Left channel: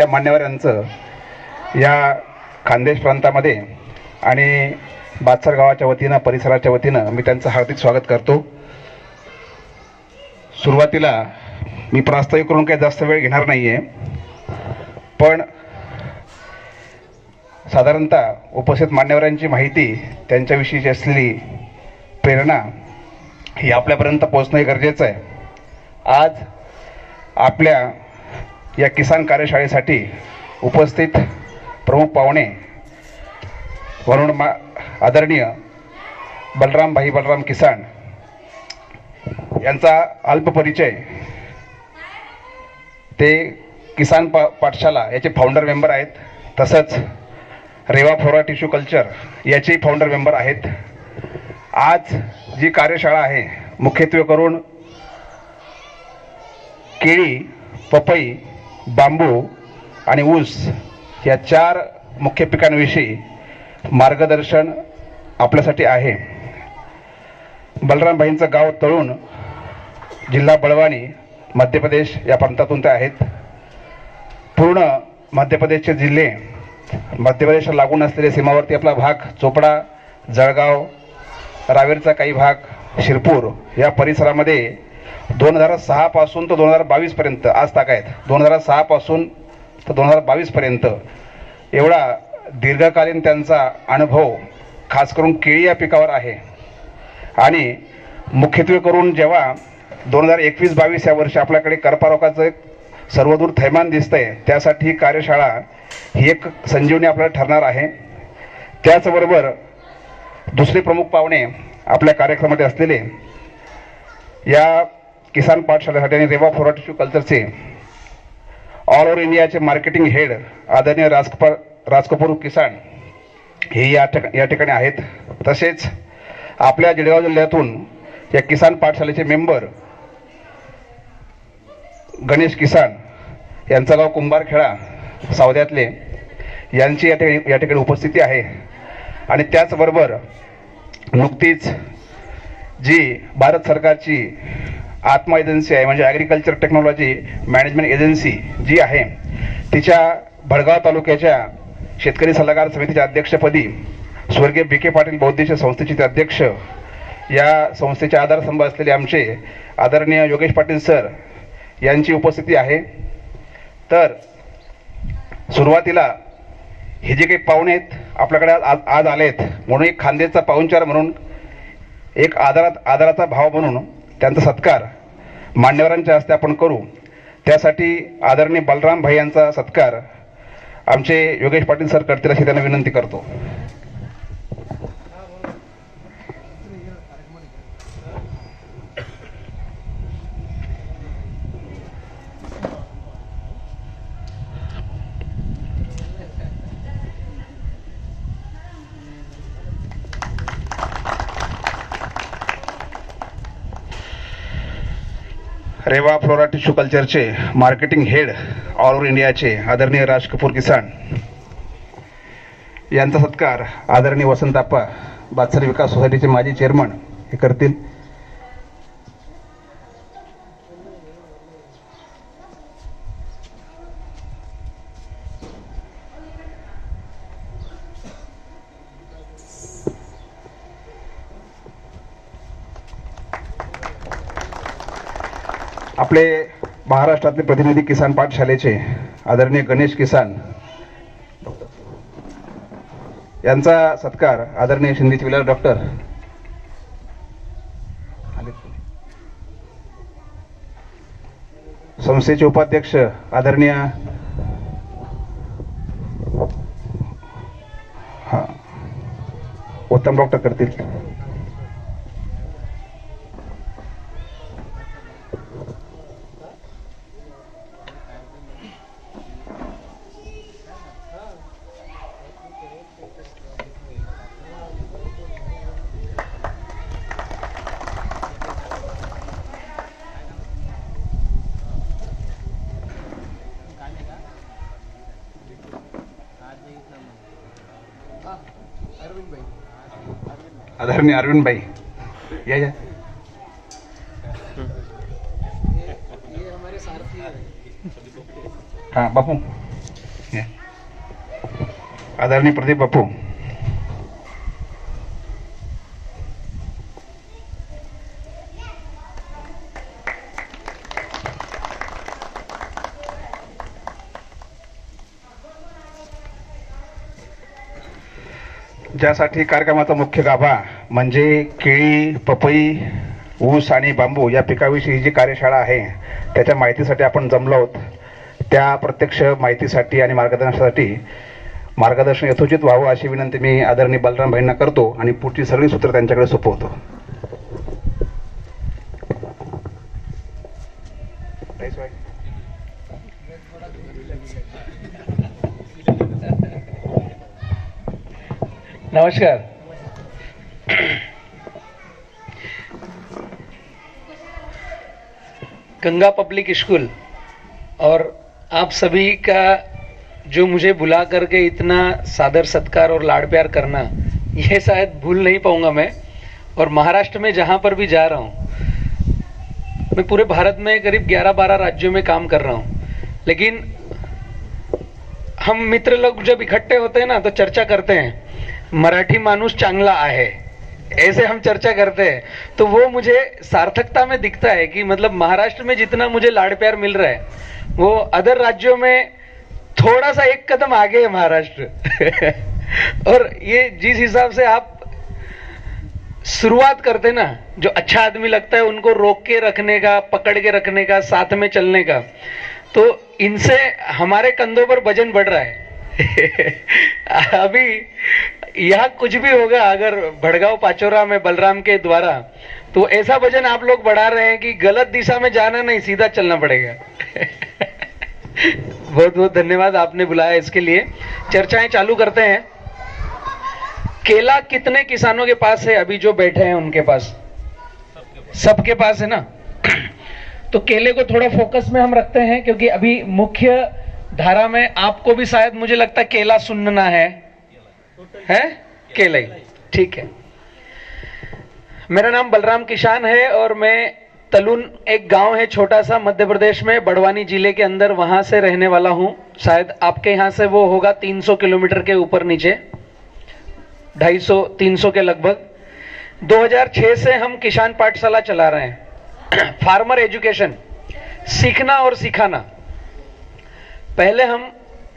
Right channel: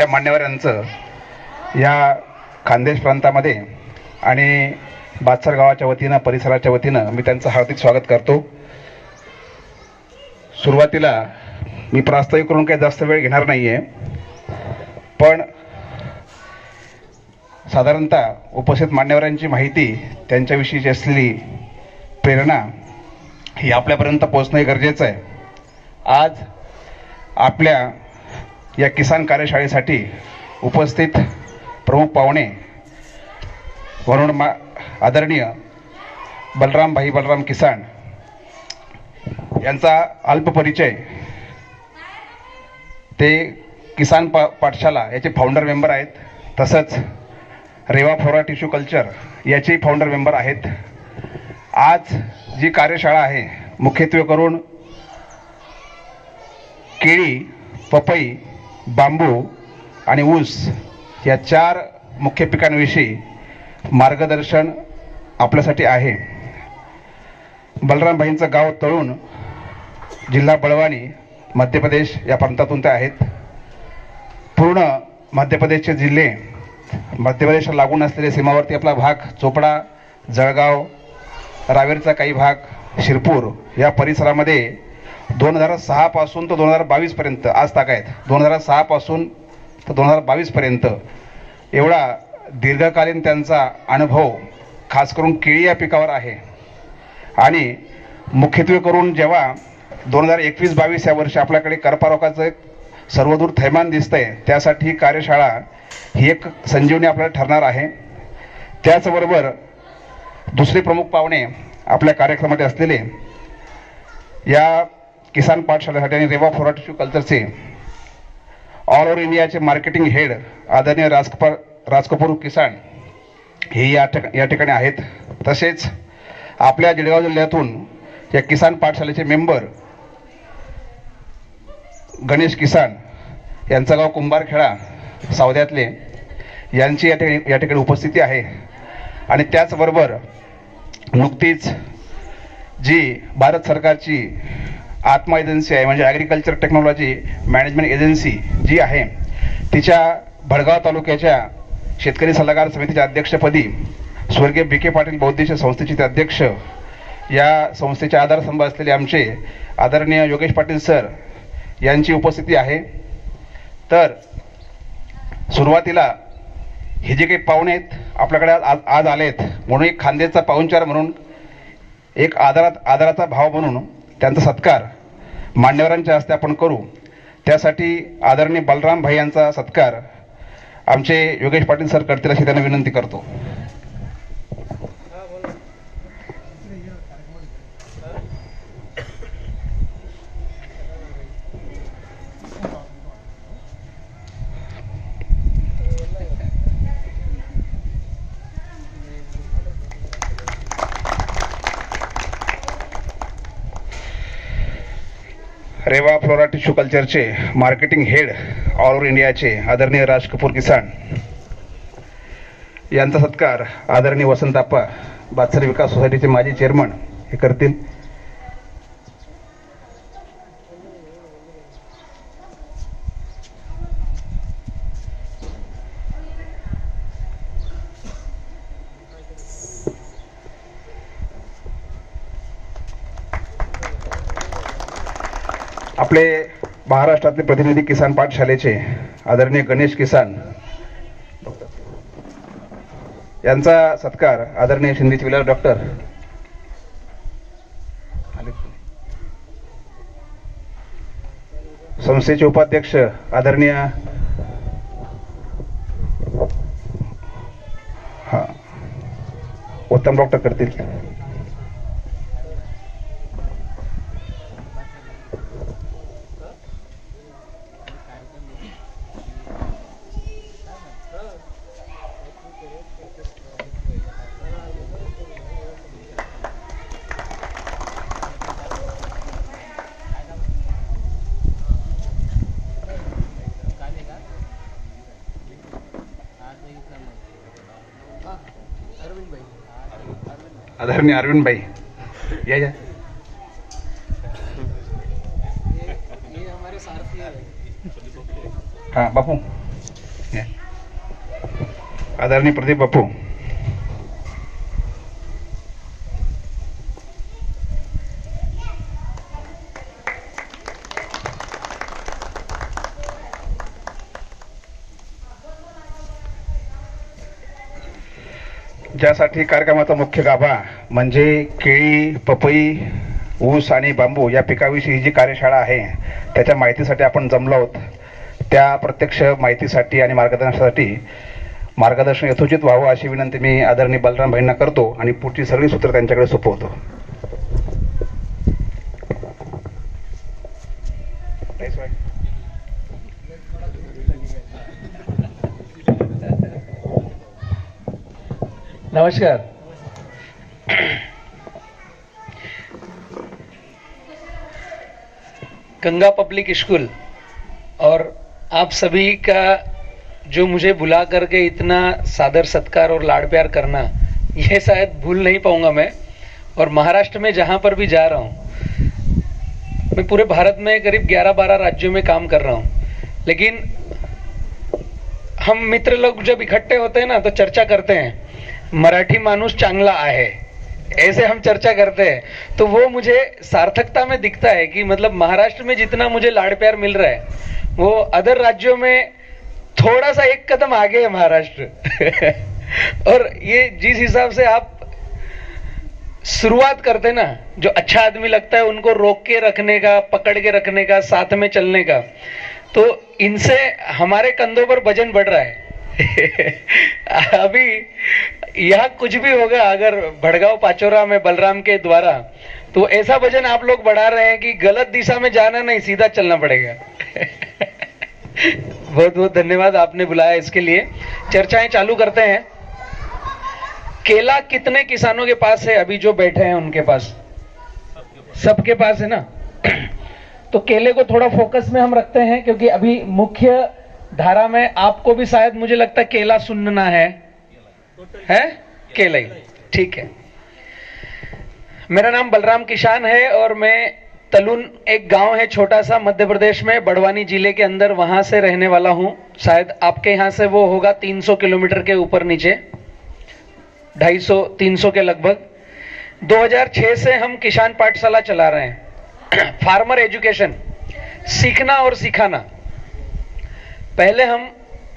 त्या मान्यवरांचं या खानदेश प्रांतामध्ये आणि बादसर गावाच्या वतीनं परिसराच्या वतीनं मी त्यांचं हार्दिक स्वागत करतो। सुरुवातीला मी प्रास्ताविक करून काही जास्त वेळ घेणार नाहीये, पण साधारणतः उपस्थित मान्यवरांची माहिती, त्यांच्याविषयीची असलेली प्रेरणा ही आपल्यापर्यंत पोहोचणे गरजेचं आहे। आज आपल्या या किसान कार्यशाळेसाठी उपस्थित प्रमुख पाहुणे म्हणून आदरणीय बलराम किसान यांचा अल्प परिचय। ते किसान पाठशाला याचे फाउंडर मेंबर आहेत, तसंच रेवा फ्लोरा टिश्यू कल्चर याचे फाउंडर मेंबर आहेत। आज जी कार्यशाळा आहे मुख्यत्वे करून केळी, पपई, बांबू आणि ऊस या 4 मुख्य पिकांविषयी मार्गदर्शन आपल्यासाठी आहे। बलरामभाईंचं गाव तळून, जिल्हा बळवानी, मध्य प्रदेश या प्रांतातून ते आहेत। पूर्ण मध्य प्रदेशचे जिल्हे, मध्य प्रदेशला लागून असलेले सीमावर्ती आपला भाग चोपडा, जळगाव, रावेरचा काही भाग, शिरपूर या परिसरामध्ये 2006 पासून तर 2022 पर्यंत, आज तागायत 2006 पासून तर 2022 पर्यंत एवढा दीर्घकालीन त्यांचा अनुभव खास करून केळी या पिकावर आहे। आणि मुख्यत्वे करून जेव्हा 2021-22 या वर्षी आपल्याकडे कर्पारोगाचं एक सर्वदूर थैमान दिसतंय, त्यासाठी कार्यशाळा ही एक संजीवनी आपल्याला ठरणार आहे। त्याचबरोबर दुसरे प्रमुख पाहुणे आपल्या कार्यक्रमामध्ये असलेले या किसान पाठशाळेसाठी आणि रेवा फ्लोरा टिश्यू कल्चरचे ऑल ओव्हर इंडियाचे मार्केटिंग हेड आदरणीय राजकपूर किसान हे या ठिकाणी आहेत। तसेच आपल्या जळगाव जिल्ह्यातून या किसान पाठशाळेचे मेंबर गणेश किसान, यांचं गाव कुंभारखेडा सावद्यातले, यांची या ठिकाणी उपस्थिती आहे। आणि त्याचबरोबर नुकतीच जी भारत सरकारची आत्मा एजन्सी आहे, म्हणजे ॲग्रिकल्चर टेक्नॉलॉजी मॅनेजमेंट एजन्सी जी आहे, तिच्या भडगाव तालुक्याच्या शेतकरी सल्लागार समितीच्या अध्यक्षपदी स्वर्गीय बी.के. पाटील बौद्धिक संस्थेचे ते अध्यक्ष, या संस्थेचे आधारस्तंभ असलेले आमचे आदरणीय योगेश पाटील सर यांची उपस्थिती आहे। तर सुरुवातीला हे जे काही पाहुणे आहेत आपल्याकडे आज आलेत, म्हणून एक खानदेशचा पाहुणचार म्हणून, एक आदराचा भाव म्हणून त्यांचा सत्कार मान्यवरांच्या हस्ते आपण करू। त्यासाठी आदरणीय बलराम भाई यांचा सत्कार आमचे योगेश पाटील सर करतील अशी त्यांना विनंती करतो। रेवा फ्लोरा टिश्यू कल्चरचे मार्केटिंग हेड ऑल ओव्हर इंडियाचे आदरणीय राजकपूर किसान यांचा सत्कार आदरणीय वसंताप्पा बादसर विकास सोसायटीचे माजी चेअरमन हे करतील। आपले महाराष्ट्रातले प्रतिनिधी किसान पाठशालेचे आदरणीय गणेश किसान यांचा सत्कार आदरणीय शिंदेचे विलास डॉक्टर संस्थेचे उपाध्यक्ष आदरणीय उत्तम डॉक्टर करतील। आदरणीय अरविंद भाई, या ये हमारे सारथी हैं। हाँ बापू। आदरणीय प्रदीप बापू, ज्यासाठी कार्यक्रमाचा मुख्य गाभा म्हणजे केळी, पपई, ऊस आणि बांबू या पिकाविषयी जी कार्यशाळा आहे त्याच्या माहितीसाठी आपण जमलो आहोत. त्या प्रत्यक्ष माहितीसाठी आणि मार्गदर्शन यथोचित व्हावं अशी विनंती मी आदरणीय बलराम भाईंना करतो आणि पुढची सगळी सूत्र त्यांच्याकडे सोपवतो. नमस्कार. गंगा पब्लिक स्कूल और आप सभी का जो मुझे बुला करके इतना सादर सत्कार और लाड़ प्यार करना, यह शायद भूल नहीं पाऊंगा मैं. और महाराष्ट्र में जहां पर भी जा रहा हूं, मैं पूरे भारत में करीब 11-12 राज्यों में काम कर रहा हूं, लेकिन हम मित्र लोग जब इकट्ठे होते हैं ना तो चर्चा करते हैं, मराठी माणूस चांगला आहे, ऐसे हम चर्चा करते हैं. तो वो मुझे सार्थकता में दिखता है कि मतलब महाराष्ट्र में जितना मुझे लाड़ प्यार मिल रहा है वो अदर राज्यों में थोड़ा सा एक कदम आगे है महाराष्ट्र. और ये जिस हिसाब से आप शुरुआत करते ना, जो अच्छा आदमी लगता है उनको रोक के रखने का, पकड़ के रखने का, साथ में चलने का, तो इनसे हमारे कंधों पर वजन बढ़ रहा है. अभी यहाँ कुछ भी होगा अगर भड़गांव पाचोरा में बलराम के द्वारा, तो ऐसा वजन आप लोग बढ़ा रहे हैं कि गलत दिशा में जाना नहीं, सीधा चलना पड़ेगा. बहुत बहुत धन्यवाद आपने बुलाया इसके लिए. चर्चाएं चालू करते हैं. केला कितने किसानों के पास है? अभी जो बैठे हैं उनके पास, सबके पास है ना. तो केले को थोड़ा फोकस में हम रखते हैं क्योंकि अभी मुख्य धारा में आपको भी शायद मुझे लगता है केला सुनना है केला ही. ठीक है. मेरा नाम बलराम किसान है और मैं तलुन, एक गांव है छोटा सा मध्य प्रदेश में, बड़वानी जिले के अंदर, वहां से रहने वाला हूं. शायद आपके यहां से वो होगा 300 किलोमीटर के ऊपर नीचे, 250-300 के लगभग. 2006 से हम किसान पाठशाला चला रहे हैं. फार्मर एजुकेशन, सीखना और सिखाना. पहले हम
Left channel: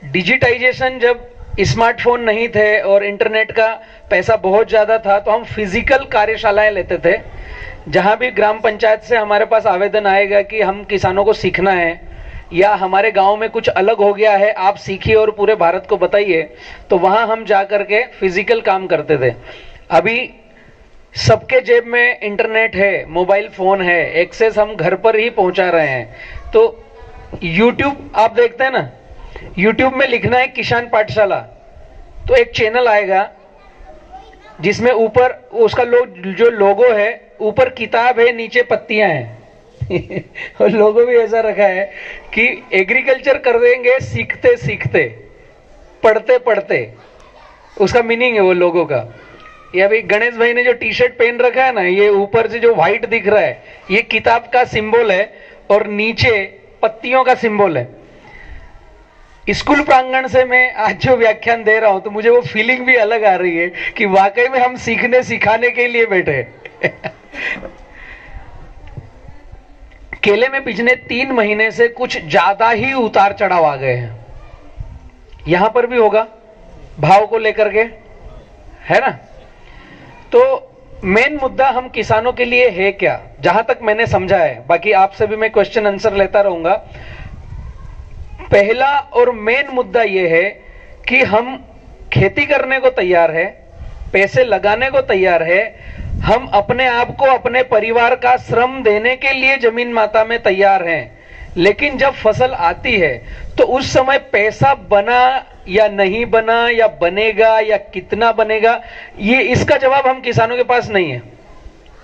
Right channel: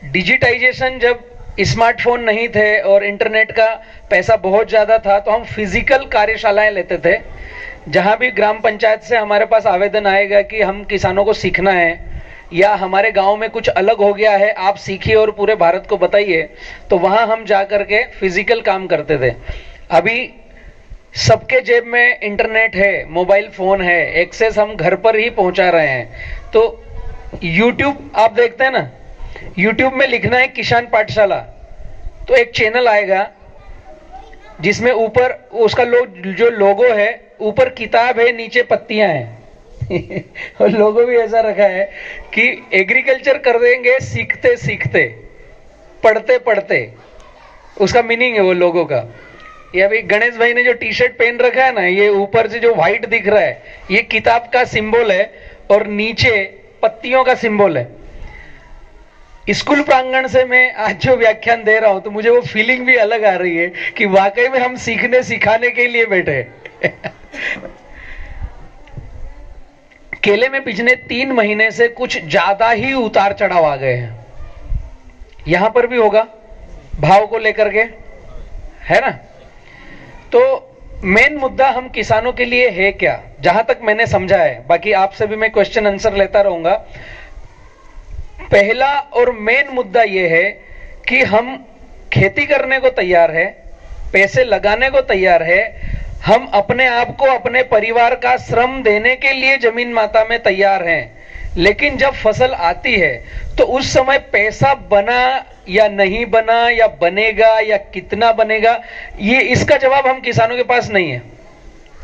डिजिटाइजेशन, जब स्मार्टफोन नहीं थे और इंटरनेट का पैसा बहुत ज्यादा था, तो हम फिजिकल कार्यशालाएं लेते थे. जहां भी ग्राम पंचायत से हमारे पास आवेदन आएगा कि हम किसानों को सीखना है या हमारे गांव में कुछ अलग हो गया है, आप सीखिए और पूरे भारत को बताइए, तो वहां हम जाकर के फिजिकल काम करते थे. अभी सबके जेब में इंटरनेट है, मोबाइल फोन है, एक्सेस हम घर पर ही पहुंचा रहे हैं. तो यूट्यूब आप देखते हैं ना, यूट्यूब में लिखना है किसान पाठशाला, तो एक चैनल आएगा जिसमें ऊपर उसका जो लोगो है, ऊपर किताब है, नीचे पत्तियां हैं. और लोगो भी ऐसा रखा है कि एग्रीकल्चर कर देंगे सीखते सीखते, पढ़ते पढ़ते. उसका मीनिंग है वो लोगो का. ये अभी गणेश भाई ने जो टी शर्ट पहन रखा है ना, ये ऊपर से जो व्हाइट दिख रहा है, ये किताब का सिंबल है और नीचे पत्तियों का सिंबल है. स्कूल प्रांगण से मैं आज जो व्याख्यान दे रहा हूं, तो मुझे वो फीलिंग भी अलग आ रही है कि वाकई में हम सीखने सिखाने के लिए बैठे. केले में पिछले 3 महीने से कुछ ज्यादा ही उतार चढ़ाव आ गए हैं. यहां पर भी होगा भाव को लेकर के, है ना. तो मेन मुद्दा हम किसानों के लिए है क्या, जहां तक मैंने समझा है, बाकी आपसे भी मैं क्वेश्चन आंसर लेता रहूंगा. पहला और मेन मुद्दा यह है कि हम खेती करने को तैयार है, पैसे लगाने को तैयार है, हम अपने आप को, अपने परिवार का श्रम देने के लिए जमीन माता में तैयार हैं. लेकिन जब फसल आती है तो उस समय पैसा बना या नहीं बना, या बनेगा या कितना बनेगा, ये इसका जवाब हम किसानों के पास नहीं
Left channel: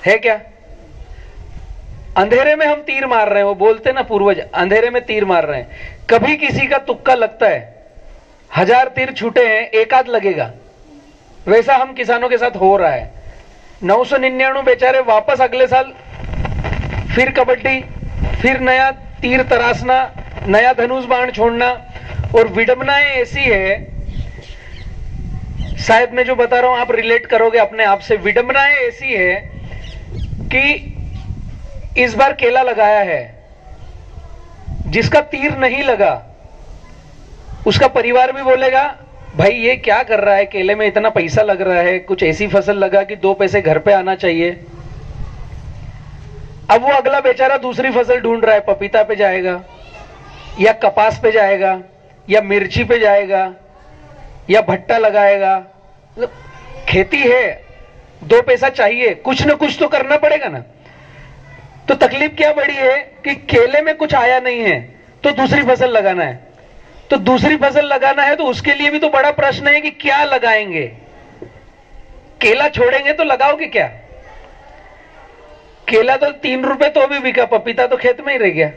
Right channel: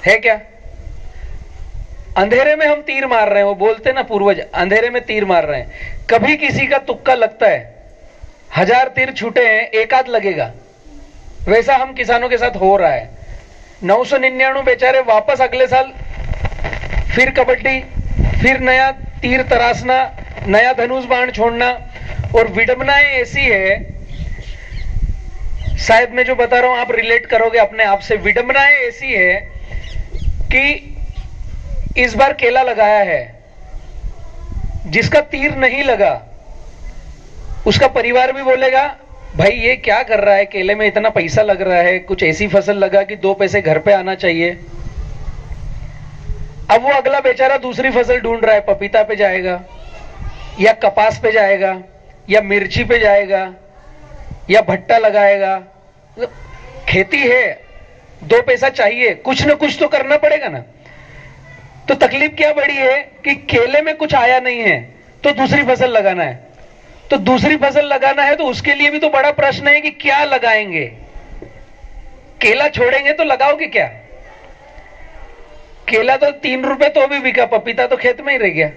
है क्या? अंधेरे में हम तीर मार रहे हैं, वो बोलते ना पूर्वज, अंधेरे में तीर मार रहे हैं. कभी किसी का तुक्का लगता है, 1000 तीर छूटे हैं, एक आध लगेगा. वैसा हम किसानों के साथ हो रहा है. 999 बेचारे वापस अगले साल फिर कबड्डी, फिर नया तीर तराशना, नया धनुष बाण छोड़ना, और विडंबनाएं ऐसी है, शायद मैं जो बता रहा हूं आप रिलेट करोगे अपने आप से। विडंबनाएं ऐसी है कि इस बार केला लगाया है, जिसका तीर नहीं लगा उसका परिवार भी बोलेगा भाई ये क्या कर रहा है, केले में इतना पैसा लग रहा है, कुछ ऐसी फसल लगा कि 2 पैसे घर पे आना चाहिए। अब वो अगला बेचारा दूसरी फसल ढूंढ रहा है, पपीता पे जाएगा या कपास पे जाएगा या मिर्ची पे जाएगा या भट्टा लगाएगा। खेती है, 2 पैसा चाहिए, कुछ ना कुछ तो करना पड़ेगा ना। तो तकलीफ क्या बड़ी है कि केले में कुछ आया नहीं है तो दूसरी फसल लगाना है। तो दूसरी फसल लगाना है तो उसके लिए भी तो बड़ा प्रश्न है कि क्या लगाएंगे। केला छोड़ेंगे तो लगाओगे क्या? केला तो 3 रुपए तो भी बिका, पपीता तो खेत में ही रह गया।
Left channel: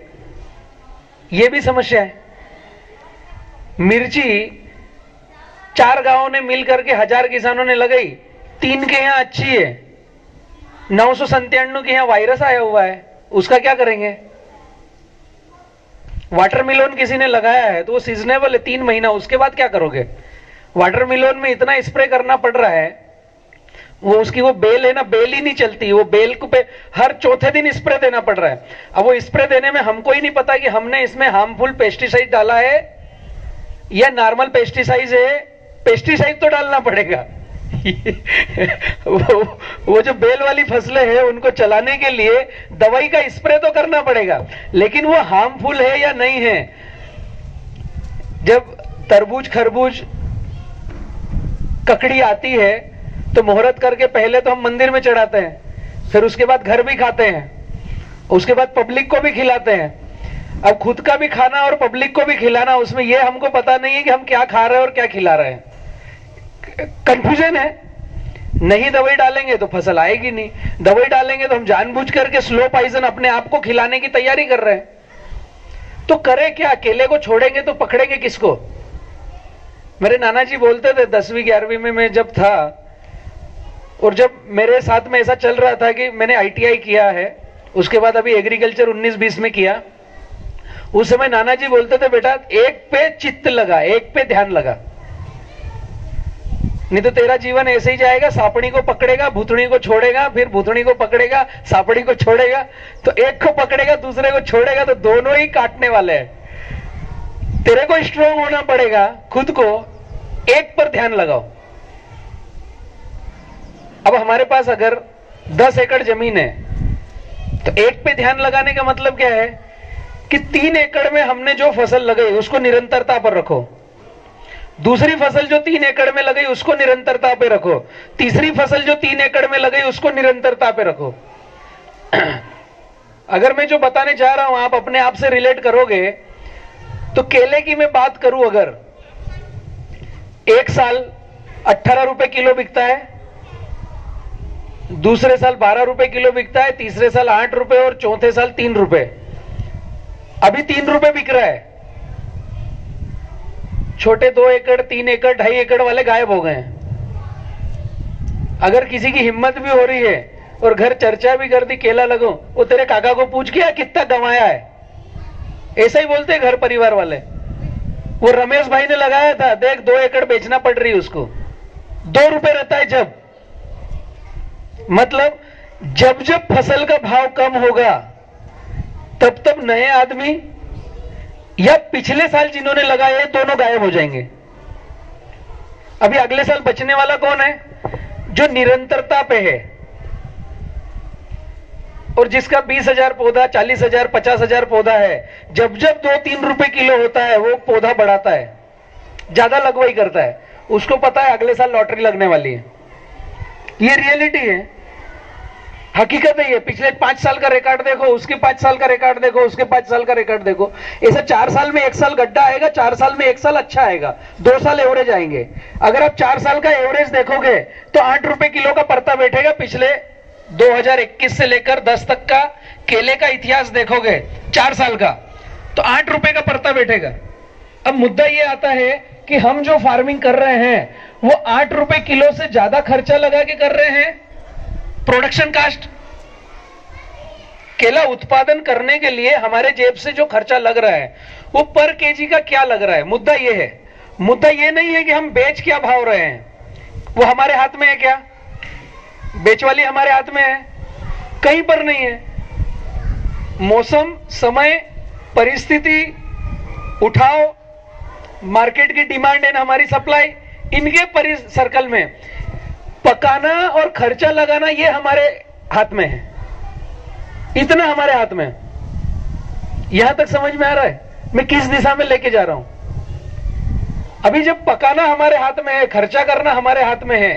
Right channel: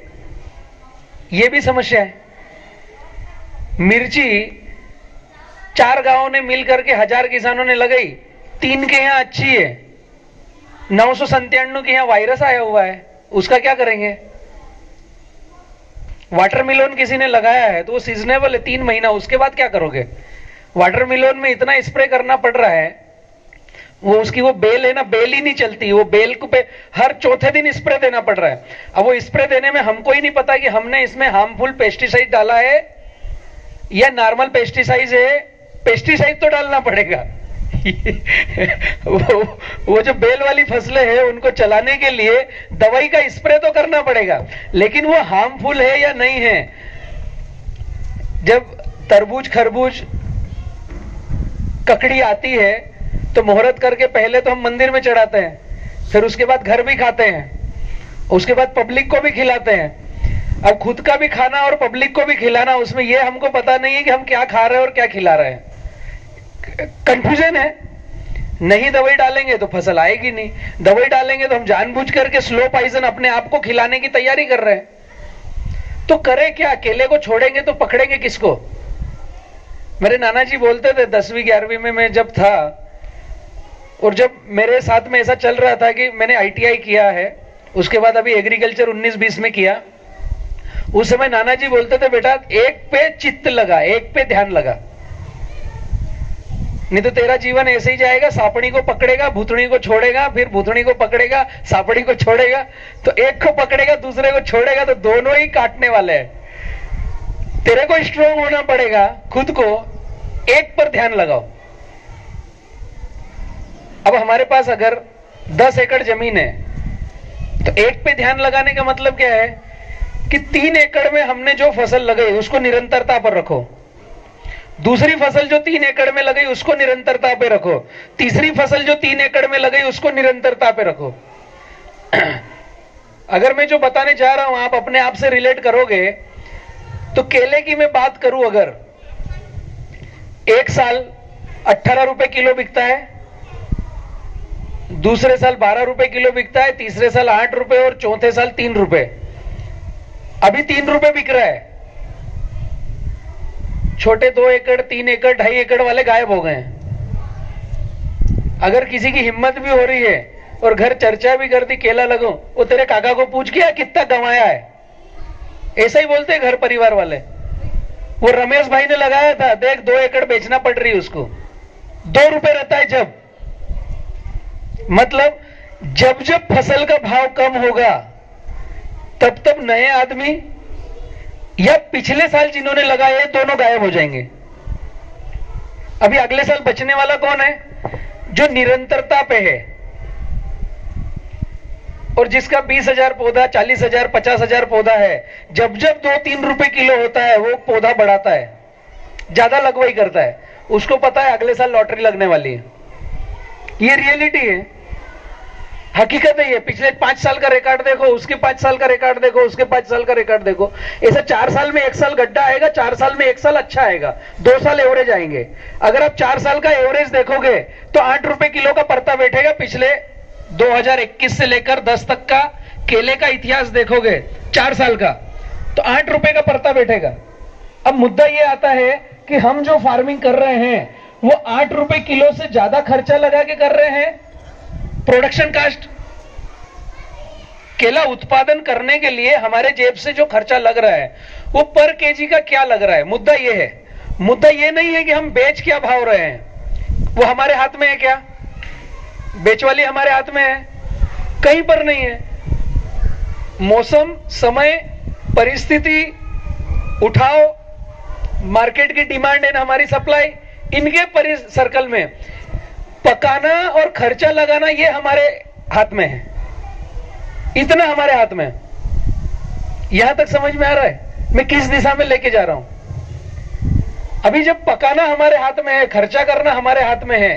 यह भी समस्या है। मिर्ची 4 गांवों ने मिलकर के 1000 किसानों ने लगाई, 3 के यहां अच्छी है, 997 के यहां वायरस आया हुआ है, उसका क्या करेंगे? वाटरमेलोन किसी ने लगाया है तो वो सीजनेबल है 3 महीना, उसके बाद क्या करोगे? वाटरमेलोन में इतना स्प्रे करना पड़ रहा है, वो उसकी वो बेल है ना, बेल ही नहीं चलती, वो बेल को पे हर चौथे दिन स्प्रे देना पड़ रहा है। अब वो स्प्रे देने में हमको ही नहीं पता कि हमने इसमें हार्मफुल पेस्टिसाइड डाला है या नॉर्मल पेस्टिसाइड है। पेस्टिसाइड तो डालना पड़ेगा। वो जो बेल वाली फसलें हैं उनको चलाने के लिए दवाई का स्प्रे तो करना पड़ेगा, लेकिन वो हार्मफुल है या नहीं है। जब तरबूज खरबूज ककड़ी आती है तो मुहूर्त करके पहले तो हम मंदिर में चढ़ाते हैं, फिर उसके बाद घर भी खाते हैं, उसके बाद पब्लिक को भी खिलाते हैं। अब खुद का भी खाना और पब्लिक को भी खिलाना, उसमें यह हमको पता नहीं है कि हम क्या खा रहे हैं और क्या खिला रहे हैं। कंफ्यूजन है। नहीं दवाई डालेंगे तो फसल आएगी नहीं, दवाई डालेंगे तो हम जानबूझ करके स्लो पॉइजन अपने आप को खिलाने की तैयारी कर रहे हैं। तो करे क्या? केले को छोड़ेंगे तो पकड़ेंगे किसको? मेरे नाना जी बोलते थे 10वीं 11वीं में मैं जब था, और जब मेरे साथ में ऐसा चल रहा था कि मैंने ITI किया है, उसके बाद अभी एग्रीकल्चर 19-20 में किया, उस समय नाना जी बोलते थे बेटा एक पे चित्त लगा, एक पे ध्यान लगा, नहीं तो तेरा जीवन ऐसे ही जाएगा। सापड़ी को पकड़ेगा, भूतनी को छोड़ेगा, फिर भूतनी को पकड़ेगा, सापड़ी को छोड़ेगा, तो एक को पकड़ेगा दूसरे को छोड़ेगा, तो दोनों ही काटने वाले हैं। तेरे को स्ट्रोंग होना पड़ेगा, खुद को एक पर ध्यान लगाओ। अब हमारे पास अगर 10 एकड़ जमीन है तो एक पे ध्यान लगाने का मतलब क्या है कि 3 एकड़ में हमने जो फसल लगाई उसको निरंतरता पर रखो, दूसरी फसल जो 3 एकड़ में लगाई उसको निरंतरता पे रखो, तीसरी फसल जो 3 एकड़ में लगाई उसको निरंतरता पे रखो। अगर मैं जो बताने जा रहा हूं आप अपने आप से रिलेट करोगे तो केले की मैं बात करूं, अगर एक साल 18 रुपए किलो बिकता है, दूसरे साल 12 रुपए किलो बिकता है, तीसरे साल 8 रुपए और चौथे साल 3 रुपए। अभी 3 रुपए बिक रहा है। छोटे 2 एकड़ 3 एकड़ 2.5 एकड़ वाले गायब हो गए हैं। अगर किसी की हिम्मत भी हो रही है और घर चर्चा भी कर दी केला लगो, वो तेरे काका को पूछ गया कितना कमाया है, ऐसा ही बोलते हैं घर परिवार वाले। वो रमेश भाई ने लगाया था, देख 2 एकड़ बेचना पड़ रही है उसको, 2 रुपए रहता है जब। मतलब जब जब फसल का भाव कम होगा तब तब नए आदमी या पिछले साल जिन्होंने लगाए दोनों गायब हो जाएंगे। अभी अगले साल बचने वाला कौन है? जो निरंतरता पे है और जिसका 20,000 पौधा, 40,000, 50,000 पौधा है। जब जब 2-3 रुपए किलो होता है वो पौधा बढ़ाता है, ज्यादा लगवाई करता है, उसको पता है अगले साल लॉटरी लगने वाली है। ये रियलिटी है, हकीकत है ये। पिछले 5 साल का रिकॉर्ड देखो, उसके 5 साल का रिकॉर्ड देखो, उसके 5 साल का रिकॉर्ड देखो। ऐसा 4 साल में 1 साल गड्ढा आएगा, 4 साल में 1 साल अच्छा आएगा, 2 साल एवरेज आएंगे। अगर आप 4 साल का एवरेज देखोगे तो 8 रुपए किलो का परता बैठेगा। पिछले 2021 से लेकर 10 तक का केले का इतिहास देखोगे 4 साल का, तो 8 रुपए का परता बैठेगा। अब मुद्दा ये आता है कि हम जो फार्मिंग कर रहे हैं वो 8 रुपए किलो से ज्यादा खर्चा लगा के कर रहे हैं। प्रोडक्शन कास्ट, केला उत्पादन करने के लिए हमारे जेब से जो खर्चा लग रहा है वो पर केजी का क्या लग रहा है। मुद्दा ये है, मुद्दा ये नहीं है कि हम बेच क्या भाव रहे हैं, वो हमारे हाथ में है क्या, बेच वाली हमारे हाथ में है, कहीं पर नहीं है। मौसम, समय, परिस्थिति, उठाव, मार्केट की डिमांड एंड हमारी सप्लाई, इनके सर्कल में पकाना और खर्चा लगाना ये हमारे हाथ में है, इतना हमारे हाथ में है। यहां तक समझ में आ रहा है मैं किस दिशा में लेके जा रहा हूं। अभी जब पकाना हमारे हाथ में है, खर्चा करना हमारे हाथ में है,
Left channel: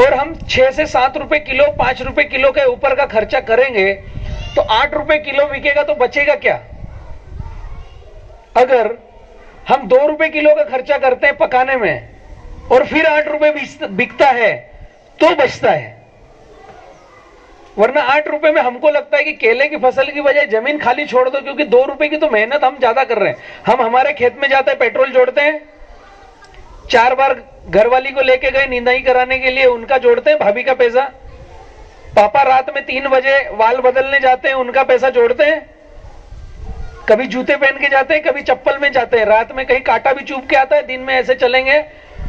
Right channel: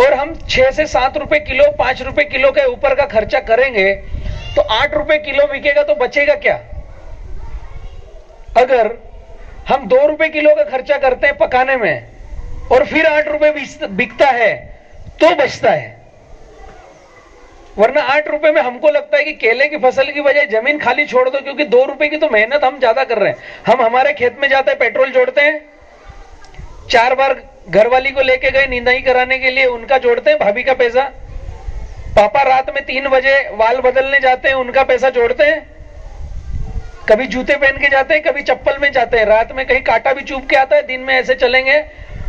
और हम 6 से 7 रुपए किलो, 5 रुपए किलो के ऊपर का खर्चा करेंगे तो 8 रुपए किलो बिकेगा तो बचेगा क्या। अगर हम 2 रुपए किलो का खर्चा करते हैं पकाने में और फिर 8 रुपए बिकता है तो बचता है। वरना 8 रुपए में हमको लगता है कि केले की फसल की बजाय जमीन खाली छोड़ दो, क्योंकि 2 रुपए की तो मेहनत हम ज्यादा कर रहे हैं। हम हमारे खेत में जाते हैं, पेट्रोल जोड़ते हैं, 4 बार घरवाली को लेके गए निंदाई कराने के लिए, उनका जोड़ते हैं भाभी का पैसा। पापा रात में 3 बजे वाल बदलने जाते हैं, उनका पैसा जोड़ते हैं। कभी जूते पहन के जाते हैं, कभी चप्पल में जाते हैं, रात में कहीं कांटा भी चुभ के आता है, दिन में ऐसे चलेंगे।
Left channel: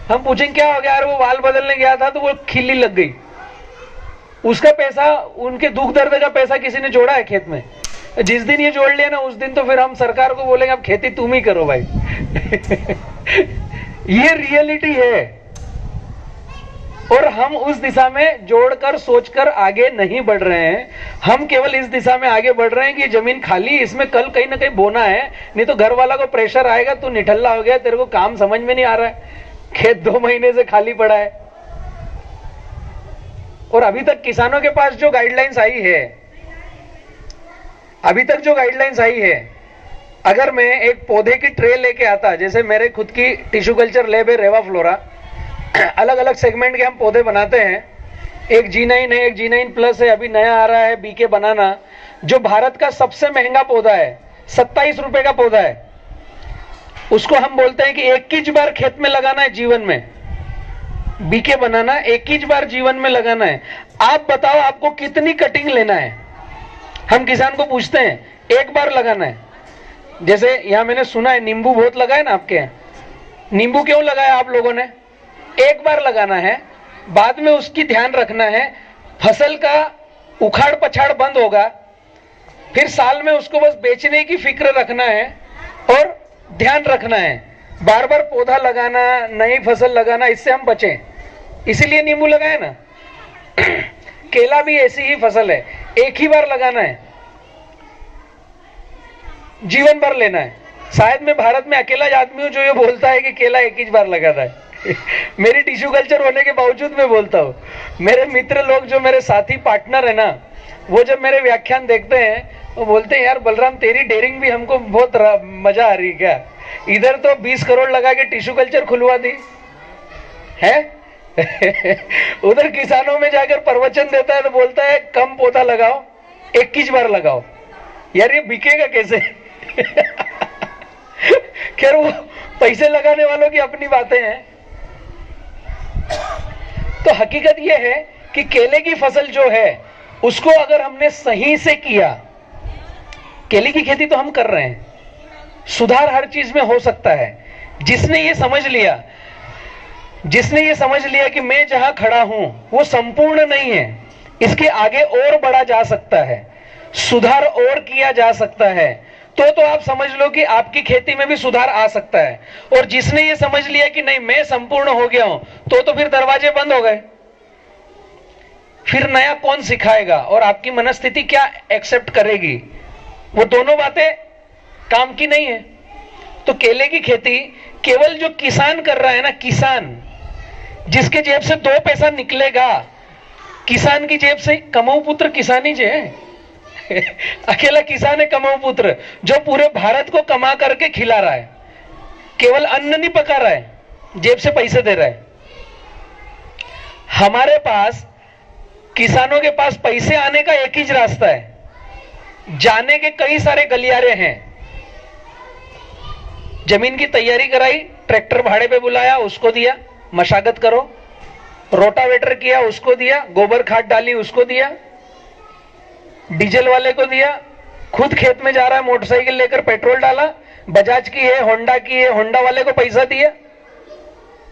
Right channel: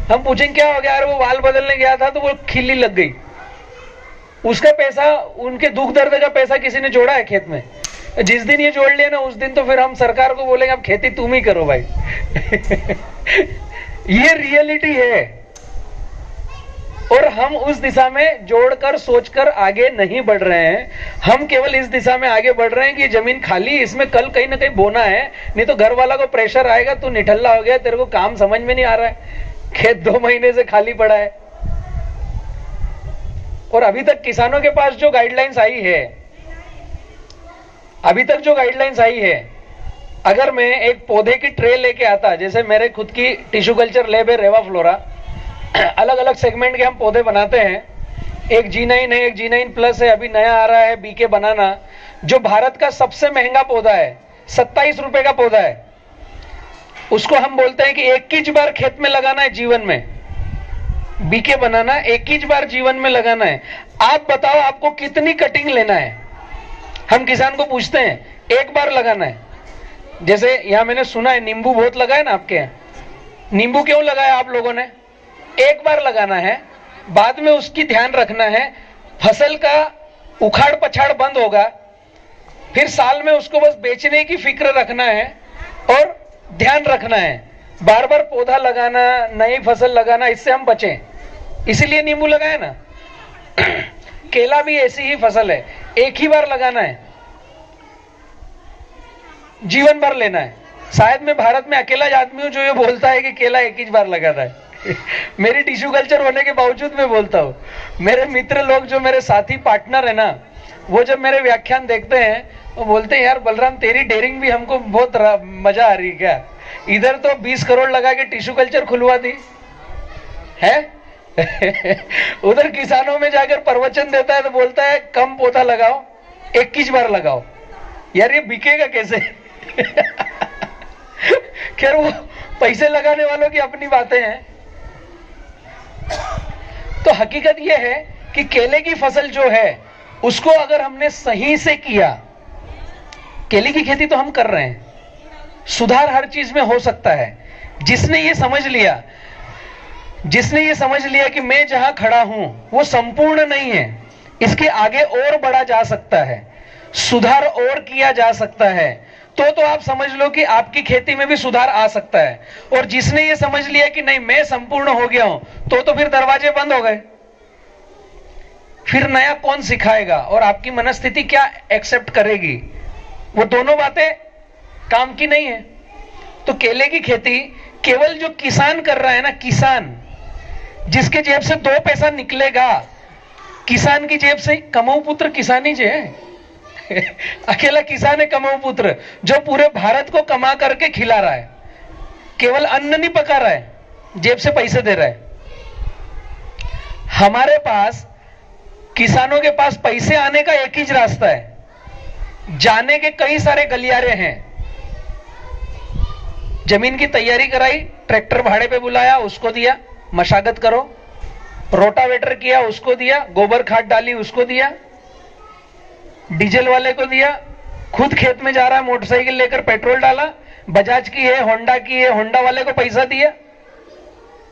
हम पूछेंगे क्या हो गया, यार वो वाल बदलने गया था तो वो खिल्ली लग गई, उसका पैसा, उनके दुख दर्द का पैसा किसी ने जोड़ा है खेत में। जिस दिन ये जोड़ लिया ना, उस दिन तो फिर हम सरकार को बोलेंगे अब खेती तुम ही करो भाई। ये रियलिटी है, और हम उस दिशा में जोड़कर सोचकर आगे नहीं बढ़ रहे हैं। हम केवल इस दिशा में आगे बढ़ रहे हैं कि जमीन खाली, इसमें कल कहीं ना कहीं बोना है, नहीं तो घर वाला को प्रेशर आएगा, तू निठल्ला हो गया, तेरे को काम समझ में नहीं आ रहा है, खेत 2 महीने से खाली पड़ा है। और अभी तक किसानों के पास जो गाइडलाइंस आई है, अभी तक जो गाइडलाइंस आई है, अगर मैं एक पौधे की ट्रे लेके आता, जैसे मेरे खुद की टिश्यू कल्चर लैब है रेवा फ्लोरा, अलग अलग सेगमेंट के हम पौधे बनाते हैं, एक G9 है, एक G9 प्लस है, अभी नया आ रहा है बीके बनाना, जो भारत का सबसे महंगा पौधा है, 27 रुपए का पौधा है। उसको हम बोलते हैं कि 21 बार खेत में लगाना है जीवन में, बीके बनाना 21 बार जीवन में लगाना है। आप बताओ आपको कितनी कटिंग लेना है। हम किसान को पूछते हैं, एक बार लगाना है। जैसे यहां मैंने सुना है नींबू बहुत लगा है ना आपके यहाँ, नींबू क्यों लगाया आप लोगों ने, एक बार लगाना है, बाद में उसकी ध्यान रखना है, फसल का उखाड़ पछाड़ बंद होगा, फिर साल में उसको बस बेचने की फिक्र रखना है और ध्यान रखना है। बार बार पौधा लगाना, नई फसल लगाना, इससे हम बचें, इसीलिए नींबू लगाए ना। केला भी ऐसी ही फसल है, एक ही बार लगाना है, जीवन भर लेना है। शायद मैं भारत में अकेला आदमी हूं जो ये बोलता है कि केला एक ही बार लगाता है। मेरी टिश्यू कल्चर होने के बावजूद मैं बोलता हूँ। मेरे मित्र लोग जो मेरे साथी पार्टनर है ना, वो जब मेरे व्याख्यान देखते हैं वो बोलते हैं यार बलराम तेरी डेयरिंग भी हमको बहुत मजा आ रही क्या, इधर तो 20 करोड़ लगा के टिश्यू कल्चर खुलवा दी है। उधर किसानों में जाकर प्रवचन देता है तो बोलता है कम पौधा लगाओ, 21 बार लगाओ। यार ये बिकेगा कैसे? खैर वो पैसे लगाने वालों की अपनी बातें हैं। तो हकीकत यह है कि केले की फसल जो है उसको अगर हमने सही से किया, केले की खेती तो हम कर रहे हैं, सुधार हर चीज में हो सकता है। जिसने ये समझ लिया कि मैं जहां खड़ा हूं वो संपूर्ण नहीं है, इसके आगे और बढ़ा जा सकता है, सुधार और किया जा सकता है, तो आप समझ लो कि आपकी खेती में भी सुधार आ सकता है। और जिसने ये समझ लिया कि नहीं मैं संपूर्ण हो गया हूं, तो फिर दरवाजे बंद हो गए, फिर नया कौन सिखाएगा और आपकी मनस्थिति क्या एक्सेप्ट करेगी, वो दोनों बातें काम की नहीं है। तो केले की खेती केवल जो किसान कर रहा है ना, किसान जिसके जेब से 2 पैसा निकलेगा, किसान की जेब से, कमाऊ पुत्र किसान ही है। अकेला किसान है कमाऊ पुत्र, जो पूरे भारत को कमा करके खिला रहा है, केवल अन्न नहीं पका रहा है, जेब से पैसे दे रहा है। हमारे पास, किसानों के पास पैसे आने का एक ही रास्ता है, जाने के कई सारे गलियारे हैं। जमीन की तैयारी कराई, ट्रैक्टर भाड़े पे बुलाया, उसको दिया, मशागत करो, रोटावेटर किया, उसको दिया, गोबर खाद डाली, उसको दिया, डीजल वाले को दिया, खुद खेत में जा रहा है मोटरसाइकिल लेकर, पेट्रोल डाला, बजाज की है, होंडा की है, होंडा वाले को पैसा दिया।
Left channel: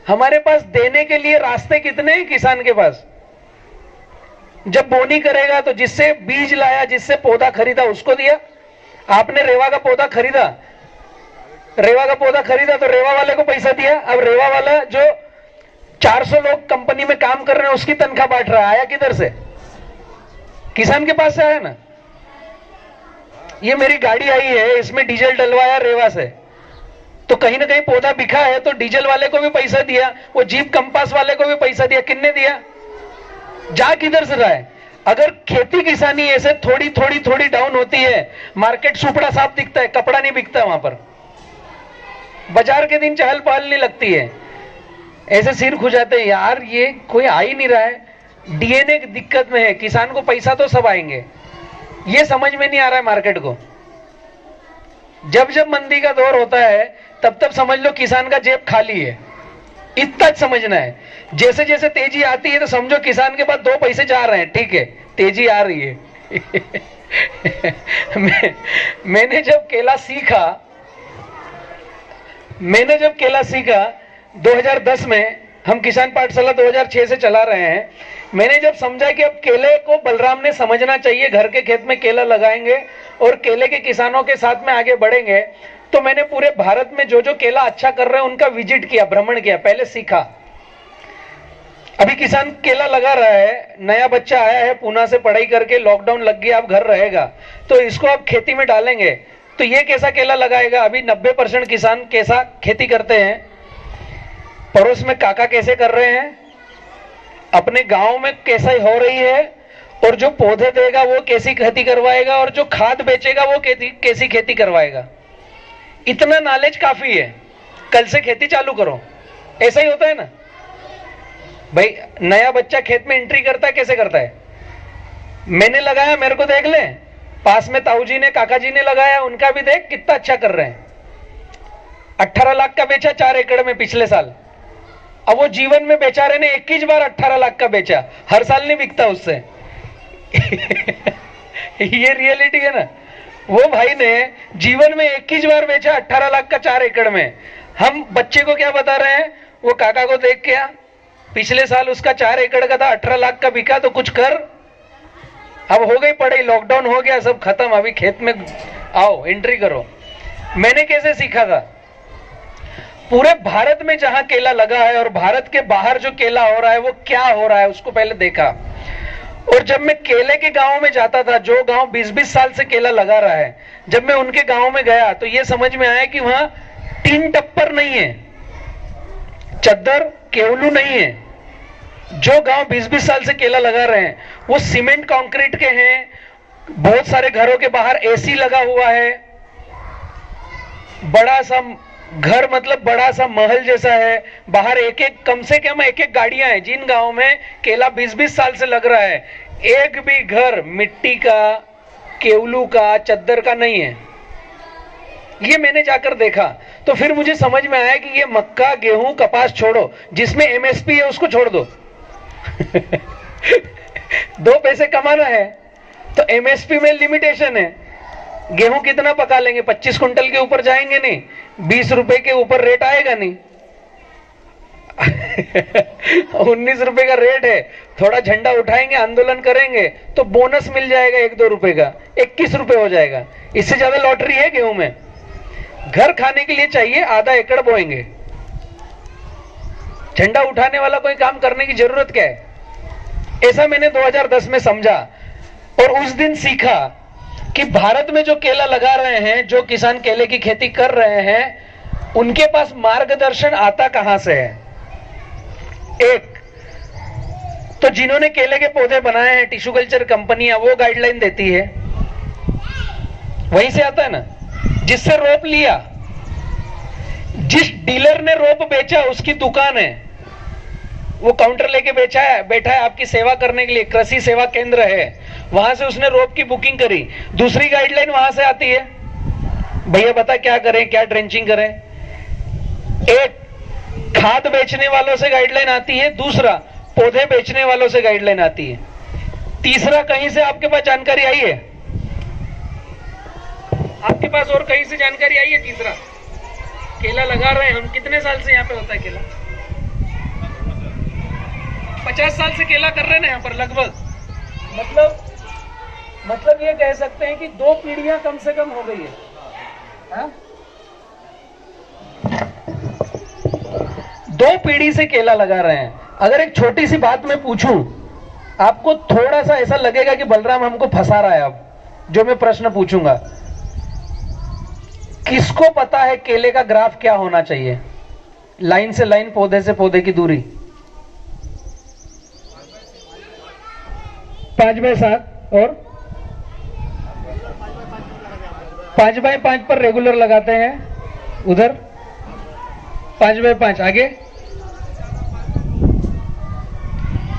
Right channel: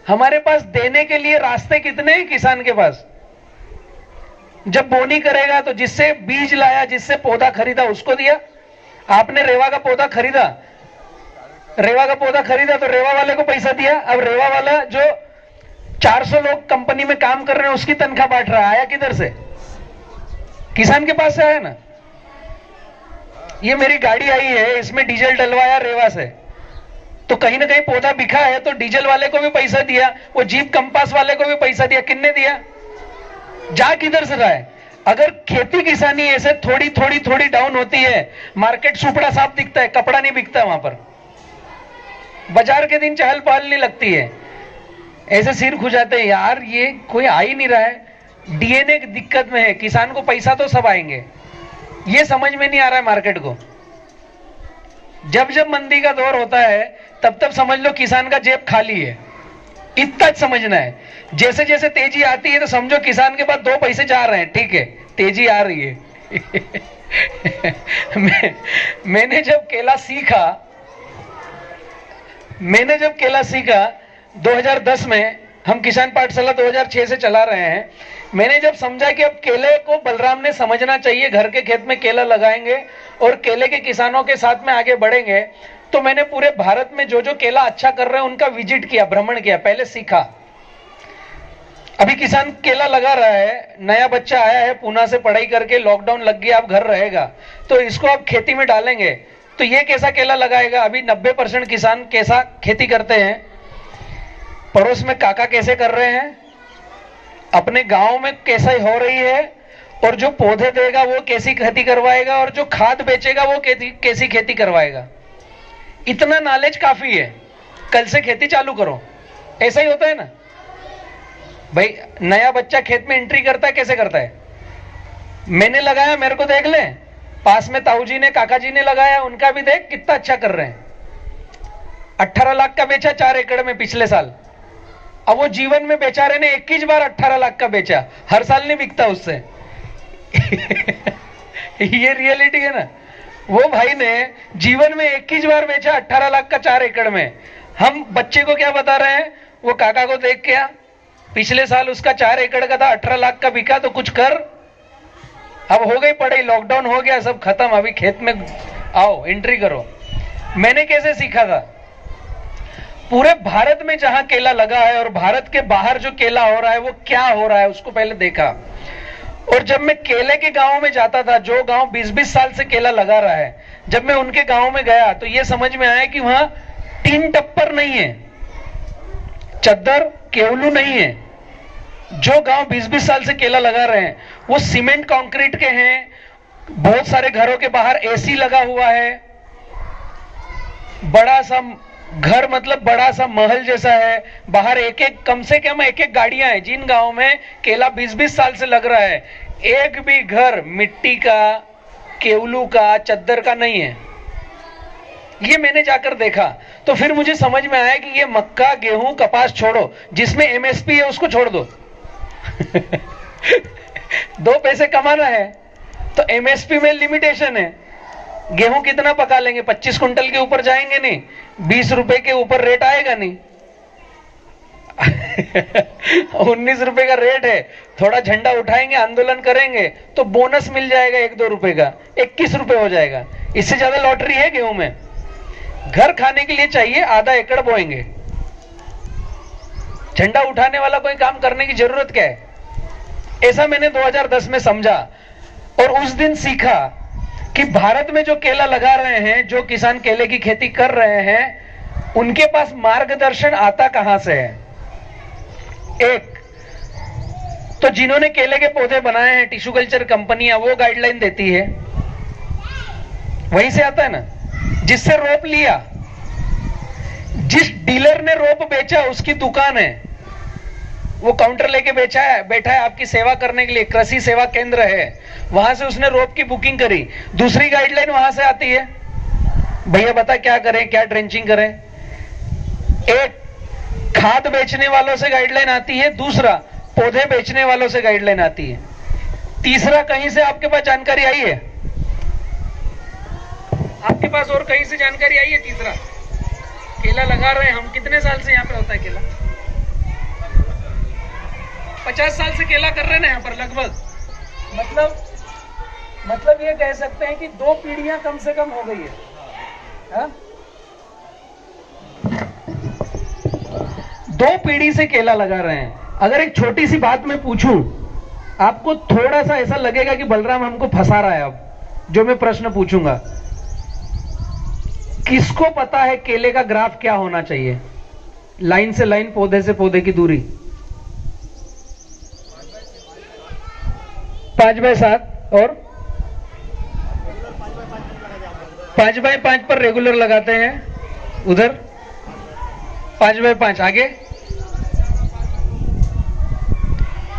हमारे पास देने के लिए रास्ते कितने हैं किसान के पास। जब बोनी करेगा तो जिससे बीज लाया, जिससे पौधा खरीदा उसको दिया। आपने रेवा का पौधा खरीदा, तो रेवा वाले को पैसा दिया। अब रेवा वाला जो 400 लोग कंपनी में काम कर रहे हैं उसकी तनख्वाह बांट रहा है, आया किधर से? किसान के पास से आया ना। ये मेरी गाड़ी आई है, इसमें डीजल डलवाया रेवा से, तो कहीं ना कहीं पौधा बिका है तो डीजल वाले को भी पैसा दिया, वो जीप कंपास वाले को भी पैसा दिया। किसने दिया? जा किधर से रहा है? अगर खेती किसानी ऐसे थोड़ी थोड़ी थोड़ी डाउन होती है, मार्केट सुपड़ा साफ दिखता है, कपड़ा नहीं बिकता वहां पर, बाजार के दिन चहल पहल नहीं लगती है। ऐसे सिर खुजाते हैं, यार ये कोई आ ही नहीं रहा है, डीएनए की दिक्कत में है, किसान को पैसा तो सब आएंगे। ये समझ में नहीं आ रहा है मार्केट को। जब जब मंदी का दौर होता है तब तब समझ लो किसान का जेब खाली है, इतना समझना है। जैसे जैसे तेजी आती है तो समझो किसान के पास 2 पैसे जा रहे हैं, ठीक है, तेजी आ रही है। मैंने जब केला सीखा 2010 में, हम किसान पाठशाला 2006 से चला रहे हैं। मैंने जब समझा कि अब केले को बलराम ने समझना चाहिए, घर के खेत में केला लगाएंगे और केले के किसानों के साथ में आगे बढ़ेंगे, तो मैंने पूरे भारत में जो जो केला अच्छा कर रहे हैं उनका विजिट किया, भ्रमण किया, पहले सीखा। अभी किसान केला लगा रहा है, नया बच्चा आया है पूना से पढ़ाई करके, लॉकडाउन लग गया, अब घर रहेगा, तो इसको आप खेती में डालेंगे तो ये कैसा केला लगाएगा। अभी 90% किसान कैसा खेती करते हैं, पड़ोस में काका कैसे कर रहे हैं, अपने गांव में कैसा हो रही है, और जो पौधे देगा वो कैसी खेती करवाएगा, और जो खाद बेचेगा वो कैसी खेती करवाएगा। इतना नॉलेज काफी है, कल से खेती चालू करो। ऐसा ही होता है ना भाई, नया बच्चा खेत में एंट्री करता है, कैसे करता है? मैंने लगाया, मेरे को देख ले, पास में ताऊ जी ने, काका जी ने लगाया, उनका भी देख कितना अच्छा कर रहे हैं। 18 लाख का बेचा 4 एकड़ में पिछले साल। अब वो जीवन में बेचारे ने 21 बार 18 लाख का बेचा, हर साल नहीं बिकता उससे। ये रियलिटी है ना। वो भाई ने जीवन में 21 बार बेचा 18 लाख का 4 एकड़ में। हम बच्चे को क्या बता रहे हैं? वो काका को देख के, पिछले साल उसका 4 एकड़ का था, 18 लाख का बिका, तो कुछ कर। अब हो गई पढ़ाई, लॉकडाउन हो गया, सब खत्म, अभी खेत में आओ, एंट्री करो। मैंने कैसे सीखा था? पूरे भारत में जहां केला लगा है और भारत के बाहर जो केला हो रहा है वो क्या हो रहा है उसको पहले देखा। और जब मैं केले के गांव में जाता था, जो गांव 20-20 साल से केला लगा रहा है, जब मैं उनके गांव में गया तो ये समझ में आया कि वहां टीन टप्पर नहीं है, चद्दर केवलू नहीं है। जो गांव 20-20 साल से केला लगा रहे हैं वो सीमेंट कंक्रीट के हैं, बहुत सारे घरों के बाहर एसी लगा हुआ है, बड़ा सा घर, मतलब बड़ा सा महल जैसा है, बाहर एक एक, कम से कम एक एक गाड़ियां हैं। जिन गांव में केला 20-20 साल से लग रहा है, एक भी घर मिट्टी का, केवलू का, चद्दर का नहीं है। ये मैंने जाकर देखा तो फिर मुझे समझ में आया कि ये मक्का, गेहूं, कपास छोड़ो, जिसमें एमएसपी है उसको छोड़ दो। 2 पैसे कमाना है तो एमएसपी में लिमिटेशन है। गेहूं कितना पका लेंगे? 25 कुंटल के ऊपर जाएंगे नहीं, 20 रुपए के ऊपर रेट आएगा नहीं। 19 रुपए का रेट है, थोड़ा झंडा उठाएंगे, आंदोलन करेंगे तो बोनस मिल जाएगा 1-2 रुपए का, 21 रुपए हो जाएगा। इससे ज्यादा लॉटरी है गेहूं में? घर खाने के लिए चाहिए, आधा एकड़ बोएंगे, झंडा उठाने वाला कोई काम करने की जरूरत क्या है? ऐसा मैंने 2010 में समझा और उस दिन सीखा कि भारत में जो केला लगा रहे हैं, जो किसान केले की खेती कर रहे हैं, उनके पास मार्गदर्शन आता कहां से है। एक तो जिन्होंने केले के पौधे बनाए हैं, टिश्यू कल्चर कंपनियां, वो गाइडलाइन देती है, वहीं से आता है ना। जिससे रोप लिया, जिस डीलर ने रोप बेचा उसकी दुकान है, वो काउंटर लेके बैठा है आपकी सेवा करने के लिए, कृषि सेवा केंद्र है, वहां से उसने रोप की बुकिंग करी। दूसरी गाइडलाइन वहां से आती है, भैया बता क्या करें, क्या ड्रेंचिंग करें। एक खाद बेचने वालों से गाइडलाइन आती है, दूसरा पौधे बेचने वालों से गाइडलाइन आती है, तीसरा कहीं से आपके पास जानकारी आई है? आपके पास पास और कहीं से जानकारी आई है? तीसरा, केला लगा रहे हैं हम, कितने साल से यहाँ पे होता है केला? 50 साल से केला कर रहे हैं ना यहाँ पर लगभग। मतलब ये कह सकते हैं कि 2 पीढ़ियां कम से कम हो गई है। हा? 2 पीढ़ी से केला लगा रहे हैं। अगर एक छोटी सी बात मैं पूछूं, आपको थोड़ा सा ऐसा लगेगा कि बलराम हमको फंसा रहा है। अब जो मैं प्रश्न पूछूंगा, किसको पता है केले का ग्राफ क्या होना चाहिए? लाइन से लाइन, पौधे से पौधे की दूरी 5/7 और 5/5 पर रेगुलर लगाते हैं। उधर 5/5 आगे।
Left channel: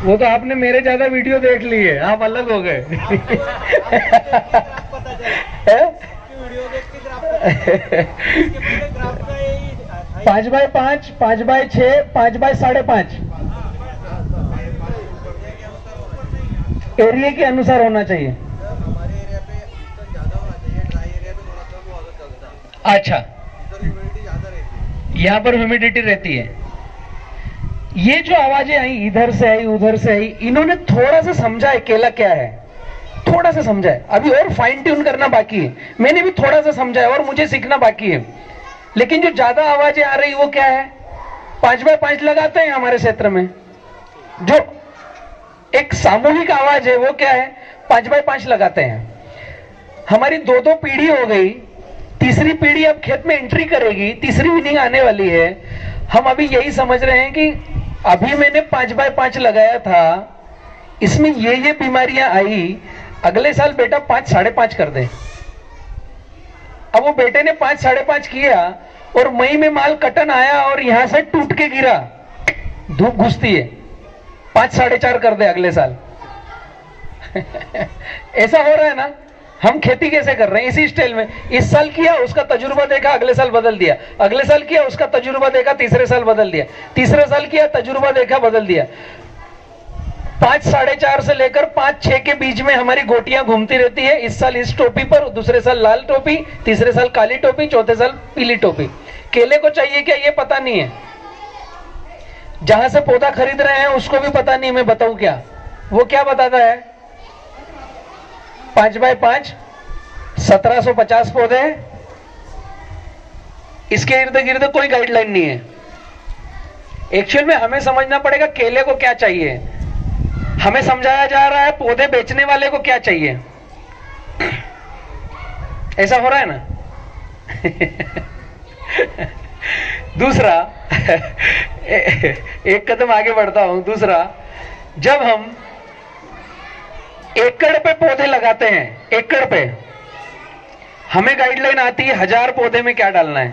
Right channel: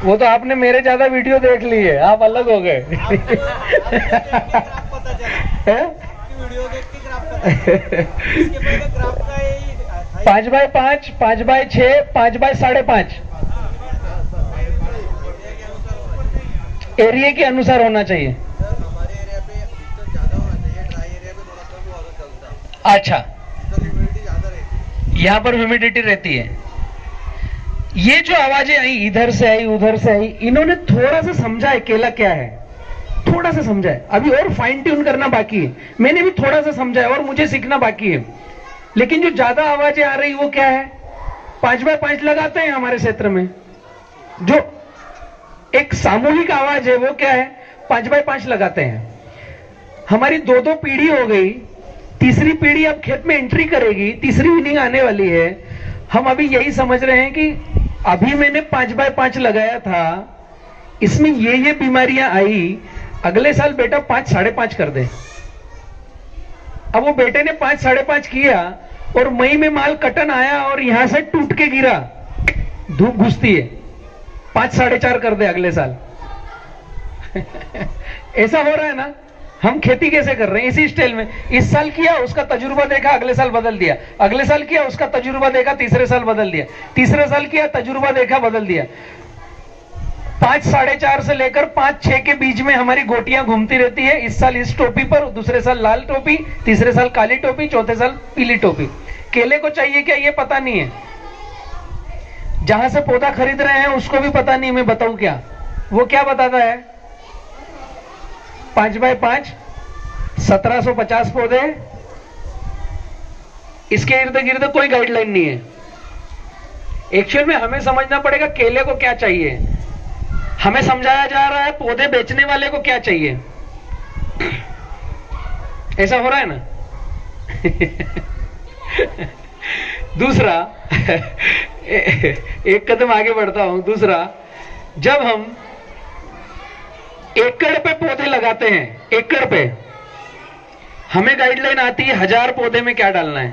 वो तो आपने मेरे ज्यादा वीडियो देख ली है, आप अलग हो गए। 5/5, 5/6, 5/5.5 एरिया के अनुसार होना चाहिए। अच्छा, यहाँ पर ह्यूमिडिटी रहती है। ये जो आवाजें आई, इधर से आई उधर से आई, इन्होंने थोड़ा सा समझा है केला क्या है, थोड़ा सा समझा है। अभी और फाइन ट्यून करना बाकी है। मैंने भी थोड़ा सा समझा है और मुझे सीखना बाकी है। लेकिन जो ज्यादा आवाजें आ रही वो क्या है? 5/5 लगाते हैं हमारे क्षेत्र में। जो एक सामूहिक आवाज है वो क्या है? 5/5 लगाते हैं। हमारी 2-2 पीढ़ी हो गई, तीसरी पीढ़ी अब खेत में एंट्री करेगी, तीसरी इनिंग आने वाली है। हम अभी यही समझ रहे हैं कि अभी मैंने 5/5 लगाया था, इसमें ये बीमारियां आई, अगले साल बेटा 5-5.5 कर दे। अब वो बेटे ने 5-5.5 किया और मई में माल कटन आया और यहां से टूट के गिरा, धूप घुसती है, 5-4.5 कर दे अगले साल। ऐसा हो रहा है ना? हम खेती कैसे कर रहे हैं? इसी स्टाइल में। इस साल किया, उसका तजुर्बा देखा, अगले साल बदल दिया, अगले साल किया, उसका तजुर्बा देखा, तीसरे साल बदल दिया, तीसरे साल किया, तजुर्बा देखा, बदल दिया। 5-4.5 से लेकर 5-6 के बीच में हमारी गोटियां घूमती रहती है। इस साल इस टोपी पर, दूसरे साल लाल टोपी, तीसरे साल काली टोपी, चौथे साल पीली टोपी। केले को चाहिए क्या ये पता नहीं है। जहां से पौधा खरीद रहे हैं उसको भी पता नहीं। मैं बताऊं क्या? वो क्या बताता है? 5/5, 1750 पौधे। इसके इर्द गिर्द कोई गाइडलाइन नहीं है। एक्चुअल में हमें समझना पड़ेगा केले को क्या चाहिए। हमें समझाया जा रहा है पौधे बेचने वाले को क्या चाहिए। ऐसा हो रहा है ना? दूसरा, एक कदम आगे बढ़ता हूं। दूसरा, जब हम एकड़ पे पौधे लगाते हैं, एकड़ पे हमें गाइडलाइन आती है 1000 पौधे में क्या डालना है।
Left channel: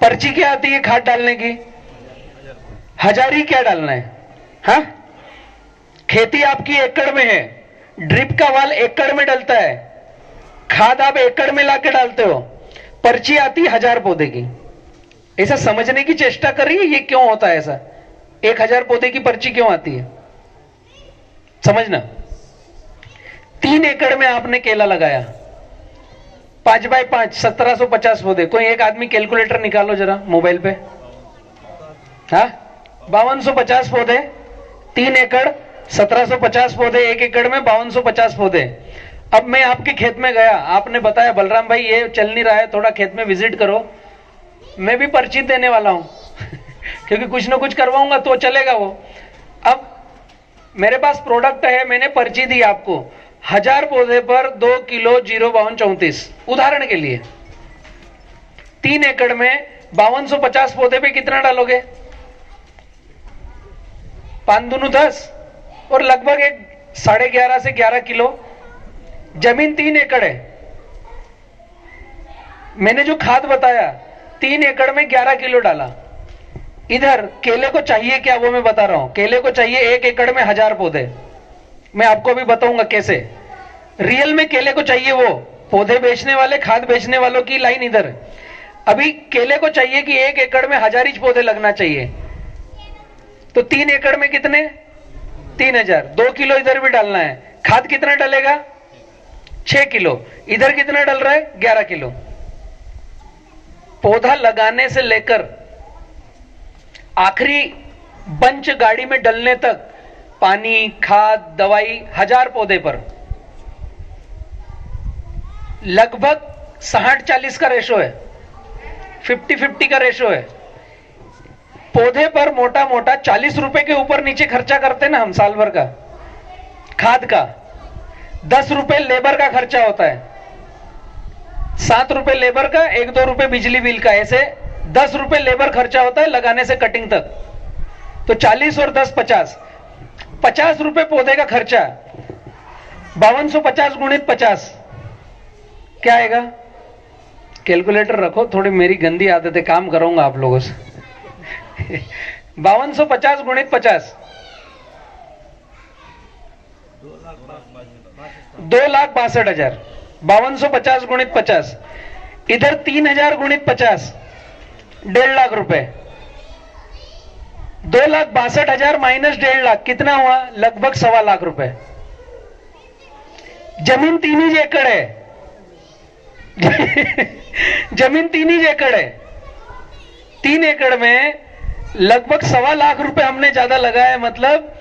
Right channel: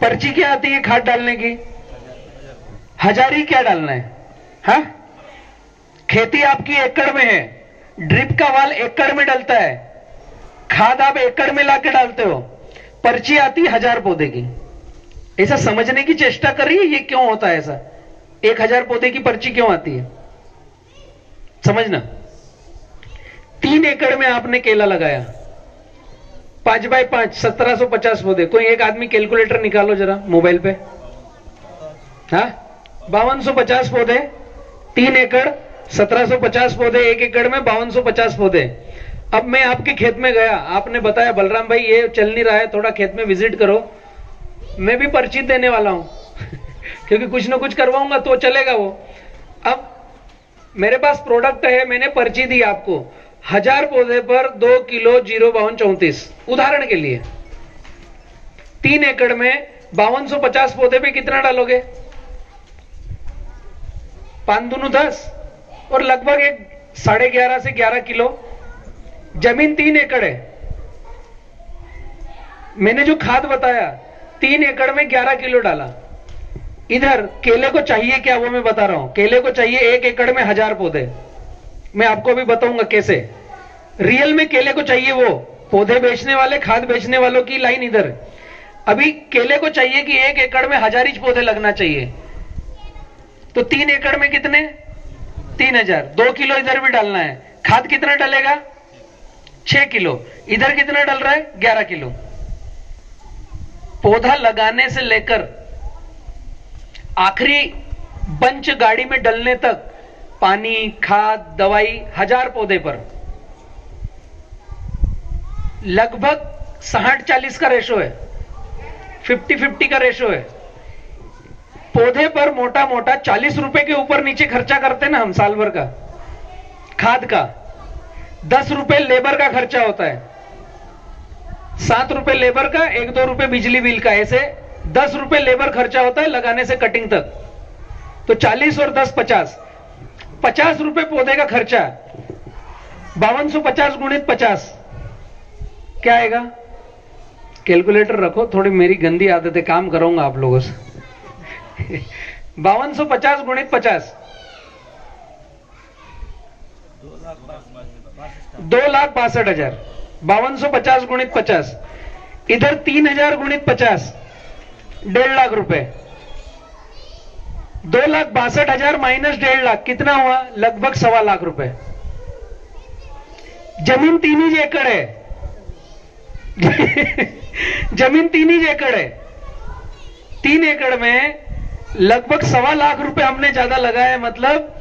पर्ची क्या आती है खाद डालने की? 1000 ही क्या डालना है। हाँ, खेती आपकी एकड़ में है, ड्रिप का वाल एकड़ में डलता है, खाद आप एकड़ में लाके डालते हो, पर्ची आती है 1000 पौधे की। ऐसा समझने की चेष्टा करिए ये क्यों होता है ऐसा। 1000 पौधे की पर्ची क्यों आती है समझना। 3 एकड़ में आपने केला लगाया, 5/5, 1750 पौधे। कोई एक आदमी कैलकुलेटर निकालो जरा मोबाइल पे। हाँ, 5250 पौधे, 3 एकड़, 1750 पौधे, 1 एकड़ में 5250 पौधे। अब मैं आपके खेत में गया, आपने बताया बलराम भाई ये चल नहीं रहा है, थोड़ा खेत में विजिट करो। मैं भी पर्ची देने वाला हूं क्योंकि कुछ ना कुछ करवाऊंगा तो चलेगा वो। अब मेरे पास प्रोडक्ट है, मैंने पर्ची दी आपको, 1000 पौधे पर 2 किलो 05234 उदाहरण के लिए। 3 एकड़ में 5250 पौधे पे कितना डालोगे? 5 दूनी 10 और लगभग 11.5 से 11 किलो। जमीन 3 एकड़ है, मैंने जो खाद बताया 3 एकड़ में 11 किलो डाला। इधर केले को चाहिए क्या वो मैं बता रहा हूं। केले को चाहिए 1 एकड़ में 1000 पौधे। मैं आपको भी बताऊंगा कैसे। रियल में केले को चाहिए वो पौधे बेचने वाले, खाद बेचने वालों की लाइन इधर। अभी केले को चाहिए कि 1 एकड़ में 1000 इंच पौधे लगना चाहिए। तो 3 एकड़ में कितने? 3000। 2 किलो इधर भी डालना है। खाद कितना डलेगा? 6 किलो। इधर कितना डल रहा है? 11 किलो। पौधा लगाने से लेकर आखिरी बंच गाड़ी में डलने तक पानी, खाद, दवाई 1000 पौधे पर लगभग 60-40 का रेशो है, 50-50 का रेशो है। पौधे पर मोटा मोटा 40 रुपए के ऊपर नीचे खर्चा करते हैं ना हम साल भर का खाद का। 10 रुपए लेबर का खर्चा होता है, 7 रुपए लेबर का, 1-2 रुपए बिजली बिल का, ऐसे 10 रुपए लेबर खर्चा होता है लगाने से कटिंग तक। तो 40 और 10 50 रुपए पौधे का खर्चा। 5250 गुणित 50 क्या आएगा? कैलकुलेटर रखो, थोड़ी मेरी गंदी आदत है, काम करूंगा आप लोगों से। 5250 गुणित 50 2,62,000। 5250 गुणित 50, इधर 3000 गुणित 50 1.5 लाख रुपए। 2,62,000 माइनस 1.5 लाख कितना हुआ? लगभग 1.25 लाख रुपए। जमीन 3 ही एकड़ है। जमीन 3 ही एकड़ है। 3 एकड़ में लगभग 1.25 लाख रुपए हमने ज्यादा लगाया, मतलब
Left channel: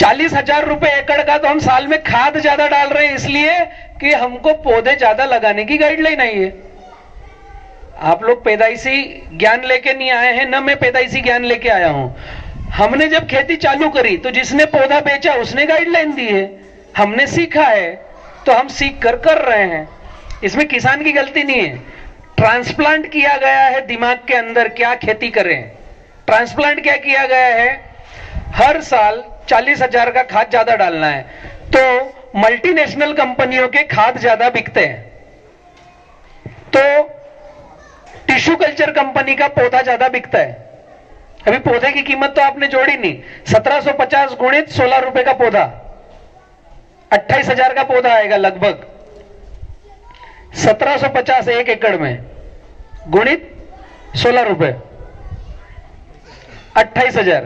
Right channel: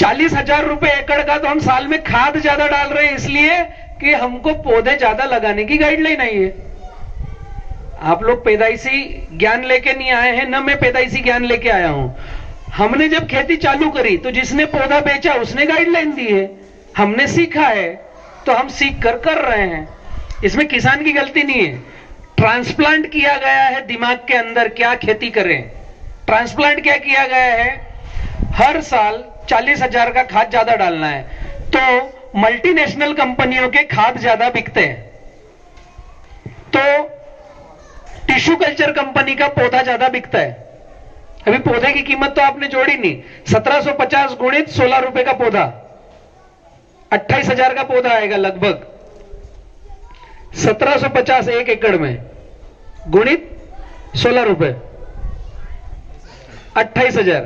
40,000 रुपए एकड़ का। तो हम साल में खाद ज्यादा डाल रहे हैं इसलिए कि हमको पौधे ज्यादा लगाने की गाइडलाइन आई है। आप लोग पैदाइशी ज्ञान लेके नहीं आए हैं, न मैं पैदाइशी ज्ञान लेके आया हूं। हमने जब खेती चालू करी तो जिसने पौधा बेचा उसने गाइडलाइन दी है, हमने सीखा है, तो हम सीख कर रहे हैं। इसमें किसान की गलती नहीं है। ट्रांसप्लांट किया गया है दिमाग के अंदर, क्या खेती करें। ट्रांसप्लांट क्या किया गया है? हर साल 40,000 का खाद ज्यादा डालना है, तो मल्टीनेशनल कंपनियों के खाद ज्यादा बिकते हैं, तो टिश्यू कल्चर कंपनी का पौधा ज्यादा बिकता है। अभी पौधे की कीमत तो आपने जोड़ी नहीं, 1750 गुणित 16 रुपए का पौधा, 28,000 का पौधा आएगा लगभग। 1750 1 एकड़ में गुणित 16 रुपए, 28,000।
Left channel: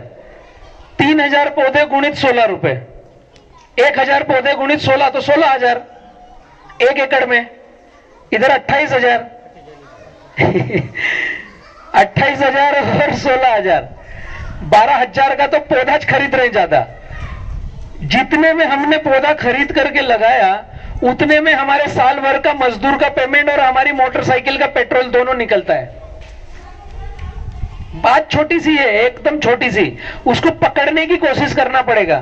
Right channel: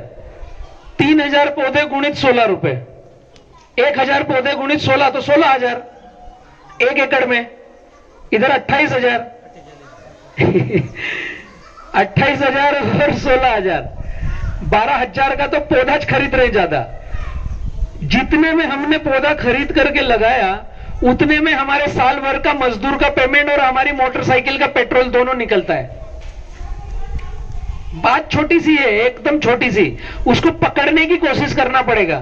3,000 पौधे गुणित 16 रुपए, 1,000 पौधे गुणित 16 तो 16,000 1 एकड़ में। इधर 28,000 28,000 और 16,000, 12,000 का तो पौधा खरीद रहे ज्यादा। जितने में हमने पौधा खरीद करके लगाया उतने में हमारे साल भर का मजदूर का पेमेंट और हमारी मोटरसाइकिल का पेट्रोल दोनों निकलता है। बात छोटी सी है, एकदम छोटी सी, उसको पकड़ने की कोशिश करना पड़ेगा।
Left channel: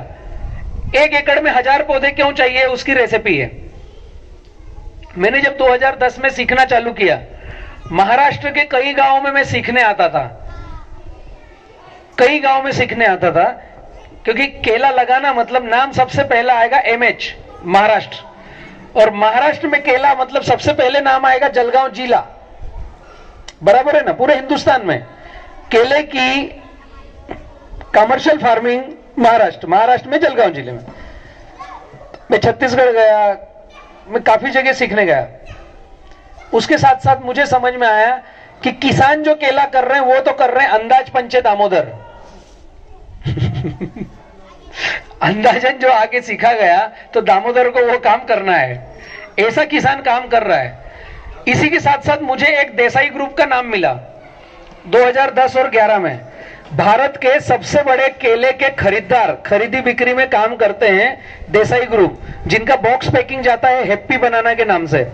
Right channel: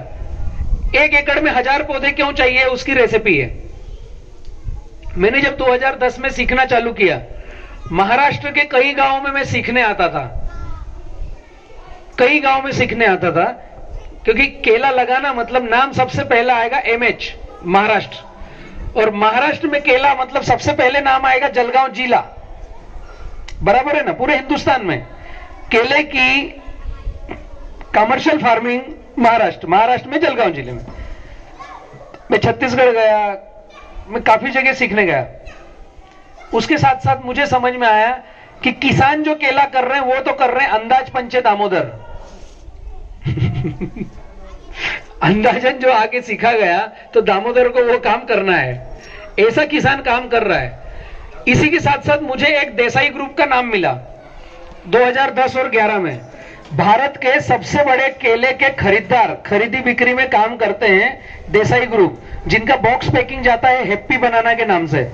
1 एकड़ में 1000 पौधे क्यों चाहिए, उसकी रेसिपी है। मैंने जब 2010 में सीखना चालू किया, महाराष्ट्र के कई गांवों में मैं सीखने आता था, कई गांव में सीखने आता था, क्योंकि केला लगाना मतलब नाम सबसे पहला आएगा MH महाराष्ट्र, और महाराष्ट्र में केला मतलब सबसे पहले नाम आएगा जलगांव जिला। बराबर है ना? पूरे हिंदुस्तान में केले की कमर्शियल फार्मिंग महाराष्ट्र में जलगांव जिले में। मैं छत्तीसगढ़ गया, मैं काफी जगह सीखने गया। उसके साथ साथ मुझे समझ में आया कि किसान जो केला कर रहे हैं वो तो कर रहे हैं अंदाज पंचे दामोदर। अंदाजन जो आगे सीखा गया तो दामोदर को वो काम करना है, ऐसा किसान काम कर रहा है। इसी के साथ साथ मुझे एक देसाई ग्रुप का नाम मिला 2010 और 11 में। भारत के सबसे बड़े केले के खरीदार खरीदी बिक्री में काम करते हैं देसाई ग्रुप, जिनका बॉक्स पैकिंग जाता है हैप्पी बनाना के नाम से।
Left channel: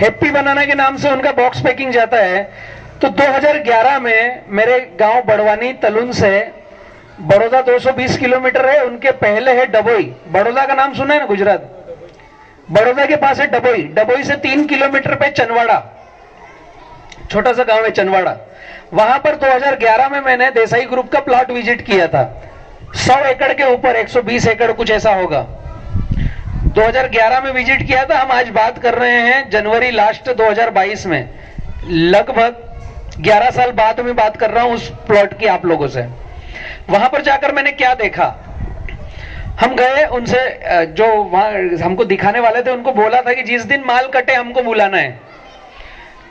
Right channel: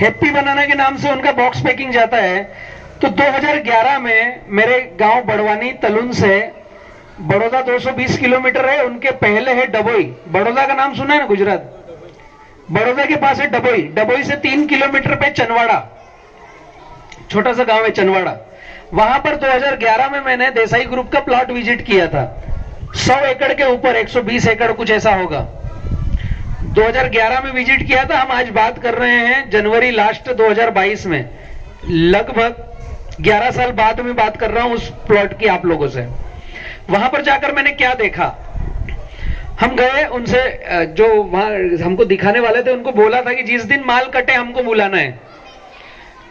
हैप्पी बनाना के नाम से उनका बॉक्स पैकिंग जाता है। तो 2011 में मेरे गांव बड़वानी तलुन से बड़ौदा 220 किलोमीटर है, उनके पहले है डबोई। बड़ौदा का नाम सुना है ना, गुजरात। बड़ौदा के पास है डबोई। डबोई से 3 किलोमीटर पे चनवाड़ा, छोटा सा गांव है चनवाड़ा। वहां पर 2011 में मैंने देसाई ग्रुप का प्लॉट विजिट किया था, 100 एकड़ के ऊपर, 120 एकड़ कुछ ऐसा होगा। 2011 में विजिट किया था। हम आज बात कर रहे हैं जनवरी लास्ट 2022 में, लगभग 11 साल बाद में बात कर रहा हूं उस प्लॉट की आप लोगों से। वहां पर जाकर मैंने क्या देखा, हम गए उनसे, जो वहां हमको दिखाने वाले थे उनको बोला था कि जिस दिन माल कटे हमको बुलाना है।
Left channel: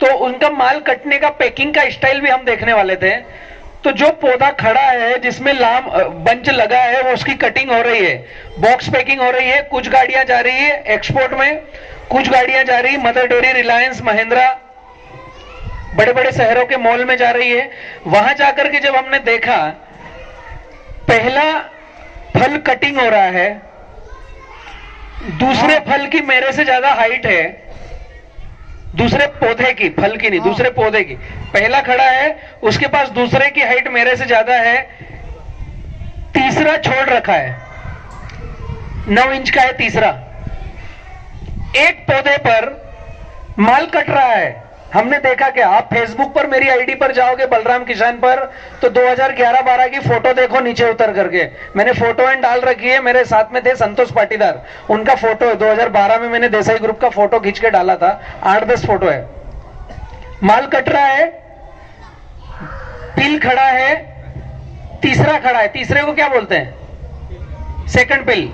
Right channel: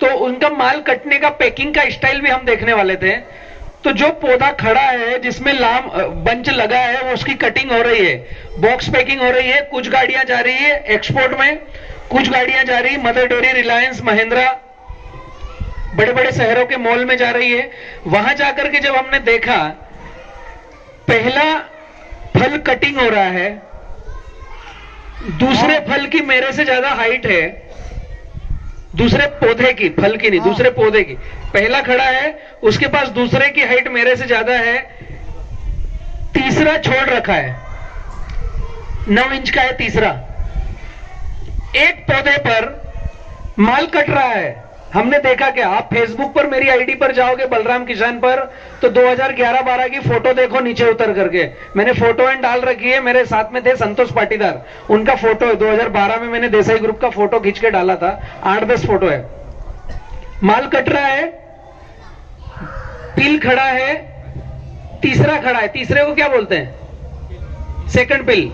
तो उनका माल कटने का पैकिंग का स्टाइल भी हम देखने वाले थे। तो जो पौधा खड़ा है जिसमें लाम बंच लगा है वो उसकी कटिंग हो रही है, बॉक्स पैकिंग हो रही है, कुछ गाड़ियां जा रही है एक्सपोर्ट में, कुछ गाड़ियां जा रही मदर डेयरी, रिलायंस, महिंद्रा, बड़े बड़े शहरों के मॉल में जा रही है। वहां जाकर के जब हमने देखा, पहला फल कटिंग हो रहा है, दूसरे फल की मेरे से ज्यादा हाइट है, दूसरे पौधे की, फल की नहीं, दूसरे पौधे की। पहला खड़ा है, उसके पास दूसरे की हाइट मेरे से ज्यादा है, तीसरा छोड़ रखा है, 9 इंच का है तीसरा। एक पौधे पर माल कट रहा है। हमने देखा क्या, आप फेसबुक पर मेरी आईडी पर जाओगे बलराम किसान पर, तो 2011-12 की फोटो देखो नीचे उतर करके। मैंने फोटो एंड डाल रखी है, मेरे साथ में थे संतोष पाटीदार, उनका फोटो है। 2012 में मैंने देसाई ग्रुप का फोटो खींच के डाला था, 8-10 फोटो है। माल कट रहा है, पिल खड़ा है, तीसरा खड़ा है। तीसरे को क्या बोलते हैं? सेकंड पिल।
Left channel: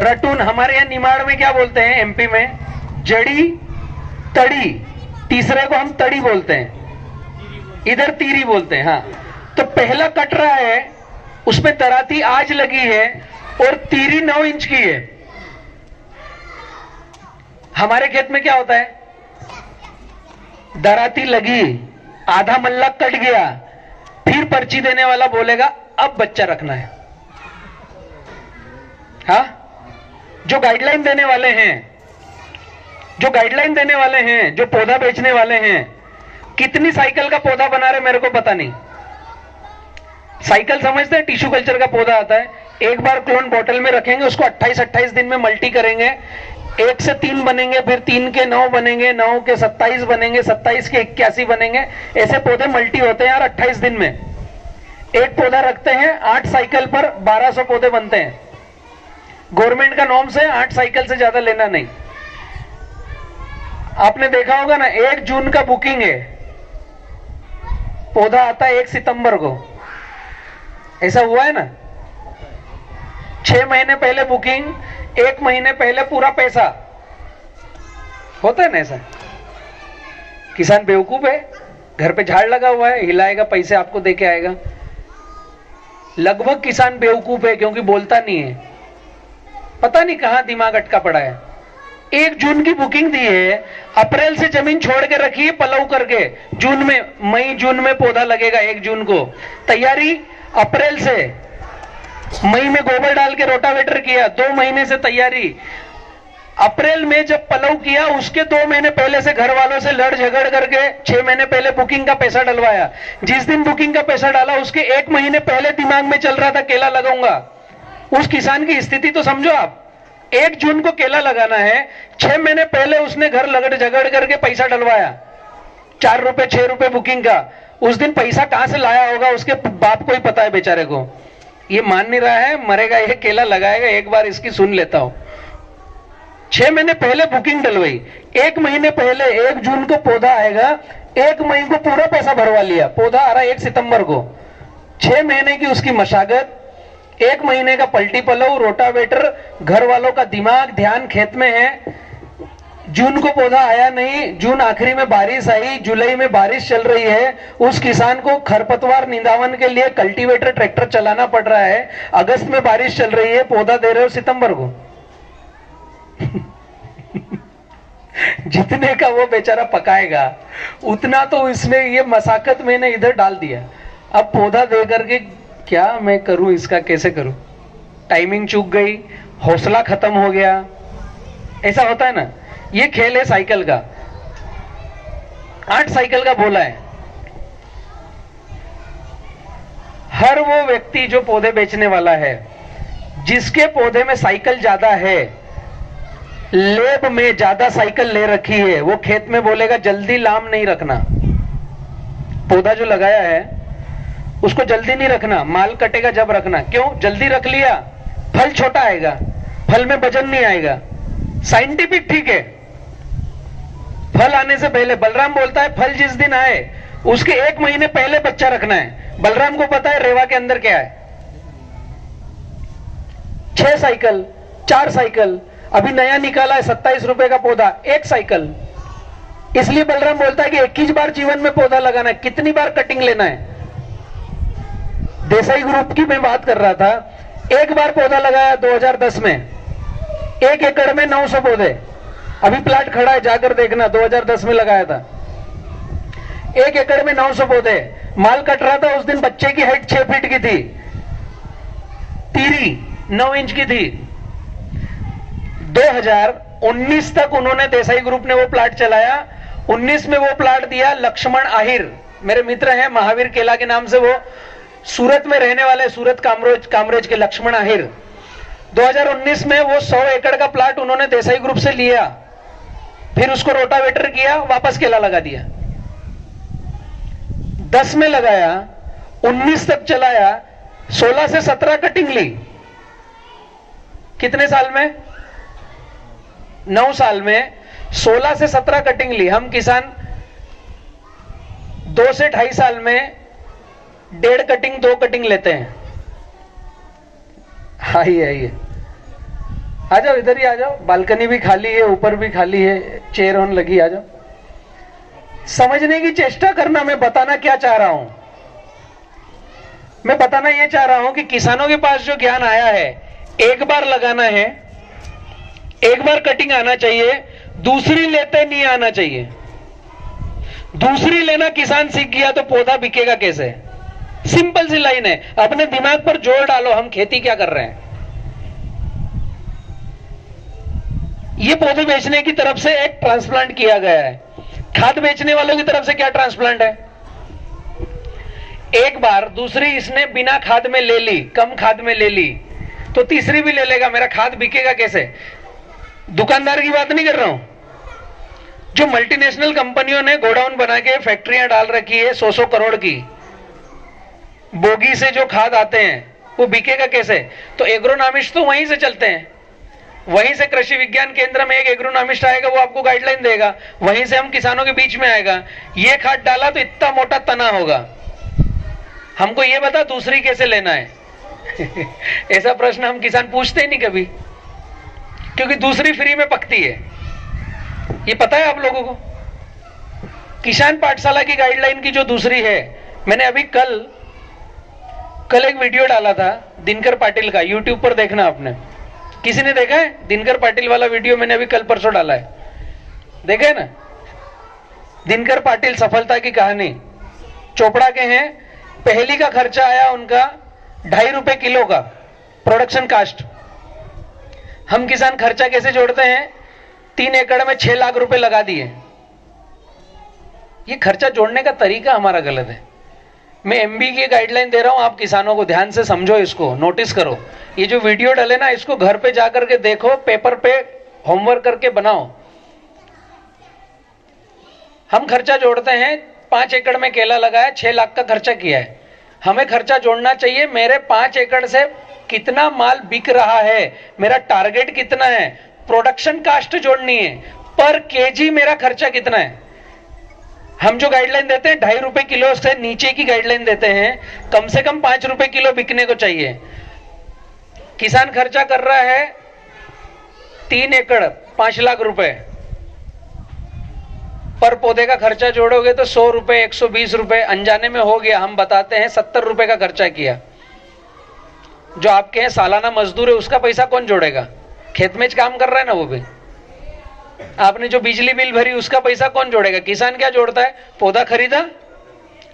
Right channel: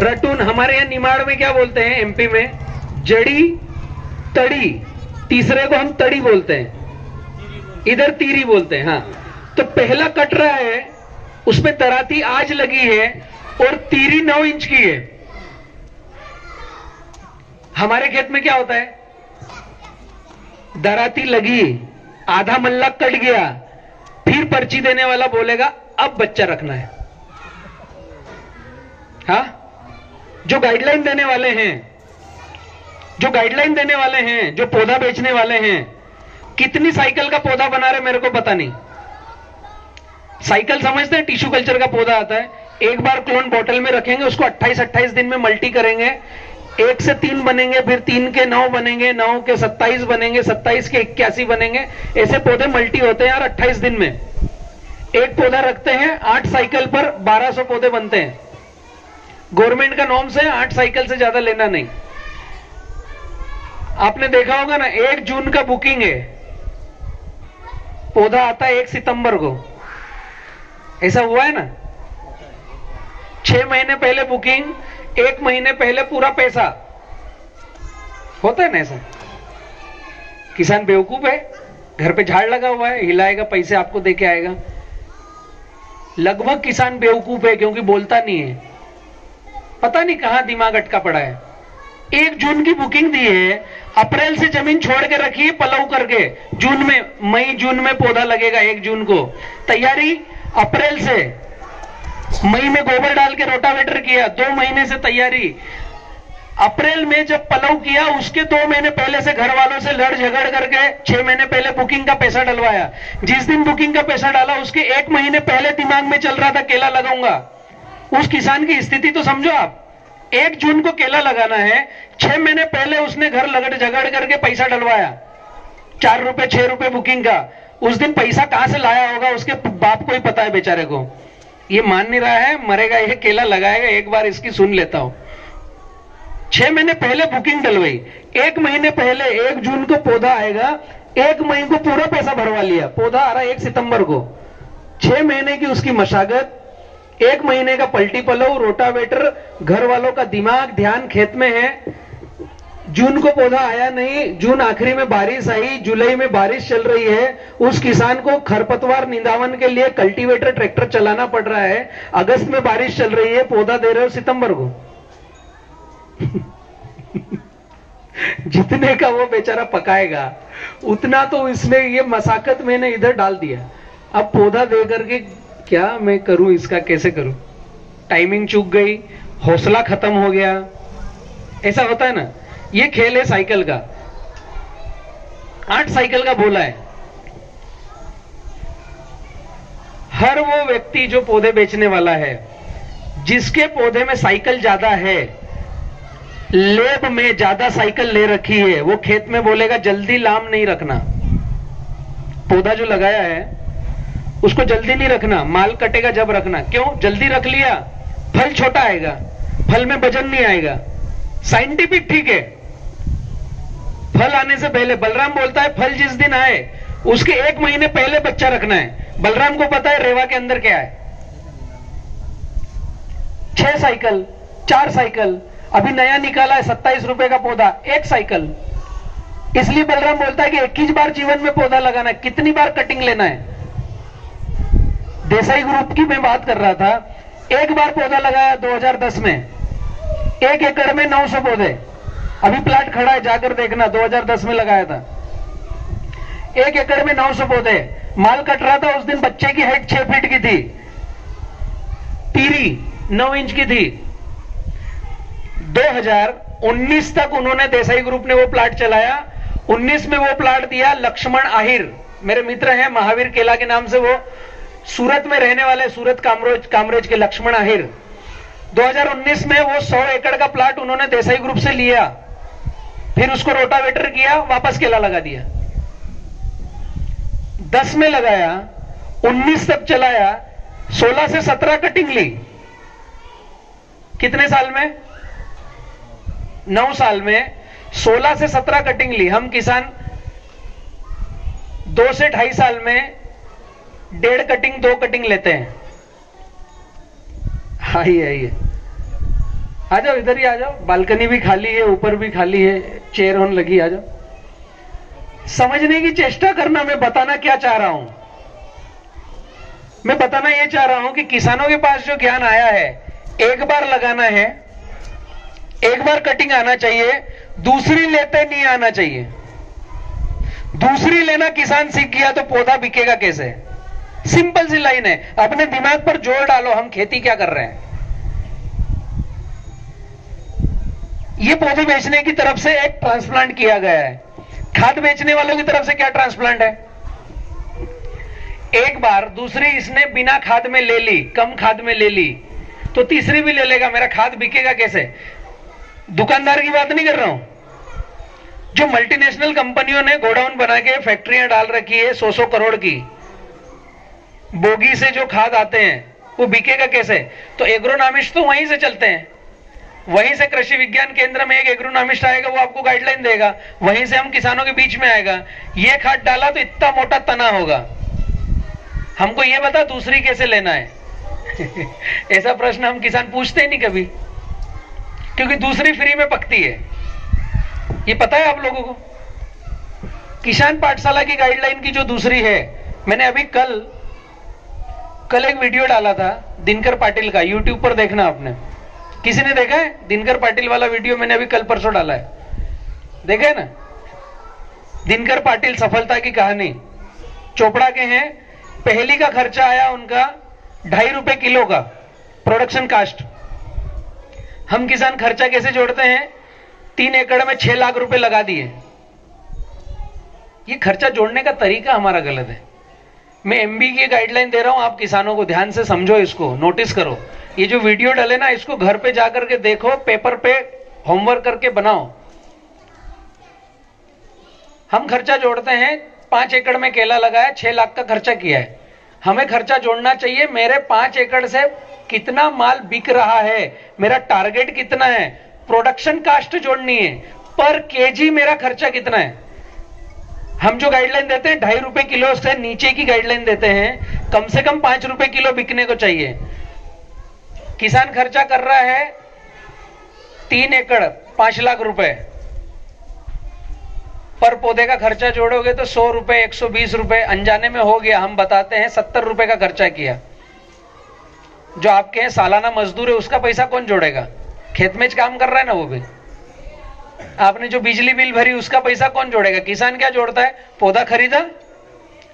रटून हमारे यहाँ निमाड़ में क्या बोलते हैं? एमपी में जड़ी, तड़ी। तीसरे को हम तड़ी बोलते हैं, इधर तीरी बोलते हैं। हाँ, तो पहला कट रहा है, उसमें दराती आज लगी है और तीरी 9 इंच की है। हमारे खेत में क्या होता है? दराती लगी, आधा मल्ला कट गया, फिर पर्ची देने वाला बोलेगा अब बच्चा रखना है। हाँ, जो गाइडलाइन देने वाले हैं, जो पौधा बेचने वाले हैं, कितनी साइकिल का पौधा बना रहे मेरे को पता नहीं। साइकिल समझते हैं? टिश्यू कल्चर का पौधा आता है, एक बार क्लोन बोतल में रखेंगे, उसको 28-28 दिन में मल्टी करेंगे, 1 से 3 बनेंगे, फिर 3 के 9 बनेंगे, 9 के 27 बनेंगे, 27 के 81 बनेंगे। ऐसे पौधे मल्टी होते हैं यार 28 दिन में। एक पौधा रखते हैं, 8 साइकिल पर 1200 पौधे बनते हैं। गवर्नमेंट का नॉर्म से 8 साइकिल से ज्यादा लेना नहीं। आपने देखा होगा ना, 1 जून का बुकिंग है, पौधा आता है 1 सितंबर को। ऐसा हुआ है ना? 6 महीने पहले बुकिंग, 1 महीने पहले पूरा पैसा। होता है ना ऐसा? किसान बेवकूफ है, घर पे झाड़ लगा हुआ है, हिलाएगा, पैसे आपको देके आएगा। लगभग किसान बेवकूफ है, क्योंकि बोलता नहीं है, पता नहीं कहां दिमाग अटका पड़ा है। 1 जून की बुकिंग दी है, अप्रैल से जमीन छोड़ के रखी है पलव करके, जून में, मई जून में पौधा लगेगा। 1 जून को तैयारी, अप्रैल से मई में गोबर डाल के रोटावेटर किया, 2 महीने से तैयारी। अप्रैल में जब पलव किया, उसके 2 महीने पहले से घर वालों से लड़ झगड़ करके 6 महीने पहले बुकिंग का पैसा डलवाया। जिस दिन बुकिंग का पैसा डाला, उसके 1 महीने पहले दिमाग में चल रहा था केला लगाऊंगा। उस किसान की स्थिति तो समझो आप। 1 जून को केला लगाना है, 6 महीने पहले उसने घर लगड़ झगड़ करके पैसा डलवाया, 4 रुपए 6 रुपए बुकिंग का। उस दिन पैसा कहां से लाया होगा, उसके बाप को ही पता है बेचारे को। ये मान नहीं रहा है, मरेगा, ये केला लगाएगा। एक बार इसकी सुन लेता हूं। 6 महीने पहले बुकिंग डलवाई, 1 महीने पहले 1 जून को पौधा आएगा, 1 महीने को पूरा पैसा भरवा लिया। पौधा आ रहा है 1 सितंबर को, 6 महीने की उसकी मशागत, 1 महीने का पलटी पलव, रोटावेटर, घर वालों का दिमाग, ध्यान खेत में है। जून को पौधा आया नहीं, जून आखिरी में बारिश आई, जुलाई में बारिश चल रही है। उस किसान को खरपतवार निंदावन के लिए कल्टीवेटर, ट्रैक्टर चलाना पड़ रहा है। अगस्त में बारिश चल रही है, पौधा दे रहे हो सितंबर को। जितने का वो बेचारा पकाएगा, उतना तो इसने, ये मसाकत मैंने इधर डाल दिया। अब पौधा दे करके क्या मैं करूं, इसका कैसे करूं? टाइमिंग चूक गई, हौसला खत्म हो गया। ऐसा होता है ना। ये खेल है साइकिल का। 8 साइकिल का बोला है। हर वो व्यक्ति जो पौधे बेचने वाला है, जिसके पौधे में साइकिल ज्यादा है, लेब में ज्यादा साइकिल ले रखी है, वो खेत में बोलेगा जल्दी लाम नहीं रखना। पौधा जो लगाया है उसको जल्दी नहीं रखना, माल कटेगा जब रखना। क्यों? जल्दी रख लिया, फल छोटा आएगा, फल में वजन नहीं आएगा। साइंटिफिक ठीक है। फल आने से पहले, बलराम बोलता है फल जिस दिन आए उसके 1 महीने पहले बच्चा रखना है। बलराम को पता है रेवा के अंदर क्या है। 6 साइकिल, 4 साइकिल, अभी नया निकाला है 27 रुपए का पौधा, 1 साइकिल। इसलिए बलराम बोलता है कि 21 बार जीवन में पौधा लगाना है। कितनी बार कटिंग लेना है? देसाई ग्रुप की मैं बात कर रहा था। 1 बार पौधा लगाया 2010 में, 1 एकड़ में 900 पौधे। अभी प्लाट खड़ा है, जाकर देखना, 2010 में लगाया था। 1 एकड़ में 900 पौधे। माल कट रहा था उस दिन, बच्चे की हाइट 6 फीट की थी, तीरी 9 इंच की थी। 2019 तक उन्होंने, देसाई ग्रुप ने वो प्लाट चलाया। 19 में वो प्लाट दिया लक्ष्मण आहिर, मेरे मित्र हैं, महावीर केला के नाम से, वो सूरत में रहने वाले, सूरत कामरेज के लक्ष्मण आहिर। 2019 में वो 100 एकड़ का प्लाट उन्होंने देसाई ग्रुप से लिया, फिर उसको रोटावेटर किया, वापस केला लगा दिया। 10 में लगाया, 19 तक चलाया, 16 से 17 कटिंग ली। कितने साल में? 9 साल में 16 से 17 कटिंग ली। हम किसान 2 से 2.5 साल में 1.5 कटिंग 2 कटिंग लेते हैं। आइए आइए, आ जाओ, इधर ही आ जाओ, बालकनी भी खाली है, ऊपर भी खाली है, चेयर ऑन लगी, आ जाओ। समझने की चेष्टा करना। मैं बताना क्या चाह रहा हूं, मैं बताना यह चाह रहा हूं कि किसानों के पास जो ज्ञान आया है, एक बार लगाना है, एक बार कटिंग आना चाहिए, दूसरी लेते नहीं आना चाहिए। दूसरी लेना किसान सीख गया तो पौधा बिकेगा कैसे? सिंपल सी लाइन है, अपने दिमाग पर जोर डालो, हम खेती क्या कर रहे हैं। ये पौधे बेचने की तरफ से एक ट्रांसप्लांट किया गया है, खाद बेचने वालों की तरफ से क्या ट्रांसप्लांट है? एक बार दूसरी इसने बिना खाद में ले ली, कम खाद में ले ली, तो तीसरी भी ले लेगा। मेरा खाद बिकेगा कैसे? दुकानदार की बात नहीं कर रहा हूं, जो मल्टीनेशनल कंपनियों ने गोडाउन बना के फैक्ट्रियां डाल रखी है 100-100 करोड़ की, बोगी से जो खाद आते हैं वो बिकेगा कैसे? तो एग्रोनॉमिस्ट तो वहीं से चलते हैं, वहीं से कृषि विज्ञान केंद्र में एक एग्रोनॉमिस्ट आएगा, वो आपको गाइडलाइन देगा, वहीं से हम किसानों के बीच में आएगा, ये खाद डाला तो इतना मोटा तना होगा, हमको ये बता दूसरी कैसे लेना है। ऐसा प्रश्न हम किसान पूछते ही नहीं कभी, क्योंकि दूसरी फ्री में पकती है। ये पता है आप लोगों को? किसान पाठशाला की गाइडलाइन की जो दूसरी है, मैंने अभी कल एक वीडियो डाला था दिनकर पाटिल का, यूट्यूब पर देखना आपने। किसी ने देखा है? दिनकर पाटिल वाला वीडियो मैंने अभी कल परसों डाला है, देखा है ना? दिनकर पाटिल, सफलता की कहानी, चोपड़ा के हैं। पहली का खर्चा आया उनका 2.5 रुपए किलो का प्रोडक्शन कास्ट। हम किसान खर्चा कैसे जोड़ते हैं? 3 एकड़ में 6 लाख रुपए लगा दिए। ये खर्चा जोड़ने का तरीका हमारा गलत है। मैं एमबी की गाइडलाइन दे रहा हूं, आप किसानों को ध्यान से समझो, इसको नोटिस करो। ये जो वीडियो डले ना, इसको घर पे जाकर के देखो, पेपर पे होमवर्क करके बनाओ। हम खर्चा जोड़ते हैं, 5 एकड़ में केला लगाया, 6 लाख का खर्चा किया है। हमें खर्चा जोड़ना चाहिए, मेरे 5 एकड़ से कितना माल बिक रहा है, मेरा टारगेट कितना है, प्रोडक्शन कास्ट जोड़नी है, पर केजी मेरा खर्चा कितना है। हम जो गाइडलाइन देते हैं 2.5 रुपए किलो से नीचे की गाइडलाइन देते हैं, कम से कम 5 रुपए किलो बिकने को चाहिए। किसान खर्चा कर रहा है 3 एकड़ 5 लाख रुपए, पर पौधे का खर्चा जोड़ोगे तो 100 रुपए 120 रुपए अनजाने में हो गया। हम बताते हैं 70 रुपए का खर्चा किया। जो आपके हैं सालाना मजदूर है, उसका पैसा कौन जोड़ेगा? खेत में काम कर रहा है ना वो भी। आपने जो बिजली बिल भरी, उसका पैसा कौन जोड़ेगा? किसान क्या जोड़ता है? पौधा खरीदा,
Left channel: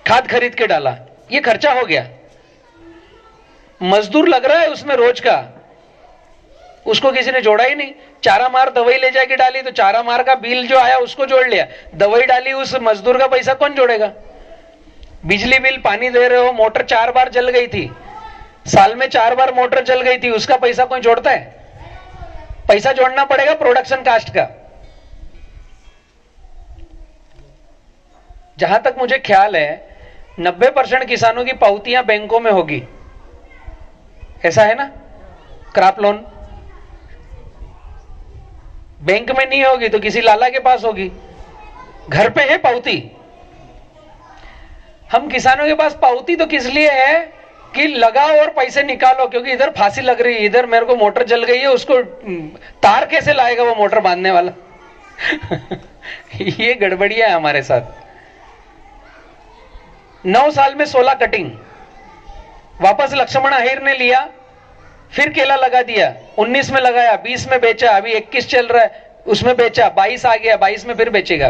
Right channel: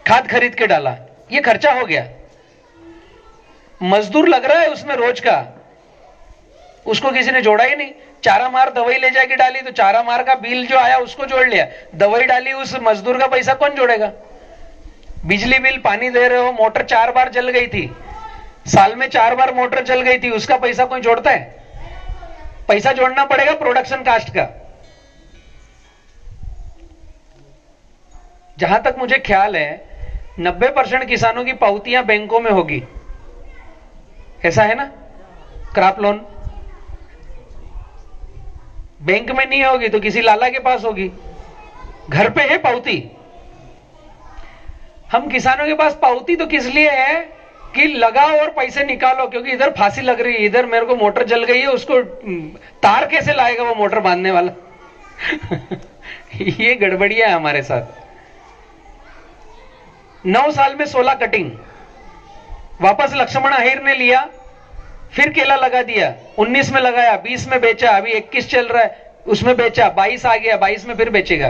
खाद खरीद के डाला, ये खर्चा हो गया। मजदूर लग रहा है उसमें रोज का, उसको किसी ने जोड़ा ही नहीं। चारा मार दवाई ले जाके डाली, तो चारा मार का बिल जो आया उसको जोड़ लिया, दवाई डाली, उस मजदूर का पैसा कौन जोड़ेगा? बिजली बिल, पानी दे रहे हो, मोटर 4 बार जल गई थी, साल में 4 बार मोटर जल गई थी, उसका पैसा कोई जोड़ता है? पैसा जोड़ना पड़ेगा प्रोडक्शन कास्ट का। जहां तक मुझे ख्याल है 90% किसानों की पावतियां बैंकों में होगी, ऐसा है ना? क्रॉप लोन बैंक में नहीं होगी तो किसी लाला के पास होगी, घर पे है पावती। हम किसानों के पास पावती तो किस लिए है कि लगाओ और पैसे निकालो, क्योंकि इधर फांसी लग रही है, इधर मेरे को मोटर जल गई है, उसको तार कैसे लाएगा वो मोटर बांधने वाला? ये गड़बड़ियां है हमारे साथ। 9 साल में 16 कटिंग, वापस लक्ष्मण आहिर ने लिया, फिर केला लगा दिया, 19 में लगाया, 20 में बेचा, अभी 21 चल रहा है, उसमें बेचा, 22 आ गया, 22 में फिर बेचेगा।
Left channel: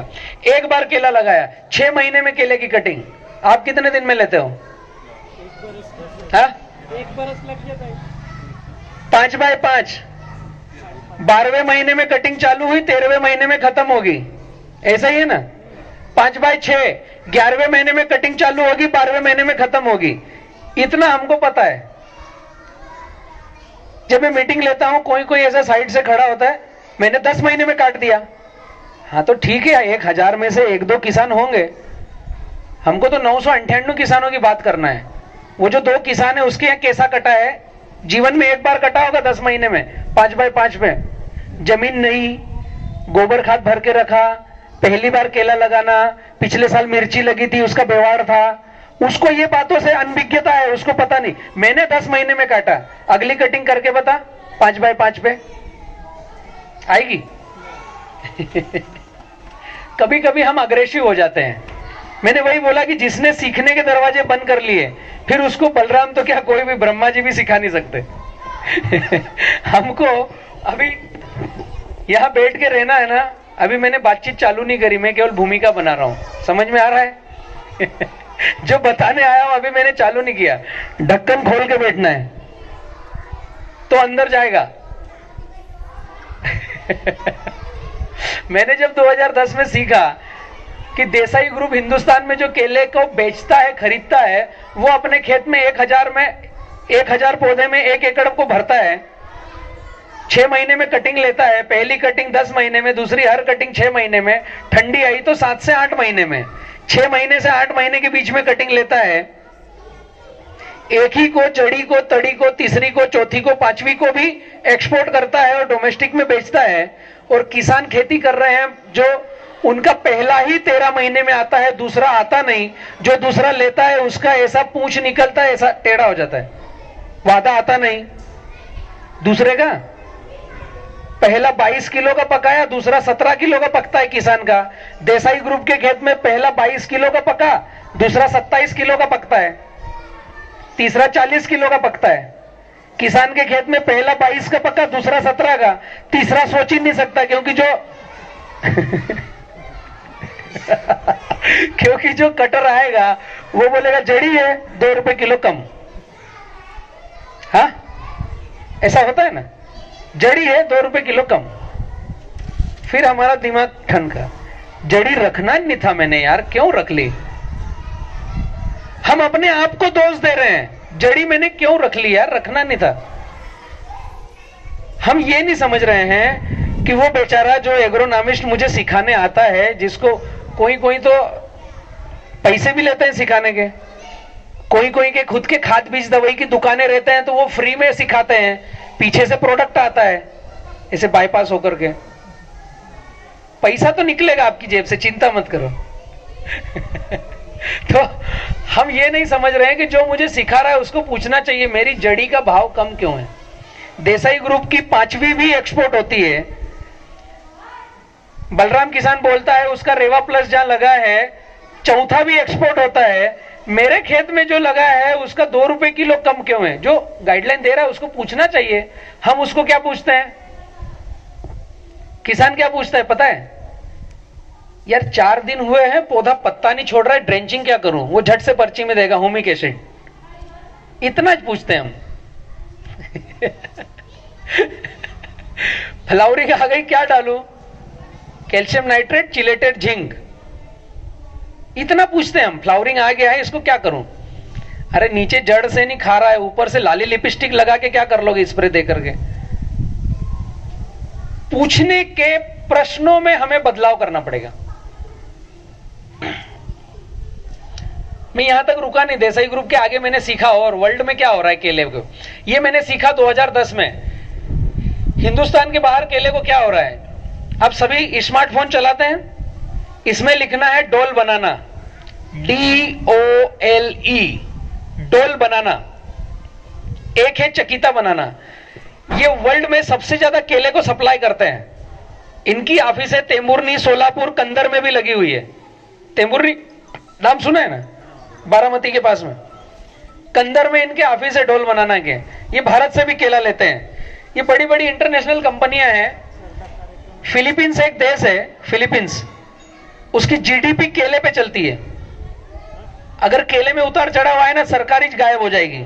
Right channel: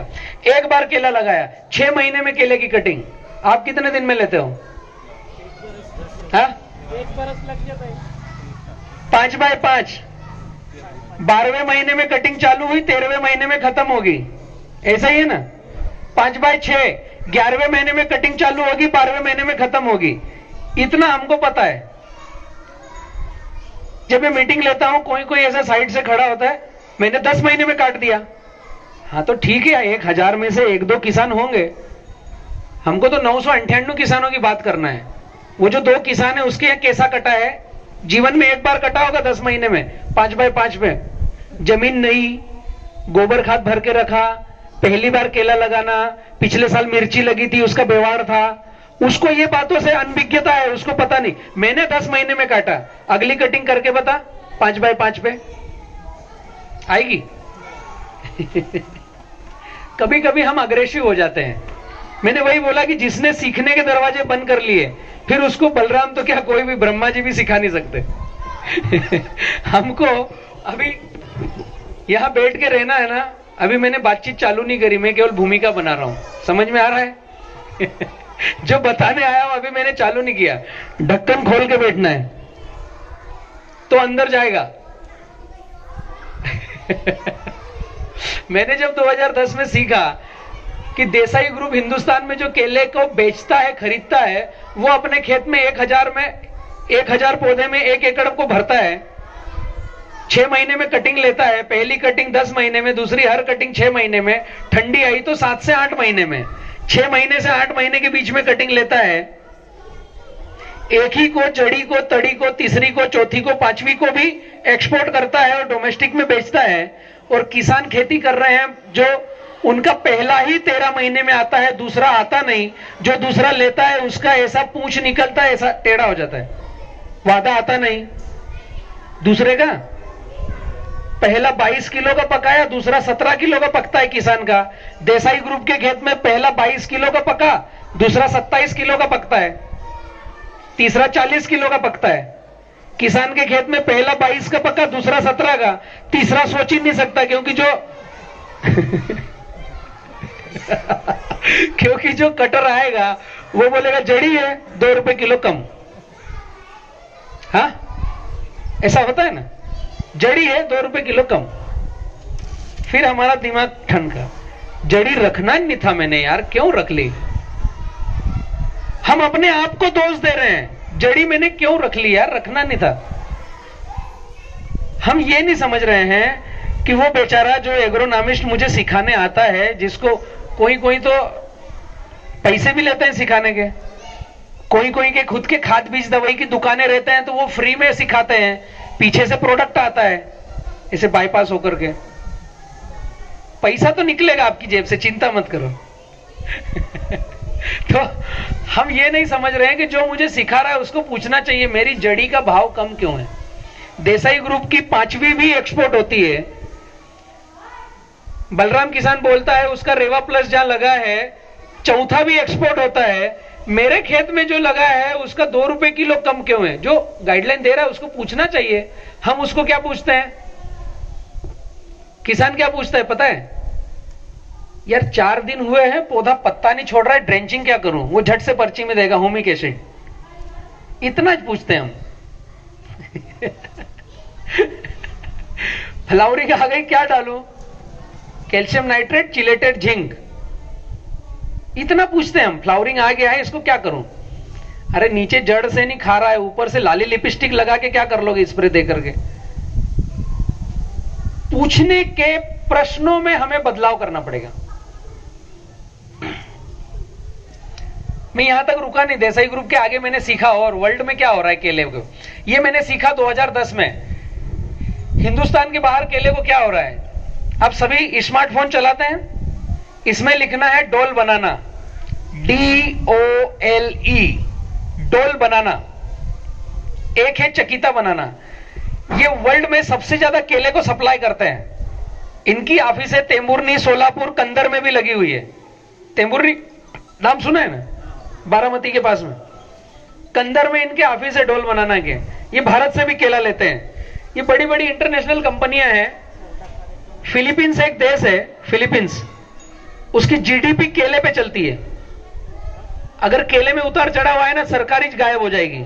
एक बार केला लगाया, 6 महीने में केले की कटिंग आप कितने दिन में लेते हो? हाँ, 5 बाय 5, 12वें महीने में कटिंग चालू हुई, 13वें महीने में खत्म होगी, ऐसा ही है ना? 5 बाय 6, 11वें महीने में कटिंग चालू होगी, 12वें महीने में खत्म होगी। इतना हमको पता है। जब मैं मीटिंग लेता हूं, कोई कोई ऐसा साइड से खड़ा होता है, मैंने 10 महीने में काट दिया। हाँ तो ठीक है, 1000 में से 1-2 किसान होंगे, हमको तो 998 किसानों की बात करना है। वो जो 2 किसान है उसके यहाँ कैसा कटा है, जीवन में एक बार कटा होगा 10 महीने में, 5 बाय 5 में, जमीन नहीं, गोबर खाद भर के रखा, पहली बार केला लगाना, पिछले साल मिर्ची लगी थी उसका व्यवहार था, उसको ये बातों से अनभिज्ञता है, उसको पता नहीं। मैंने 10 महीने में काटा, अगली कटिंग करके बता 5 बाय 5 पे आएगी? कभी कभी हम अग्रेसिव हो जाते हैं। मैंने वही बोला कि जिसने सीखने के दरवाजे बंद कर लिए, फिर उसको बलराम तो क्या कोई भी ब्रह्मा जी भी सिखा नहीं सकते। हमको अभी यहां बैठ के रहना है ना, अभी मैंने बातचीत चालू नहीं करी, मैं केवल भूमिका बना रहा हूं, समझ में आ रहा है? जो बताने आया हूं अभी मैंने चालू नहीं किया। ढक्कन खोल के बैठना है तो अंदर जाएगा। मैंने जब 2010 में सीखा कि देसाई ग्रुप हिंदुस्तान में जो केले को बेचता है, खरीदता है, वो अपने खेत में 1000 पौधे में 1 एकड़ को भरता है, 6 महीने में कटिंग लेता है, पहली कटिंग 10 महीने में, दूसरी हर कटिंग 6 महीने में, ठंडी आई तो 7 से 8 महीने में, 6 महीने से 8 महीने के बीच में कटिंग लेता है। एक ही को, जड़ी को, तड़ी को, तीसरी को, चौथी को, 5वीं को भी एक्सपोर्ट करता है और डोमेस्टिक में बेचता है। और किसान खेती कर रहे हैं जो उनका पहला ही 13 महीने में आता है, दूसरा आता नहीं। जो दूसरा लेता है उसका ऐसा पूंछ निकलता है, ऐसा टेढ़ा हो जाता है, वादा आता नहीं। दूसरे का पहला 22 किलो का पकाया, दूसरा 17 किलो का पकता है किसान का। देसाई ग्रुप के खेत में पहला 22 किलो का पका, दूसरा 27 किलो का पकता है, तीसरा 40 किलो का पकता है। किसान के खेत में पहला 22 का पका, दूसरा 17 का, तीसरा सोच ही नहीं सकता, क्योंकि जो कटर आएगा वो बोलेगा जड़ी है, 2 रुपए किलो कम। हाँ, ऐसा होता है ना, जड़ी है 2 रुपए किलो कम। फिर हमारा दिमाग ठनका, जड़ी रखना नहीं था मैंने यार, क्यों रख ली? हम अपने आप को दोष दे रहे हैं, जड़ी मैंने क्यों रख ली यार, रखना नहीं था। हम ये नहीं समझ रहे हैं कि वो बेचारा जो एग्रोनॉमिस्ट मुझे सिखाने आता है, जिसको कोई कोई तो पैसे भी लेते हैं सिखाने के, कोई कोई के खुद के खाद बीज दवाई की दुकानें रहते हैं तो वो फ्री में सिखाते हैं, पीछे से प्रोडक्ट आता है इसे बाईपास होकर के, पैसा तो निकलेगा आपकी जेब से, चिंता मत करो। तो हम ये नहीं समझ रहे हैं कि जो मुझे सिखा रहा है उसको पूछना चाहिए मेरी जड़ी का भाव कम क्यों है। देसाई ग्रुप की 5वीं भी एक्सपोर्ट होती है। बलराम किसान बोलता है उसका रेवा प्लस जहां लगा है, चौथा भी एक्सपोर्ट होता है। मेरे खेत में जो लगा है उसका 2 रुपए किलो कम क्यों है? जो गाइडलाइन दे रहा है उसको पूछना चाहिए। हम उसको क्या पूछते हैं? किसान क्या पूछता है पता है? यार 4 दिन हुए हैं, पौधा पत्ता नहीं छोड़ रहा है, ड्रेंचिंग क्या करूं? वो झट से पर्ची में देगा होमिक एसिड। इतना पूछते हैं हम। फ्लावरिंग आ गई, क्या डालूं? Calcium nitrate, chelated zinc. इतना पूछते हैं हम। फ्लावरिंग आ गया है, इसको क्या करूं? अरे नीचे जड़ से नहीं खा रहा है, ऊपर से लाली लिपस्टिक लगा के क्या कर लोगे स्प्रे दे करके? पूछने के प्रश्नों में हमें बदलाव करना पड़ेगा। मैं यहां तक रुका नहीं, देसाई ग्रुप के आगे मैंने सीखा और वर्ल्ड में क्या हो रहा है केले को। ये मैंने सीखा 2010 में। हिंदुस्तान के बाहर केले को क्या हो रहा है? अब सभी स्मार्टफोन चलाते हैं, इसमें लिखना है डोल बनाना, DOLE, डोल बनाना। एक है चकीता बनाना। ये वर्ल्ड में सबसे ज्यादा केले को सप्लाई करते हैं। इनकी ऑफिस है तेमुरनी, सोलापुर, कंदर में भी लगी हुई है। तेमुरनी नाम सुना है ना, बारामती के पास में। कंदर में इनके ऑफिस है डोल बनाना के। ये भारत से भी केला लेते हैं। ये बड़ी बड़ी इंटरनेशनल कंपनियां हैं। फिलीपींस एक देश है, फिलीपींस, उसकी जीडीपी केले पे चलती है। अगर केले में उतार चढ़ाव आए ना, सरकार ही गायब हो जाएगी।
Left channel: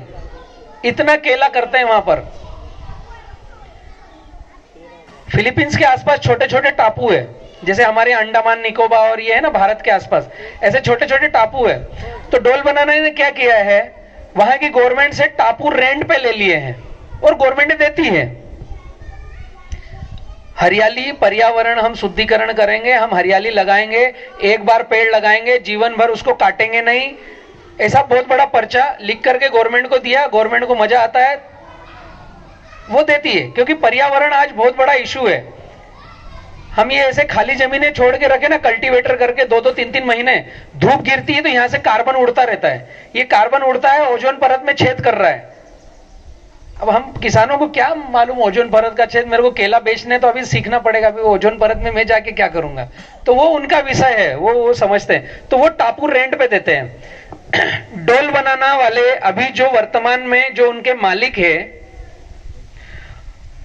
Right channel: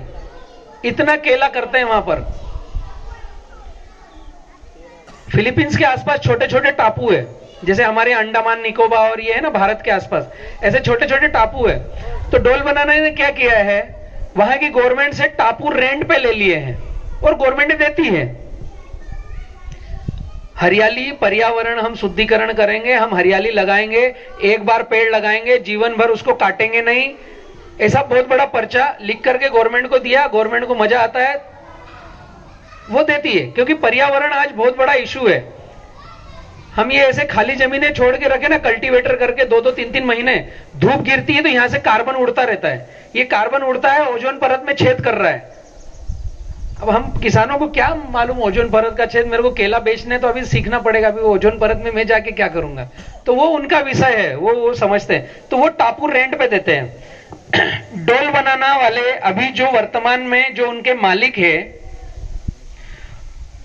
इतना केला करते हैं वहां पर। फिलीपींस के आसपास छोटे छोटे टापू है, जैसे हमारे अंडमान निकोबार और ये है ना भारत के आसपास, ऐसे छोटे छोटे टापू है। तो डोल बनाना ने क्या किया है, वहां की गवर्नमेंट से टापू रेंट पे ले लिए हैं और गवर्नमेंट देती है। हरियाली, पर्यावरण हम शुद्धिकरण करेंगे, हम हरियाली लगाएंगे, एक बार पेड़ लगाएंगे, जीवन भर उसको काटेंगे नहीं, ऐसा बहुत बड़ा पर्चा लिख करके गवर्नमेंट को दिया। गवर्नमेंट को मजा आता है, वो देती है, क्योंकि पर्यावरण आज बहुत बड़ा इशू है। हम ये ऐसे खाली जमीनें छोड़ के रखे ना, कल्टीवेटर करके 2-2, 3-3 महीने, धूप गिरती है तो यहां से कार्बन उड़ता रहता है। ये कार्बन उड़ता है, ओजोन परत में छेद कर रहा है। अब हम किसानों को क्या मालूम ओजोन परत का छेद, मेरे को केला बेचने तो अभी सीखना पड़ेगा, अभी ओजोन परत में मैं जाके क्या करूंगा। तो वो उनका विषय है, वो समझते हैं। तो वो टापू रेंट पे देते हैं। डोल बनाना वाले अभी जो वर्तमान में जो उनके मालिक है,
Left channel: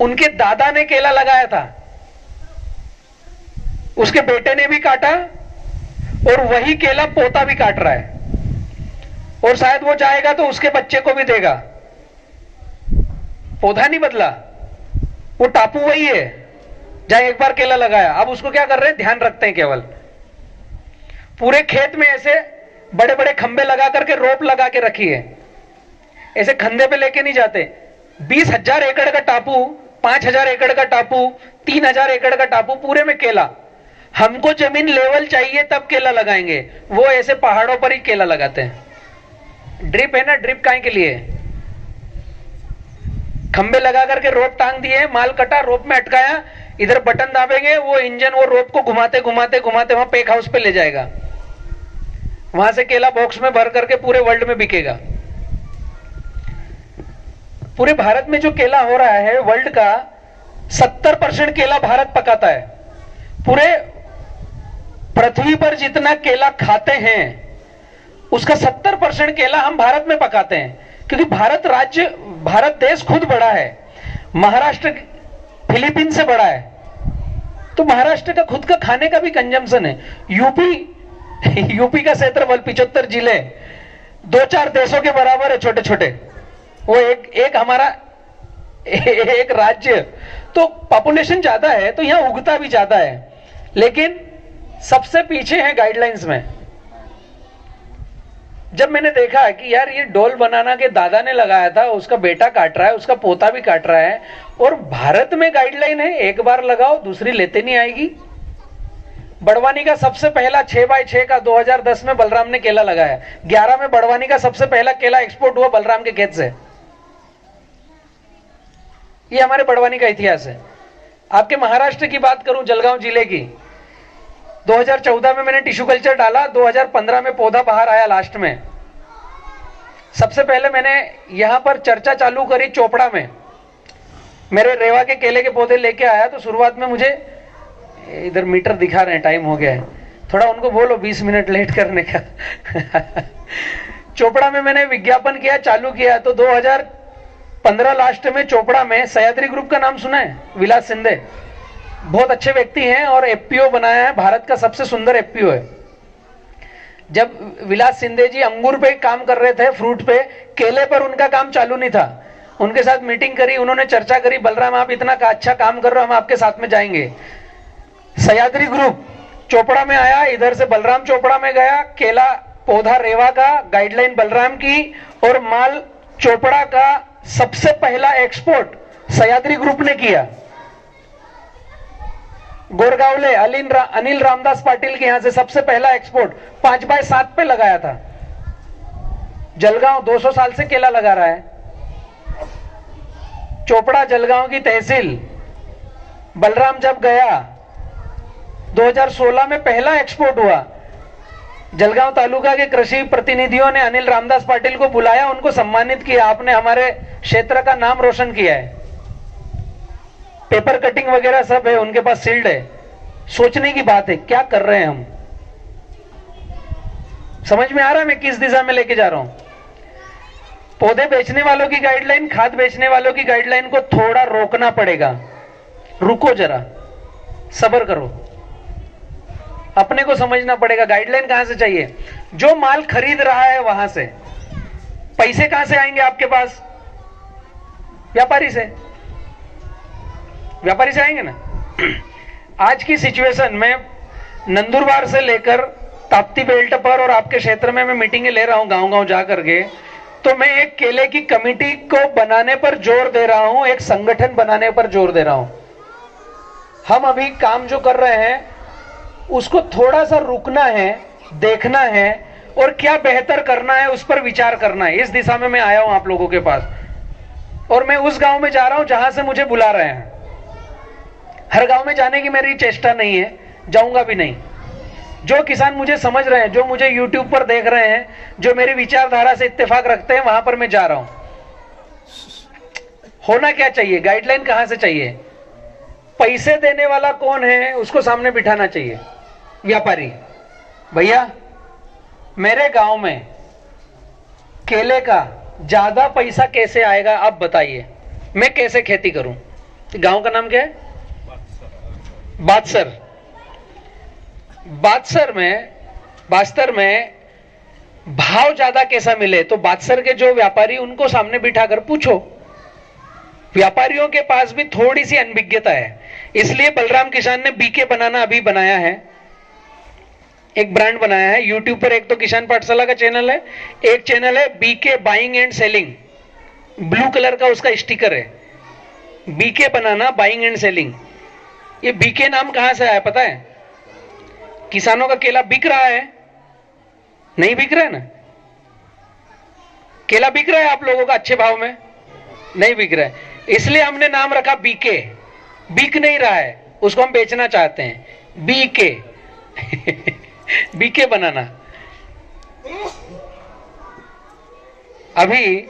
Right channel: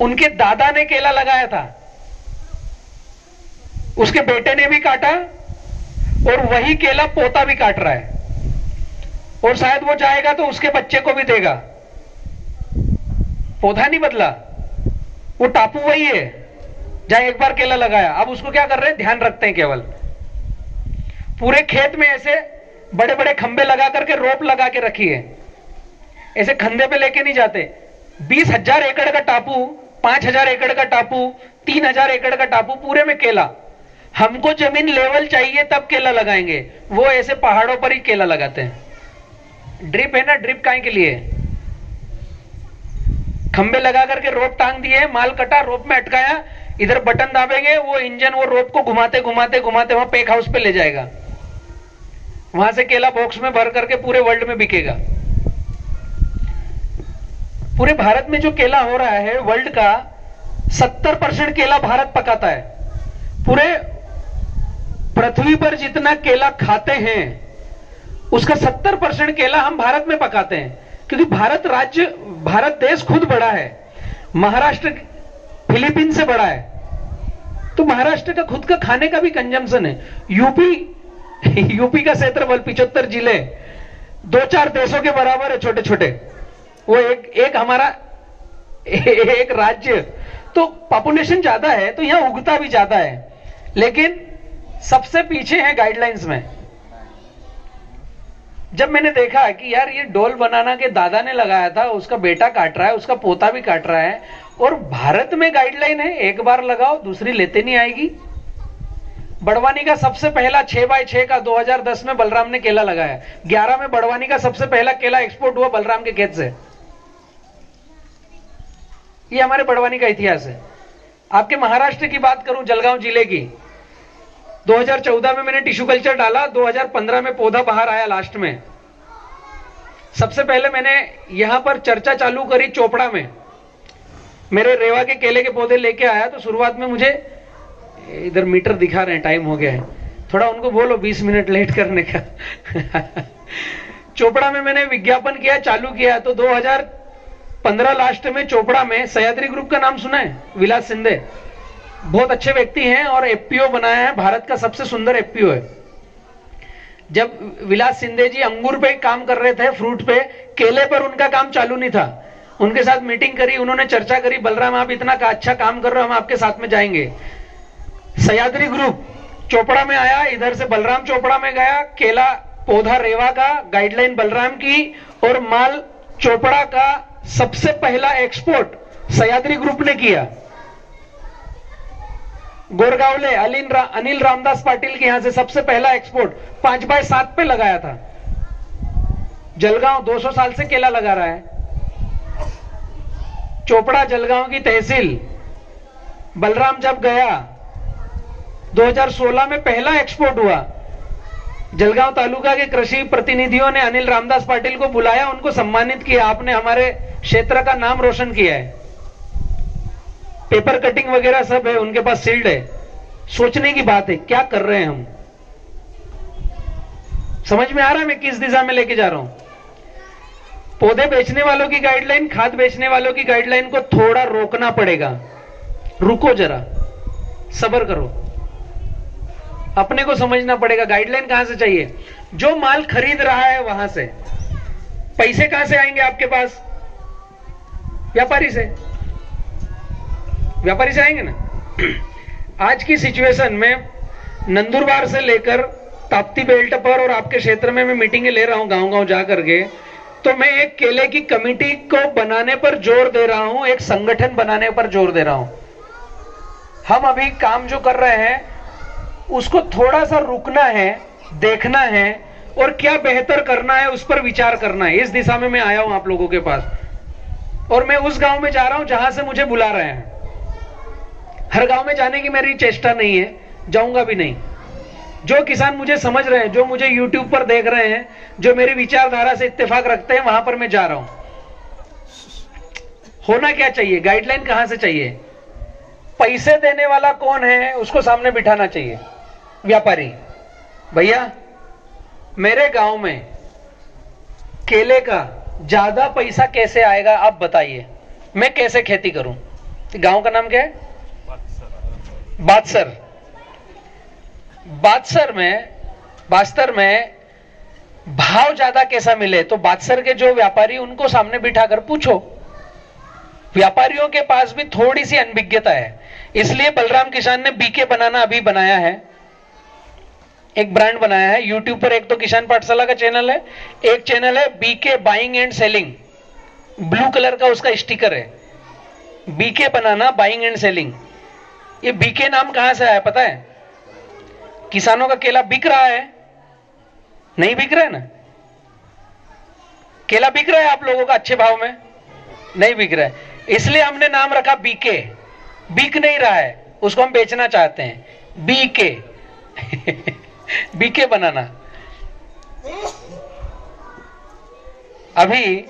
उनके दादा ने केला लगाया था, उसके बेटे ने भी काटा और वही केला पोता भी काट रहा है, और शायद वो जाएगा तो उसके बच्चे को भी देगा। पौधा नहीं बदला, वो टापू वही है जहां एक बार केला लगाया। अब उसको क्या कर रहे हैं, ध्यान रखते हैं केवल। पूरे खेत में ऐसे बड़े बड़े खंबे लगा करके रोप लगा के रखी है, ऐसे खंधे पे लेके नहीं जाते। 20,000 एकड़ का टापू, 5,000 एकड़ का टापू, 3,000 एकड़ का टापू, पूरे में केला। हमको जमीन लेवल चाहिए तब केला लगाएंगे, वो ऐसे पहाड़ों पर ही केला लगाते हैं। ड्रिप है ना, ड्रिप काहे के लिए, खंबे लगा करके रोप टांग दिए, माल कटा, रोप में अटकाया, इधर बटन दाबेंगे, वो इंजन वो रोप को घुमाते घुमाते घुमाते वहां पैक हाउस पे ले जाएगा। वहां से केला बॉक्स में भर करके पूरे वर्ल्ड में बिकेगा। पूरे भारत में जो केला हो रहा है, वर्ल्ड का 70% केला भारत पकाता है। पूरे पृथ्वी पर जितना केला खाते हैं उसका 70% केला हम भारत में पकाते हैं, क्योंकि भारत देश खुद बड़ा है। महाराष्ट्र फिलीपींस से बड़ा है, तो महाराष्ट्र का खुद का खाने का भी कंजम्पशन है। यूपी का क्षेत्रफल 75 जिले 2-4 देशों के बराबर है, छोटे छोटे। वो एक हमारा एक राज्य, तो पॉपुलेशन ज्यादा है, तो यहां उगता भी ज्यादा है, लेकिन सबसे पीछे है गाइडलाइंस में। जब मैंने देखा कि यार ये डोल बनाना के दादा ने लगाया था, उसका बेटा काट रहा है, उसका पोता भी काट रहा है, और भारत में गाइडलाइन है एक बार लगाओ दूसरी लेते नहीं आएगी। बड़वानी का सबसे पहला 6x6 का 2010 में बलराम ने केला लगाया। 11 में बड़वानी का सबसे पहला केला एक्सपोर्ट हुआ बलराम के खेत से। ये हमारे बड़वानी का इतिहास है। आपके महाराष्ट्र की बात करूं, जलगांव जिले की, 2014 में मैंने टिश्यू कल्चर डाला, 2015 में पौधा बाहर आया लास्ट में। सबसे पहले मैंने यहां पर चर्चा चालू करी चोपड़ा में, मेरे रेवा के केले के पौधे लेके आया। तो शुरुआत में मुझे, इधर मीटर दिखा रहे हैं, टाइम हो गया है, थोड़ा उनको बोलो 20 मिनट लेट करने का। चोपड़ा में मैंने विज्ञापन किया, चालू किया, तो 2015 लास्ट में चोपड़ा में सह्याद्री ग्रुप का नाम सुना है, विलास सिंधे, बहुत अच्छे व्यक्ति हैं और एफपीओ बनाया है, भारत का सबसे सुंदर एफपीओ है। जब विलास सिंधे जी अंगूर पे काम कर रहे थे, फ्रूट पे, केले पर उनका काम चालू नहीं था। उनके साथ मीटिंग करी, उन्होंने चर्चा करी, बलराम आप इतना अच्छा काम कर रहे हो, हम आपके साथ में जाएंगे। सह्याद्री ग्रुप चोपड़ा में आया, इधर से बलराम चोपड़ा में गया, केला पौधा रेवा का, गाइडलाइन बलराम की, और माल चोपड़ा का सबसे पहला एक्सपोर्ट सह्याद्री ग्रुप ने किया। गोरगावले अनिल रामदास पाटिल के यहां से सबसे पहला एक्सपोर्ट 5x7 पे लगाया था। जलगांव 200 साल से केला लगा रहा है। चोपड़ा जलगांव की तहसील, बलराम जब गया 2016 में पहला एक्सपोर्ट हुआ। जलगांव तालुका के कृषि प्रतिनिधियों ने अनिल रामदास पाटिल को बुलाया, उनको सम्मानित किया, आपने हमारे क्षेत्र का नाम रोशन किया है। पेपर कटिंग वगैरह सब है उनके पास, सील्ड है। सोचने की बात है, क्या कर रहे हैं हम। समझ में आ रहा है मैं किस दिशा में लेके जा रहा हूं। पौधे बेचने वालों की गाइडलाइन, खाद बेचने वालों की गाइडलाइन को थोड़ा रोकना पड़ेगा। रुको जरा, सब्र करो, अपने को समझना पड़ेगा गाइडलाइन कहां से चाहिए। जो माल खरीद रहा है वहां से पैसे कहां से आएंगे आपके पास? व्यापारी से, व्यापारी से आएंगे ना। आज की सिचुएशन में नंदुरबार से लेकर ताप्ती बेल्ट पर और आपके क्षेत्र में मैं मीटिंगें ले रहा हूं गांव गांव जाकर के, तो मैं एक केले की कमेटी को बनाने पर जोर दे रहा हूं, एक संगठन बनाने पर जोर दे रहा हूं। हम अभी काम जो कर रहे हैं उसको थोड़ा सा रुकना है, देखना है और क्या बेहतर करना है उस पर विचार करना है। इस दिशा में मैं आया हूं आप लोगों के पास, और मैं उस गांव में जा रहा हूं जहां से मुझे बुला रहे हैं। हर गांव में जाने की मेरी चेष्टा नहीं है, जाऊंगा भी नहीं। जो किसान मुझे समझ रहे हैं, जो मुझे YouTube पर देख रहे हैं, जो मेरी विचारधारा से इत्तेफाक रखते हैं, वहां पर मैं जा रहा हूं। होना क्या चाहिए, गाइडलाइन कहां से चाहिए? पैसे देने वाला कौन है उसको सामने बिठाना चाहिए, व्यापारी। भैया मेरे गांव में केले का ज्यादा पैसा कैसे आएगा आप बताइए, मैं कैसे खेती करूं? गांव का नाम क्या है? बादसर। बास्तर में भाव ज्यादा कैसा मिले? तो बादसर के जो व्यापारी, उनको सामने बिठाकर पूछो। व्यापारियों के पास भी थोड़ी सी अनभिज्ञता है, इसलिए बलराम किसान ने बीके बनाना अभी बनाया है, एक ब्रांड बनाया है। यूट्यूब पर एक तो किसान पाठशाला का चैनल है, एक चैनल है BK buying and selling, blue colour का उसका स्टिकर है, BK banana buying and selling. ये बीके नाम कहां से आया पता है? किसानों का केला बिक रहा है, नहीं बिक रहा है ना? केला बिक रहा है आप लोगों का अच्छे भाव में? नहीं बिक रहा है, इसलिए हमने नाम रखा बीके। बिक नहीं रहा है, उसको हम बेचना चाहते हैं, बीके। बीके बनाना। अभी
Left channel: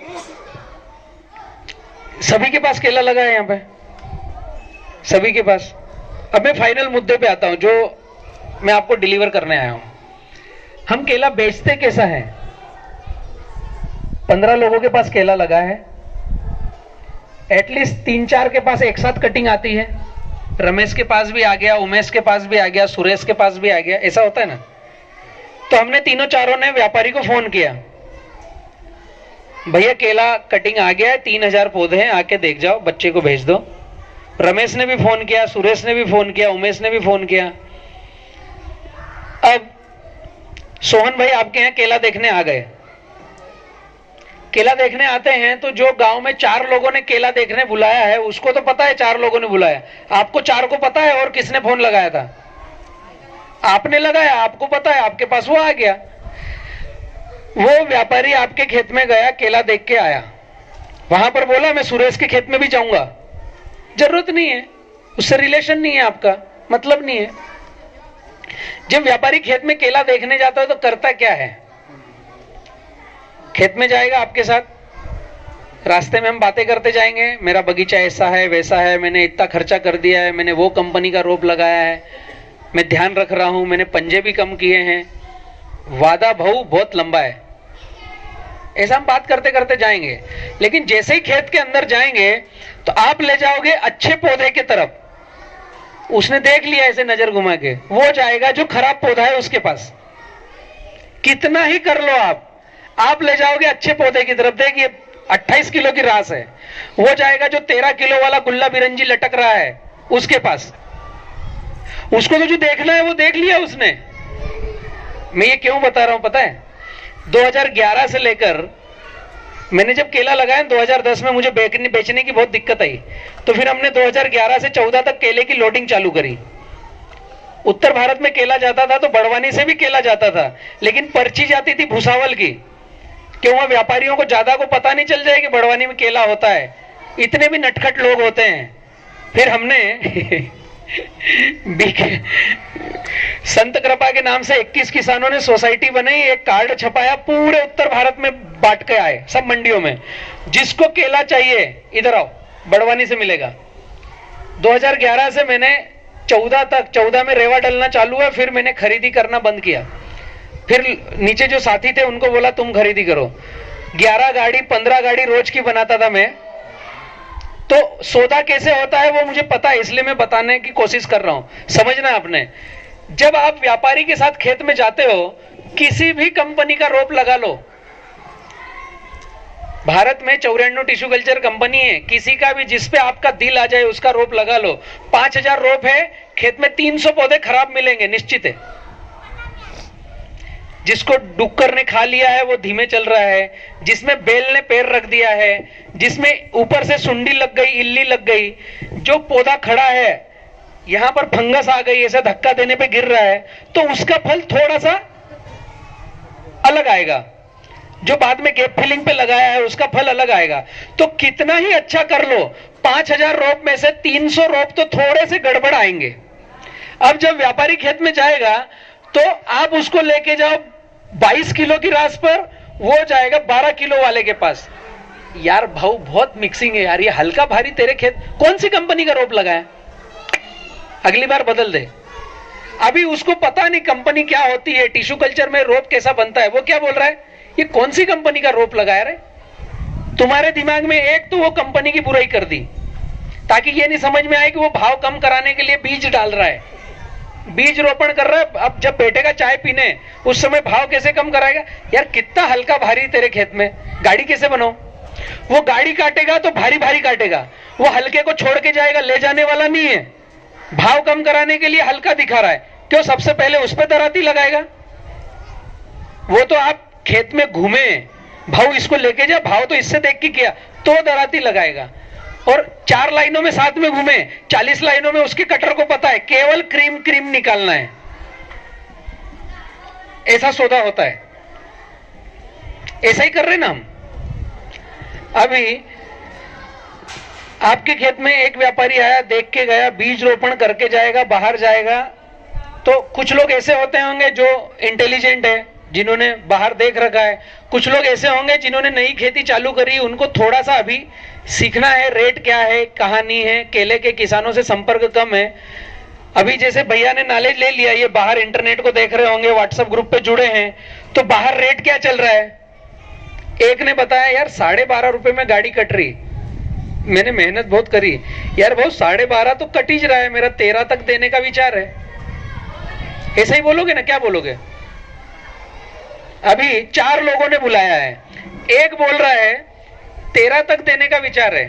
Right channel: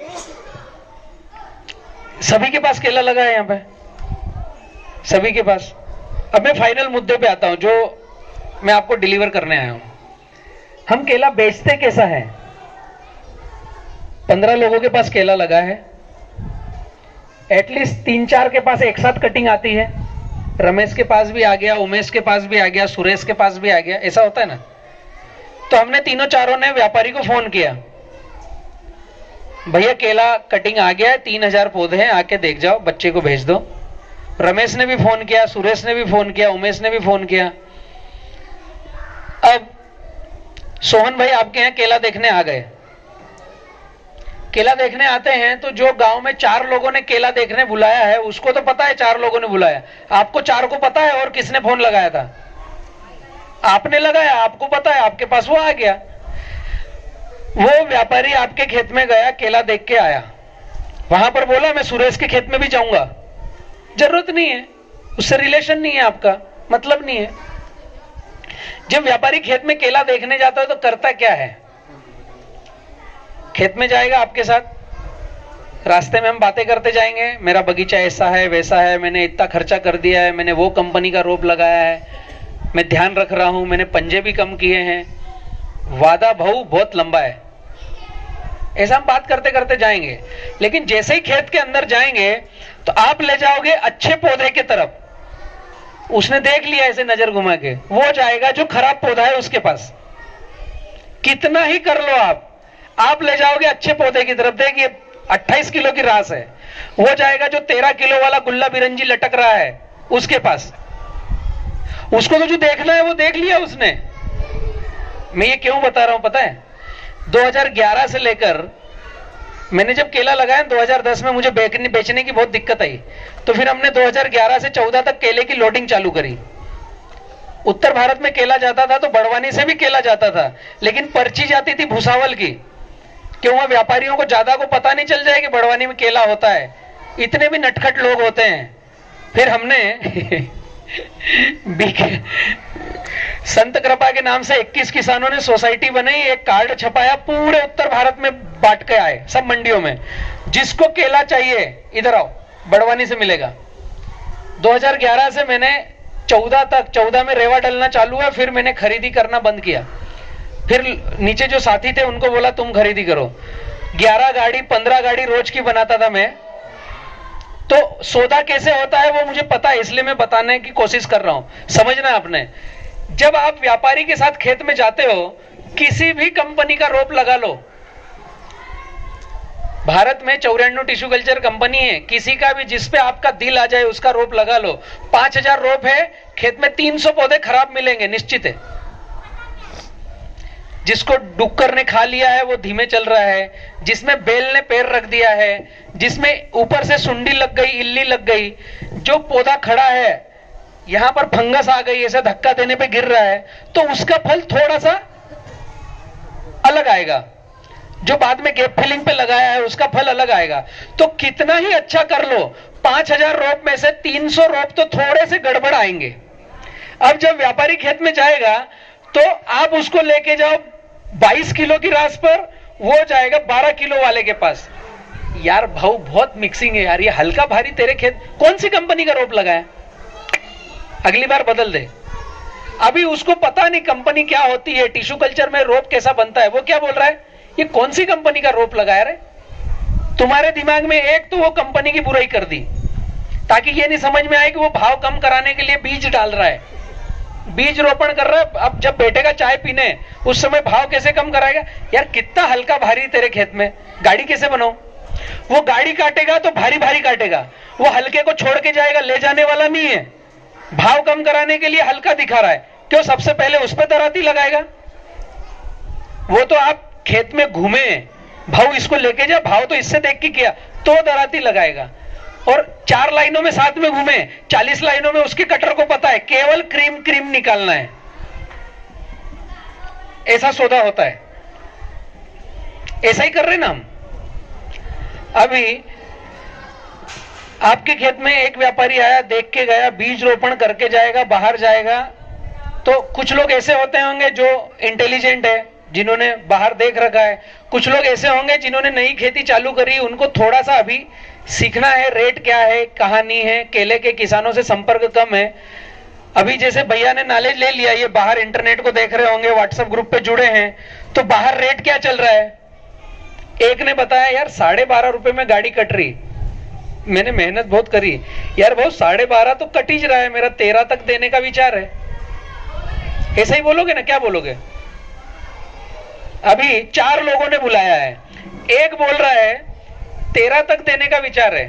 सभी के पास केला लगा है, यहां पे सभी के पास। अब मैं फाइनल मुद्दे पे आता हूं जो मैं आपको डिलीवर करने आया हूं। हम केला बेचते कैसा है? 15 लोगों के पास केला लगा है, एटलीस्ट 3-4 के पास एक साथ कटिंग आती है। रमेश के पास भी आ गया, उमेश के पास भी आ गया, सुरेश के पास भी आ गया, ऐसा होता है ना। तो हमने तीनों चारों ने व्यापारी को फोन किया, भैया केला कटिंग आ गया है, 3000 पौधे हैं, आके देख जाओ, बच्चे को भेज दो। रमेश ने भी फोन किया, सुरेश ने भी फोन किया, उमेश ने भी फोन किया। अब सोहन भाई आपके यहाँ केला देखने आ गए। केला देखने आते हैं तो जो गांव में 4 लोगों ने केला देखने बुलाया है, उसको तो पता है 4 लोगों ने बुलाया, आपको 4 को पता है और किसने फोन लगाया था? आपने लगाया, आपको पता है, आपके पास वो आ गया। वो व्यापारी आपके खेत में गया, केला देख के आया, वहां पर बोला मैं सुरेश के खेत में भी जाऊंगा। जरूरत नहीं है, उससे रिलेशन नहीं है, आपका मतलब नहीं है। जब व्यापारी खेत में केला देखने जाता है तो करता क्या है? खेत में जाएगा आपके साथ, रास्ते में हम बातें करते जाएंगे, मेरा बगीचा ऐसा है वैसा है, मैंने इतना खर्चा कर दिया है, मैंने वो कंपनी का रोप लगाया है, मैं ध्यान रख रहा हूं, मैंने पंजे भी कम किए हैं, वादा भाऊ बहुत लंबा है, ऐसा हम बात करते करते जाएंगे। लेकिन जैसे ही खेत के अंदर जाएंगे तो आप ले जाओगे अच्छे पौधे की तरफ, उसने देख लिया ऐसे नजर घुमा के, वो जाएगा जो खराब पौधा है उसके पास। कितना ही कर लो आप ले जाओगे अच्छे पौधे की तरफ। देखिए 28 किलो की रास है, वो जाएगा जो 13 किलो वाला गुल्ला बिरंजी लटक रहा है उसके पास। उसको तो जो देखना है वो देख लिया उसने। मैं ये क्यों बता रहा हूं पता है? 2011 से लेकर मैंने जब केला लगाया 2010 में मुझे बेचने की बहुत दिक्कत आई, तो फिर हमने 2011 से 14 तक केले की लोडिंग चालू करी। उत्तर भारत में केला जाता था तो बड़वानी से भी केला जाता था, लेकिन पर्ची जाती थी भुसावल की, क्यों? वहां व्यापारियों को ज्यादा को पता नहीं चल जाए कि बड़वानी में केला होता है, इतने भी नटखट लोग होते हैं। फिर हमने संत कृपा के नाम से 21 किसानों ने सोसाइटी बनाई, एक कार्ड छपाया, पूरे उत्तर भारत में बांट के आए, सब मंडियों में। जिसको केला चाहिए इधर आओ, बड़वानी से मिलेगा। 2011 से मैंने 14 में रेवा डलना चालू है, फिर मैंने खरीदी करना बंद किया। फिर नीचे जो साथी थे उनको बोला तुम खरीदी करो, 11 गाड़ी 15 गाड़ी रोज की बनाता था मैं। तो सौदा कैसे होता है वो मुझे पता है, इसलिए मैं बताने की कोशिश कर रहा हूं। समझना आपने, जब आप व्यापारी के साथ खेत में जाते हो, किसी भी कंपनी का रोप लगा लो, भारत में 94 टिश्यू कल्चर कंपनी है, किसी का भी जिस पे आपका दिल आ जाए उसका रोप लगा लो। 5000 रोप है, खेत में 300 पौधे खराब मिलेंगे, निश्चित है। जिसको डुक्कर ने खा लिया है वो धीमे चल रहा है, जिसमें बेल ने पैर रख दिया है, जिसमें ऊपर से सुंडी लग गई, इल्ली लग गई, जो पौधा खड़ा है यहां पर फंगस आ गई, ऐसा धक्का देने पे गिर रहा है, तो उसका फल थोड़ा सा अलग आएगा। जो बाद में गैप फिलिंग पे लगाया है उसका फल अलग आएगा। तो कितना ही अच्छा कर लो, 5000 रोप में से 300 रोप तो थोड़े से गड़बड़ आएंगे। अब जब व्यापारी खेत में जाएगा तो आप उसको लेके जाओ 22 किलो की रास पर, वो जाएगा 12 किलो वाले के पास। यार भाऊ बहुत मिक्सिंग है यार, ये हल्का भारी तेरे खेत कौन सी कंपनी का रोप लगाया, अगली बार बदल दे। अभी उसको पता नहीं कंपनी क्या होती है, टिश्यू कल्चर में रोप कैसा बनता है, वो क्या बोल रहा है ये कौन सी कंपनी का रोप लगाया रे। तुम्हारे दिमाग में एक तो वो कंपनी की बुराई कर दी, ताकि ये नहीं समझ में आए कि वो भाव कम कराने के लिए बीज डाल रहा है, बीज रोपण कर रहा है। अब जब बैठेगा चाय पीने उस समय भाव कैसे कम कराएगा। यार कितना हल्का भारी तेरे खेत में, गाड़ी कैसे बनाओ। वो गाड़ी काटेगा तो भारी भारी काटेगा, वो हल्के को छोड़ के जाएगा, ले जाने वाला नहीं है। भाव कम कराने के लिए हल्का दिखा रहा है, क्यों सबसे पहले उस पर दराती लगाएगा। वो तो आप खेत में घूमे, भाव इसको लेके जा, भाव तो इससे देख के किया, तो दराती लगाएगा। और 4 लाइनों में साथ में घूमे, 40 लाइनों में उसके कटर को पता है केवल क्रीम क्रीम निकालना है, ऐसा सौदा होता है। ऐसा ही कर रहे ना हम। अभी आपके खेत में एक व्यापारी आया, देख के गया, बीज रोपण करके जाएगा, बाहर जाएगा। तो कुछ लोग ऐसे होते होंगे जो इंटेलिजेंट है, जिन्होंने बाहर देख रखा है। कुछ लोग ऐसे होंगे जिन्होंने नई खेती चालू करी, उनको थोड़ा सा अभी सीखना है, रेट क्या है, कहानी है, केले के किसानों से संपर्क कम है। अभी जैसे भैया ने नॉलेज ले लिया, ये बाहर इंटरनेट को देख रहे होंगे, व्हाट्सएप ग्रुप पे जुड़े हैं, तो बाहर रेट क्या चल रहा है। एक ने बताया यार 12.5 रुपए में गाड़ी कट रही। मैंने मेहनत बहुत करी यार, बहुत 12.5 तो कट ही रहा है, मेरा 13 तक देने का विचार है। ऐसा ही बोलोगे ना, क्या बोलोगे। अभी 4 लोगों ने बुलाया है, एक बोल रहा है 13 तक देने का विचार है,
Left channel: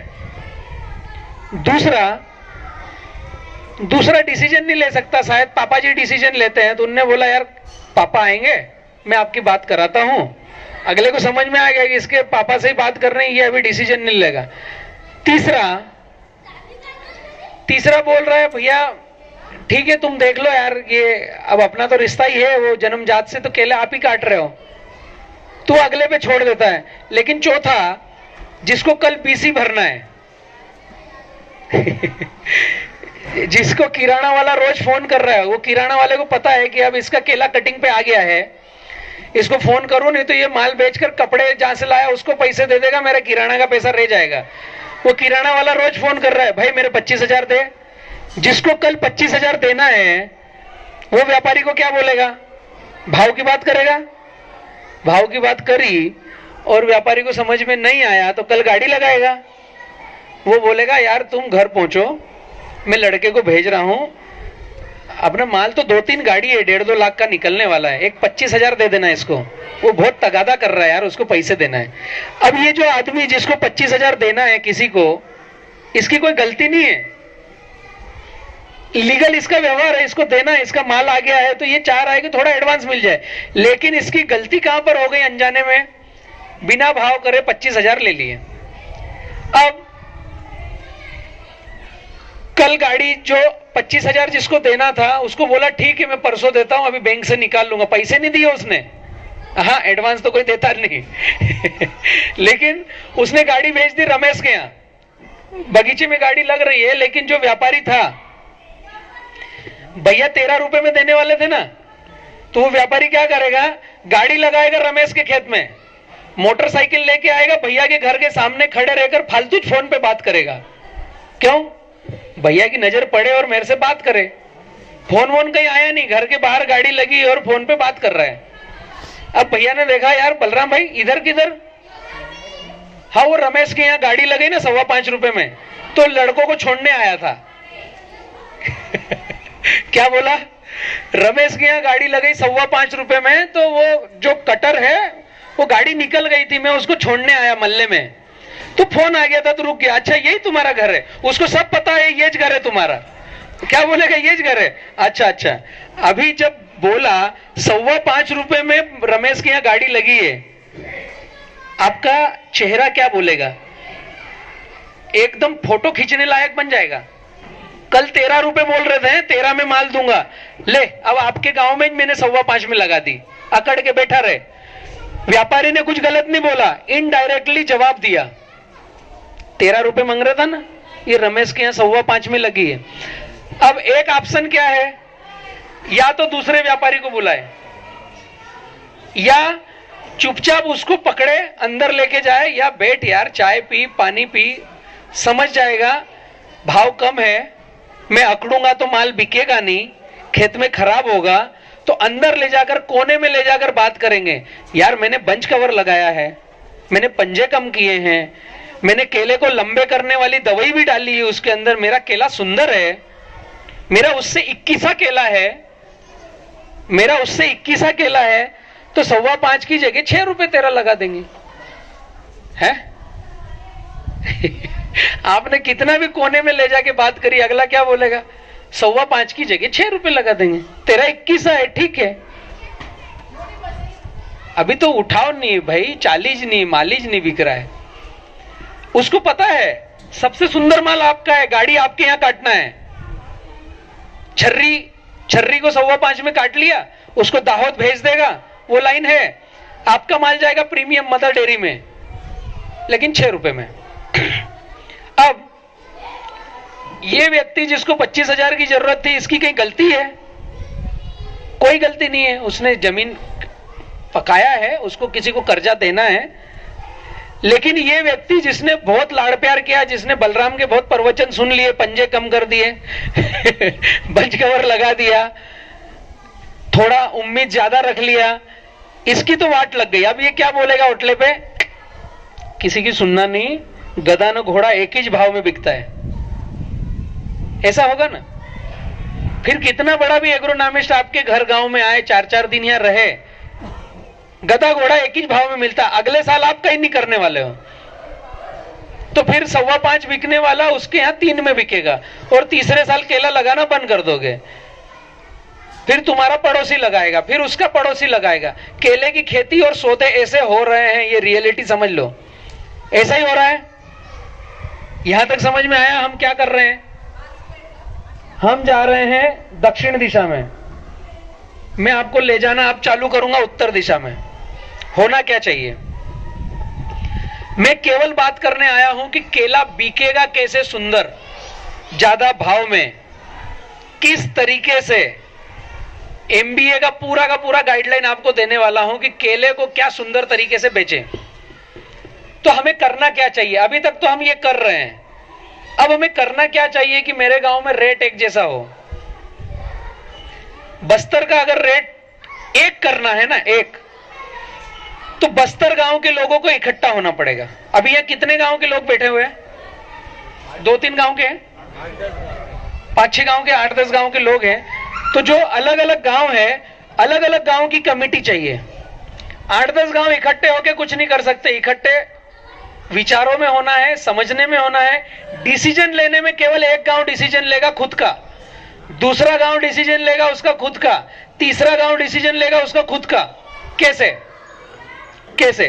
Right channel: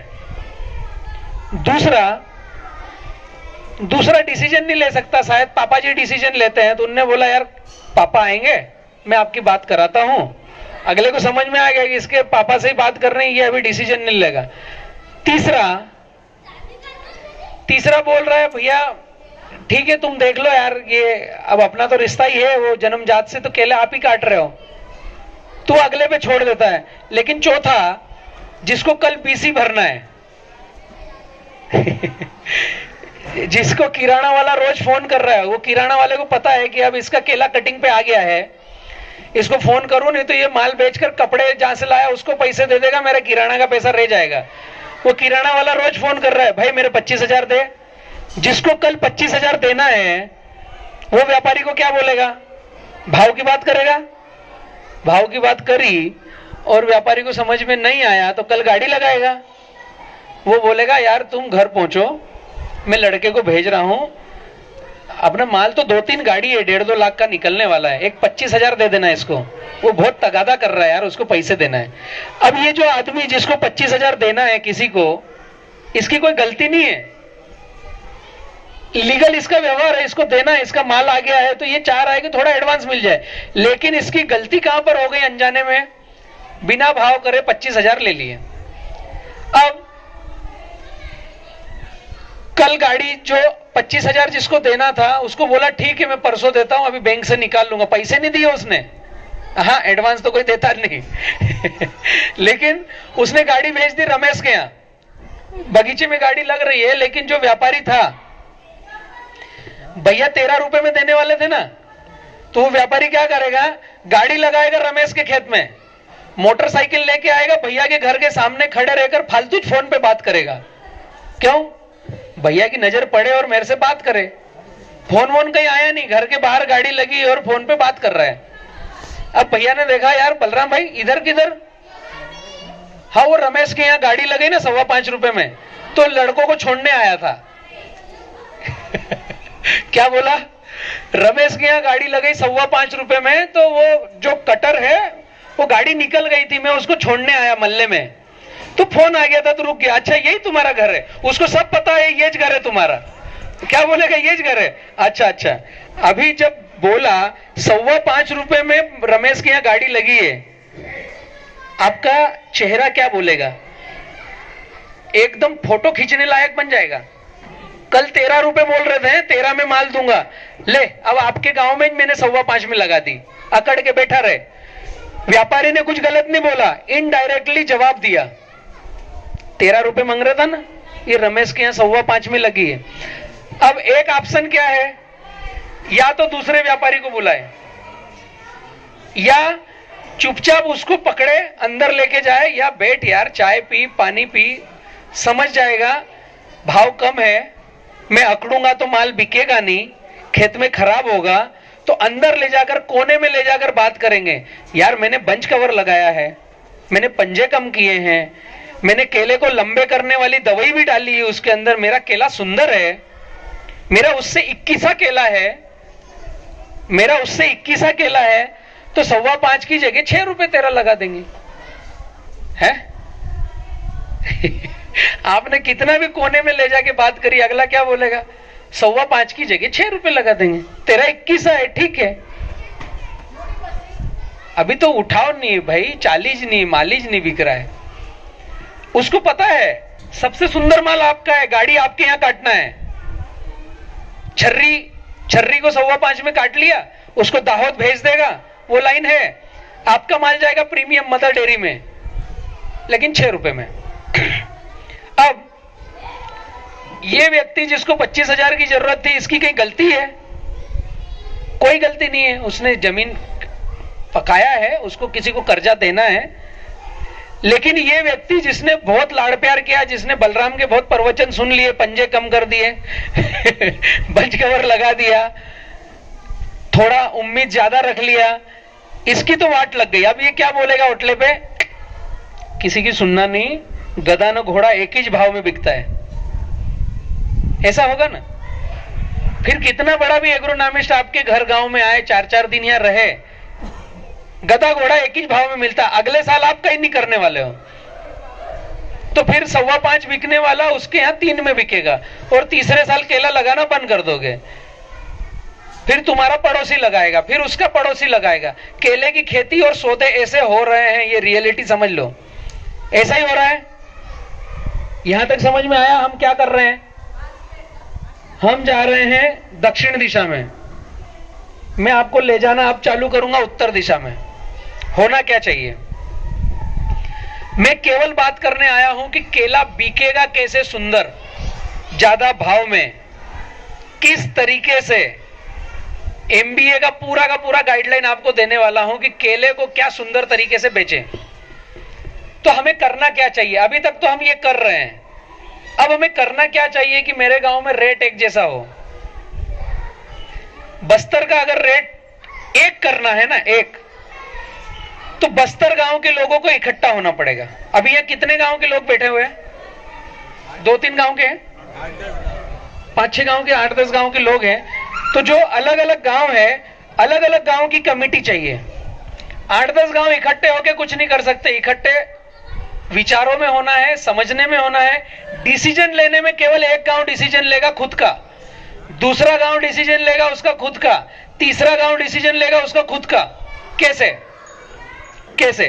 दूसरा डिसीजन नहीं ले सकता, शायद पापा जी डिसीजन लेते हैं। तो उनने बोला यार पापा आएंगे, मैं आपकी बात कराता हूं। अगले को समझ में आ गया कि इसके पापा से ही बात कर रहे हैं, ये अभी डिसीजन नहीं लेगा। तीसरा बोल रहा है भैया ठीक है तुम देख लो यार, ये अब अपना तो रिश्ता ही है, वो जन्मजात से तो केले आप ही काट रहे हो, तो अगले पे छोड़ देता है। लेकिन चौथा जिसको कल पीसी भरना है जिसको किराना वाला रोज फोन कर रहा है, वो किराना वाले को पता है कि अब इसका केला कटिंग पे आ गया है, इसको फोन करूं नहीं तो ये माल बेचकर कपड़े जहां से लाया उसको पैसे दे देगा, मेरा किराना का पैसा रह जाएगा। वो किराना वाला रोज फोन कर रहा है भाई मेरे 25,000 दे। जिसको कल 25,000 देना है वो व्यापारी को क्या बोलेगा, भाव की बात करेगा। भाव की बात करी और व्यापारी को समझ में नहीं आया तो कल गाड़ी लगाएगा। वो बोलेगा यार तुम घर पहुंचो, मैं लड़के को भेज रहा हूं, अपना माल तो 2-3 गाड़ी है, 1.5-2 लाख का निकलने वाला है, एक 25,000 दे देना इसको। वो बहुत तगादा कर रहा है यार, उसको पैसे देना है। अब ये जो आदमी जिसको 25,000 देना है किसी को, इसकी कोई गलती नहीं है, लीगल इसका व्यवहार है, इसको देना है, इसका माल आ गया है तो ये चाह रहा है कि थोड़ा एडवांस मिल जाए। लेकिन इसकी गलती कहां पर हो गई, अनजाने में बिना भाव करे 25,000 ले लिए। अब कल गाड़ी जो 25,000 जिसको देना था उसको बोला ठीक है मैं परसों देता हूं, अभी बैंक से निकाल लूंगा, पैसे नहीं दिए उसने। हाँ एडवांस तो कोई देता नहीं लेकिन उसने गाड़ी भेज दी रमेश के यहाँ, बगीचे में गाड़ी लग रही है। लेकिन जो व्यापारी था, भैया 13 रुपए में देने वाले थे ना, तो वो व्यापारी क्या करेगा, गाड़ी लगाएगा रमेश के खेत में, मोटरसाइकिल लेके आएगा, भैया के घर के सामने खड़े रहकर फालतू फोन पे बात करेगा। क्यों, भैया की नजर पड़े और मेरे से बात करे। फोन वोन कहीं आया नहीं, घर के बाहर गाड़ी लगी और फोन पे बात कर रहा है। अब भैया ने देखा यार बलराम भाई इधर किधर, हाँ, वो रमेश के यहाँ गाड़ी लगी ना 5.25 रुपए में, तो लड़कों को छोड़ने आया था। क्या बोला? रमेश के यहाँ गाड़ी लगी 5.25 रुपए में, तो वो जो कटर है वो गाड़ी निकल गई थी, मैं उसको छोड़ने आया मोहल्ले में, तो फोन आ गया था तो रुक गया। अच्छा, यही तुम्हारा घर है? उसको सब पता है ये घर है तुम्हारा। क्या बोलेगा? ये घर है। अच्छा अच्छा, अभी जब बोला 5.25 रुपए में रमेश के यहाँ गाड़ी लगी है, आपका चेहरा क्या बोलेगा? एकदम फोटो खींचने लायक बन जाएगा। कल 13 रुपए बोल रहे थे, 13 में माल दूंगा, ले अब आपके गांव में मैंने 5.25 में लगा दी, अकड़ के बैठा रहे। व्यापारी ने कुछ गलत नहीं बोला, इनडायरेक्टली जवाब दिया। 13 रुपए मांग रहा था ना, ये रमेश के यहाँ 5.25 में लगी है। अब एक ऑप्शन क्या है, या तो दूसरे व्यापारी को बुलाए, या चुपचाप उसको पकड़े अंदर लेके जाए, या बैठ यार चाय पी, पानी पी, समझ जाएगा भाव कम है, मैं अकड़ूंगा तो माल बिकेगा नहीं, खेत में खराब होगा, तो अंदर ले जाकर कोने में ले जाकर बात करेंगे। यार मैंने बंच कवर लगाया है, मैंने पंजे कम किए हैं, मैंने केले को लंबे करने वाली दवाई भी डाली है उसके अंदर, मेरा केला सुंदर है, मेरा उससे 21 केला है, मेरा उससे 21 केला है, तो 5.25 की जगह 6 रुपए तेरा लगा देंगे। है? आपने कितना भी कोने में ले जाके बात करी, अगला क्या बोलेगा? 5.25 की जगह 6 रुपए लगा देंगे, तेरा 21 है, ठीक है। अभी तो उठाव नहीं भाई, चालीज नहीं, मालीज नहीं बिक रहा है। उसको पता है सबसे सुंदर माल आपका है, गाड़ी आपके यहां काटना है। छर्री को 5.25 में काट लिया, उसको दाहोद भेज देगा, वो लाइन है, आपका माल जाएगा प्रीमियम मदर डेयरी में, लेकिन 6 रुपए में। अब ये व्यक्ति जिसको 25,000 की जरूरत थी, इसकी कहीं गलती है? कोई गलती नहीं है, उसने जमीन पकाया है, उसको किसी को कर्जा देना है। लेकिन ये व्यक्ति जिसने बहुत लाड़ प्यार किया, जिसने बलराम के बहुत प्रवचन सुन लिए, पंजे कम कर दिए, बंच कवर लगा दिया, थोड़ा उम्मीद ज्यादा रख लिया, इसकी तो वाट लग गई। अब ये क्या बोलेगा होटले पे? किसी की सुनना नहीं, गधा न घोड़ा एक ही भाव में बिकता है। ऐसा होगा ना? फिर कितना बड़ा भी एग्रोनॉमिस्ट आपके घर गांव में आए, 4-4 दिन यहाँ रहे, गधा घोड़ा एक ही भाव में मिलता, अगले साल आप कहीं नहीं करने वाले हो, तो फिर 5.25 बिकने वाला उसके यहाँ 3 में बिकेगा, और तीसरे साल केला लगाना बंद कर दोगे। फिर तुम्हारा पड़ोसी लगाएगा, फिर उसका पड़ोसी लगाएगा। केले की खेती और सौदे ऐसे हो रहे हैं, ये रियलिटी समझ लो, ऐसा ही हो रहा है। यहां तक समझ में आया हम क्या कर रहे हैं? हम जा रहे हैं दक्षिण दिशा में, मैं आपको ले जाना अब चालू करूंगा उत्तर दिशा में। होना क्या चाहिए? मैं केवल बात करने आया हूं कि केला बिकेगा कैसे सुंदर, ज्यादा भाव में, किस तरीके से। एमबीए का पूरा गाइडलाइन आपको देने वाला हूं कि केले को क्या सुंदर तरीके से बेचें। तो हमें करना क्या चाहिए? अभी तक तो हम ये कर रहे हैं, अब हमें करना क्या चाहिए कि मेरे गांव में रेट एक जैसा हो। बस्तर का अगर रेट एक करना है ना, एक, तो बस्तर गांव के लोगों को इकट्ठा होना पड़ेगा। अभी यहाँ कितने गांव के लोग बैठे हुए हैं? 2-3 गांव के हैं, 5-6 गांव के, 8-10 गांव के लोग हैं। तो जो अलग अलग गांव है, अलग अलग गांव की कमेटी चाहिए। 8-10 गांव इकट्ठे होके कुछ नहीं कर सकते, इकट्ठे विचारों में होना है, समझने में होना है। डिसीजन लेने में केवल एक गांव डिसीजन लेगा खुद का, दूसरा गांव डिसीजन लेगा उसका खुद का, तीसरा गांव डिसीजन लेगा उसका खुद का। कैसे?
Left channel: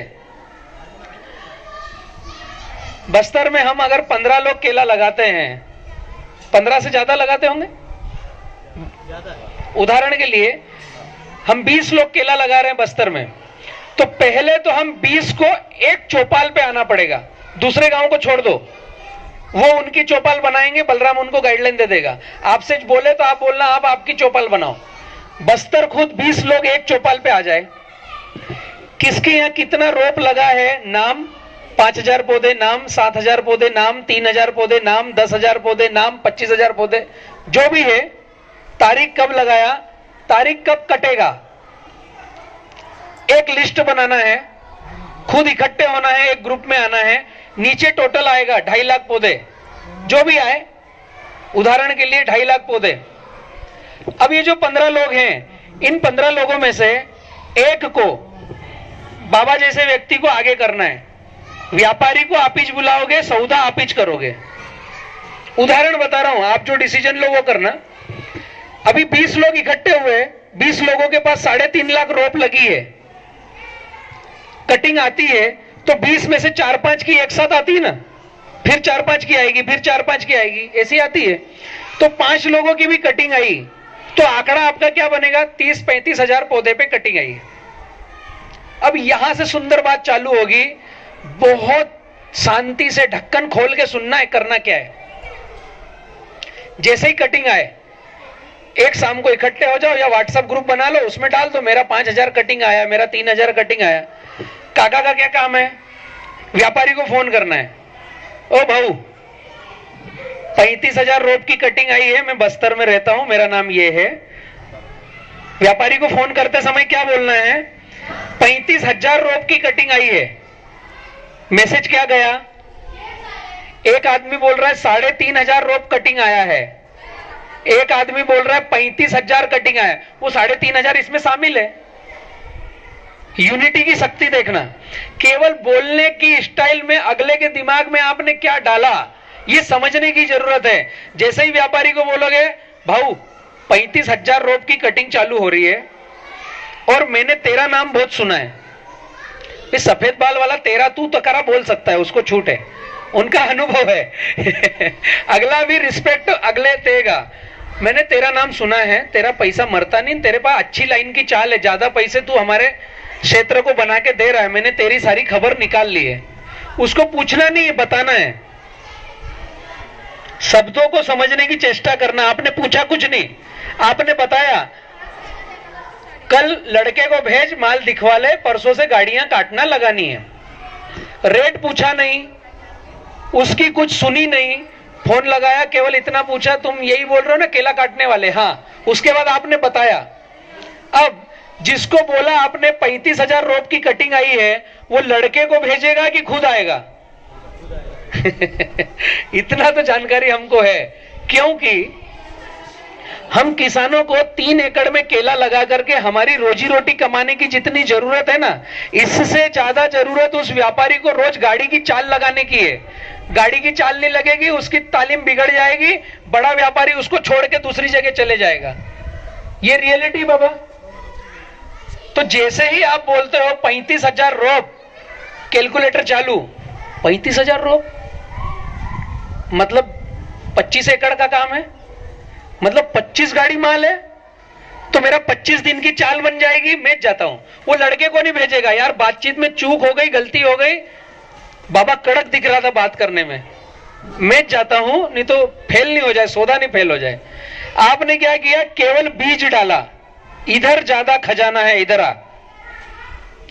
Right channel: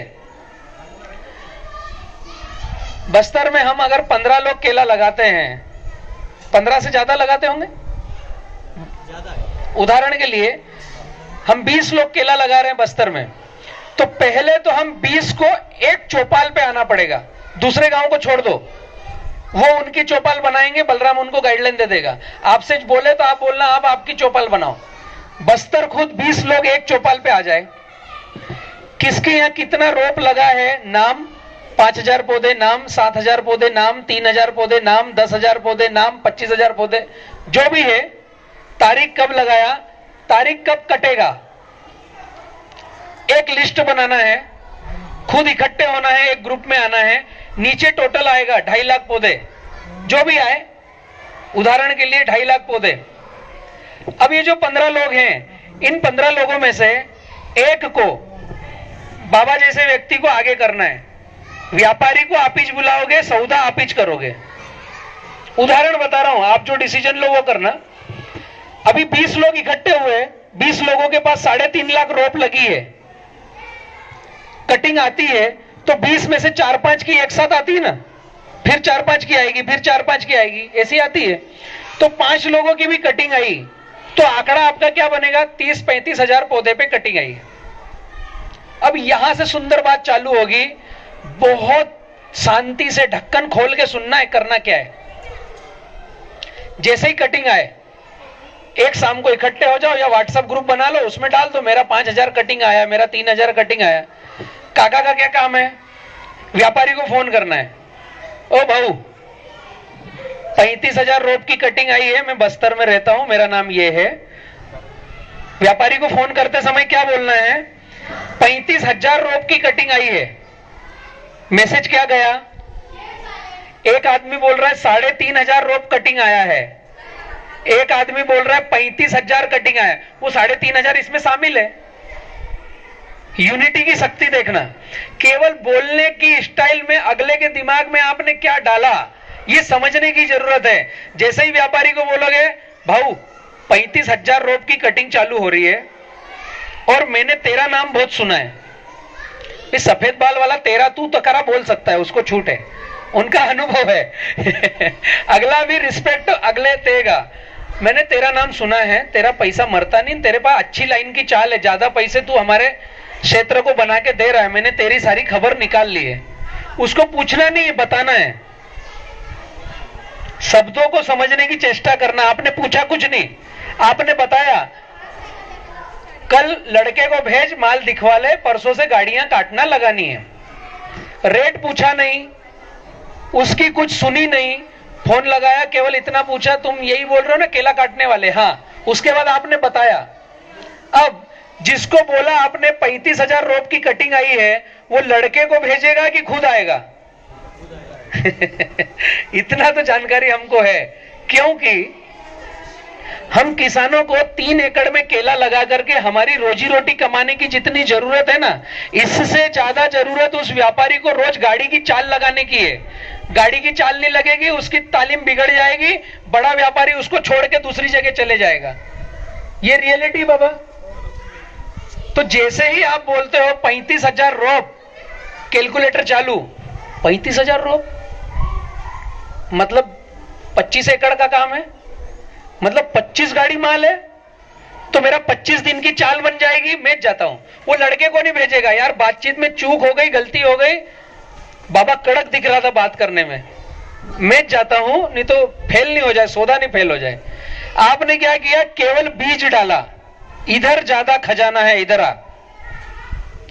बस्तर में हम अगर 15 लोग केला लगाते हैं, 15 से ज्यादा लगाते होंगे, उदाहरण के लिए हम 20 लोग केला लगा रहे हैं बस्तर में, तो पहले तो हम 20 को एक चौपाल पे आना पड़ेगा, दूसरे गांव को छोड़ दो, वो उनकी चौपाल बनाएंगे, बलराम उनको गाइडलाइन दे देगा। आपसे बोले तो आप बोलना आप आपकी चौपाल बनाओ। बस्तर खुद 20 लोग एक चौपाल पे आ जाए। किसके यहाँ कितना रोप लगा है, नाम, 5,000 पौधे नाम, 7,000 पौधे नाम, 3,000 पौधे नाम, 10,000 पौधे नाम, 25,000 पौधे, जो भी है, तारीख कब लगाया, तारीख कब कटेगा, एक लिस्ट बनाना है, खुद इकट्ठे होना है, एक ग्रुप में आना है, नीचे टोटल आएगा 2.5 लाख पौधे, जो भी आए, उदाहरण के लिए 2.5 लाख पौधे। अब ये जो 15 लोग हैं, इन 15 लोगों में से एक को, बाबा जैसे व्यक्ति को आगे करना है। व्यापारी को आप ही बुलाओगे, सौदा आप ही करोगे। उदाहरण बता रहा हूं, आप जो डिसीजन लो वो करना। अभी 20 लोग इकट्ठे हुए, 20 लोगों के पास 3.5 लाख रोप लगी है, कटिंग आती है, तो 20 में से 4-5 की एक साथ आती है ना, फिर 4-5 की आएगी, फिर 4-5 की आएगी, ऐसी आती है। तो 5 लोगों की भी कटिंग आई, तो आंकड़ा आपका क्या बनेगा? 30-35 हजार पौधे पे कटिंग आई। अब यहां से सुंदर बात चालू होगी। बहुत शांति से ढक्कन खोल के सुनना है, करना क्या है। जैसे ही कटिंग आए, एक शाम को इकट्ठे हो जाओ या व्हाट्सएप ग्रुप बना लो, उसमें डाल दो मेरा 5,000 कटिंग आया, मेरा 3,000 कटिंग आया। काका का क्या काम है? व्यापारी को फोन करना है, ओ भाऊ 35,000 रोप की कटिंग आई है, मैं बस्तर में रहता हूं, मेरा नाम ये है। व्यापारी को फोन करते समय क्या बोलना है? 35,000 रोप की कटिंग आई है। मैसेज क्या गया? एक आदमी बोल रहा है 3,500 रोप कटिंग आया है, एक आदमी बोल रहा है 35,000 कटिंग आया। वो 3,500 इसमें शामिल है। यूनिटी की शक्ति देखना, केवल बोलने की स्टाइल में अगले के दिमाग में आपने क्या डाला, ये समझने की जरूरत है। जैसे ही व्यापारी को बोलोगे भाऊ 35,000 रोप की कटिंग चालू हो रही है और मैंने तेरा नाम बहुत सुना है, इस सफेद बाल वाला तेरा तू तकरा बोल सकता है, उसको छूट है, उनका अनुभव है। अगला भी रिस्पेक्ट अगले देगा। मैंने तेरा नाम सुना है, तेरा पैसा मरता नहीं, तेरे पास अच्छी लाइन की चाल है, ज्यादा पैसे तू हमारे क्षेत्र को बना के दे रहा है, मैंने तेरी सारी खबर निकाल ली है। उसको पूछना नहीं, बताना है, शब्दों को समझने की चेष्टा करना। आपने पूछा कुछ नहीं, आपने बताया कल लड़के को भेज, माल दिखवा ले, परसों से गाड़ियां काटना लगानी है। रेट पूछा नहीं, उसकी कुछ सुनी नहीं, फोन लगाया, केवल इतना पूछा तुम यही बोल रहे हो ना केला काटने वाले? हाँ। उसके बाद आपने बताया। अब जिसको बोला आपने 35,000 रोप की कटिंग आई है, वो लड़के को भेजेगा कि खुद आएगा? इतना तो जानकारी हमको है, क्योंकि हम किसानों को 3 एकड़ में केला लगा करके हमारी रोजी रोटी कमाने की जितनी जरूरत है ना, इससे ज्यादा जरूरत उस व्यापारी को रोज गाड़ी की चाल लगाने की है। गाड़ी की चाल नहीं लगेगी, उसकी तालीम बिगड़ जाएगी, बड़ा व्यापारी उसको छोड़ के दूसरी जगह चले जाएगा। ये रियलिटी बाबा। तो जैसे ही आप बोलते हो 35,000 रोप, कैलकुलेटर चालू, 35,000 रोप मतलब 25 एकड़ का काम है, मतलब 25 गाड़ी माल है, तो मेरा 25 दिन की चाल बन जाएगी, मैं जाता हूं। वो लड़के को नहीं भेजेगा, यार बातचीत में चूक हो गई, गलती हो गई, बाबा कड़क दिख रहा था बात करने में, मैं जाता हूं, नहीं तो फेल नहीं हो जाए, सौदा नहीं फेल हो जाए। आपने क्या किया? केवल बीज डाला, इधर ज्यादा खजाना है, इधर आ।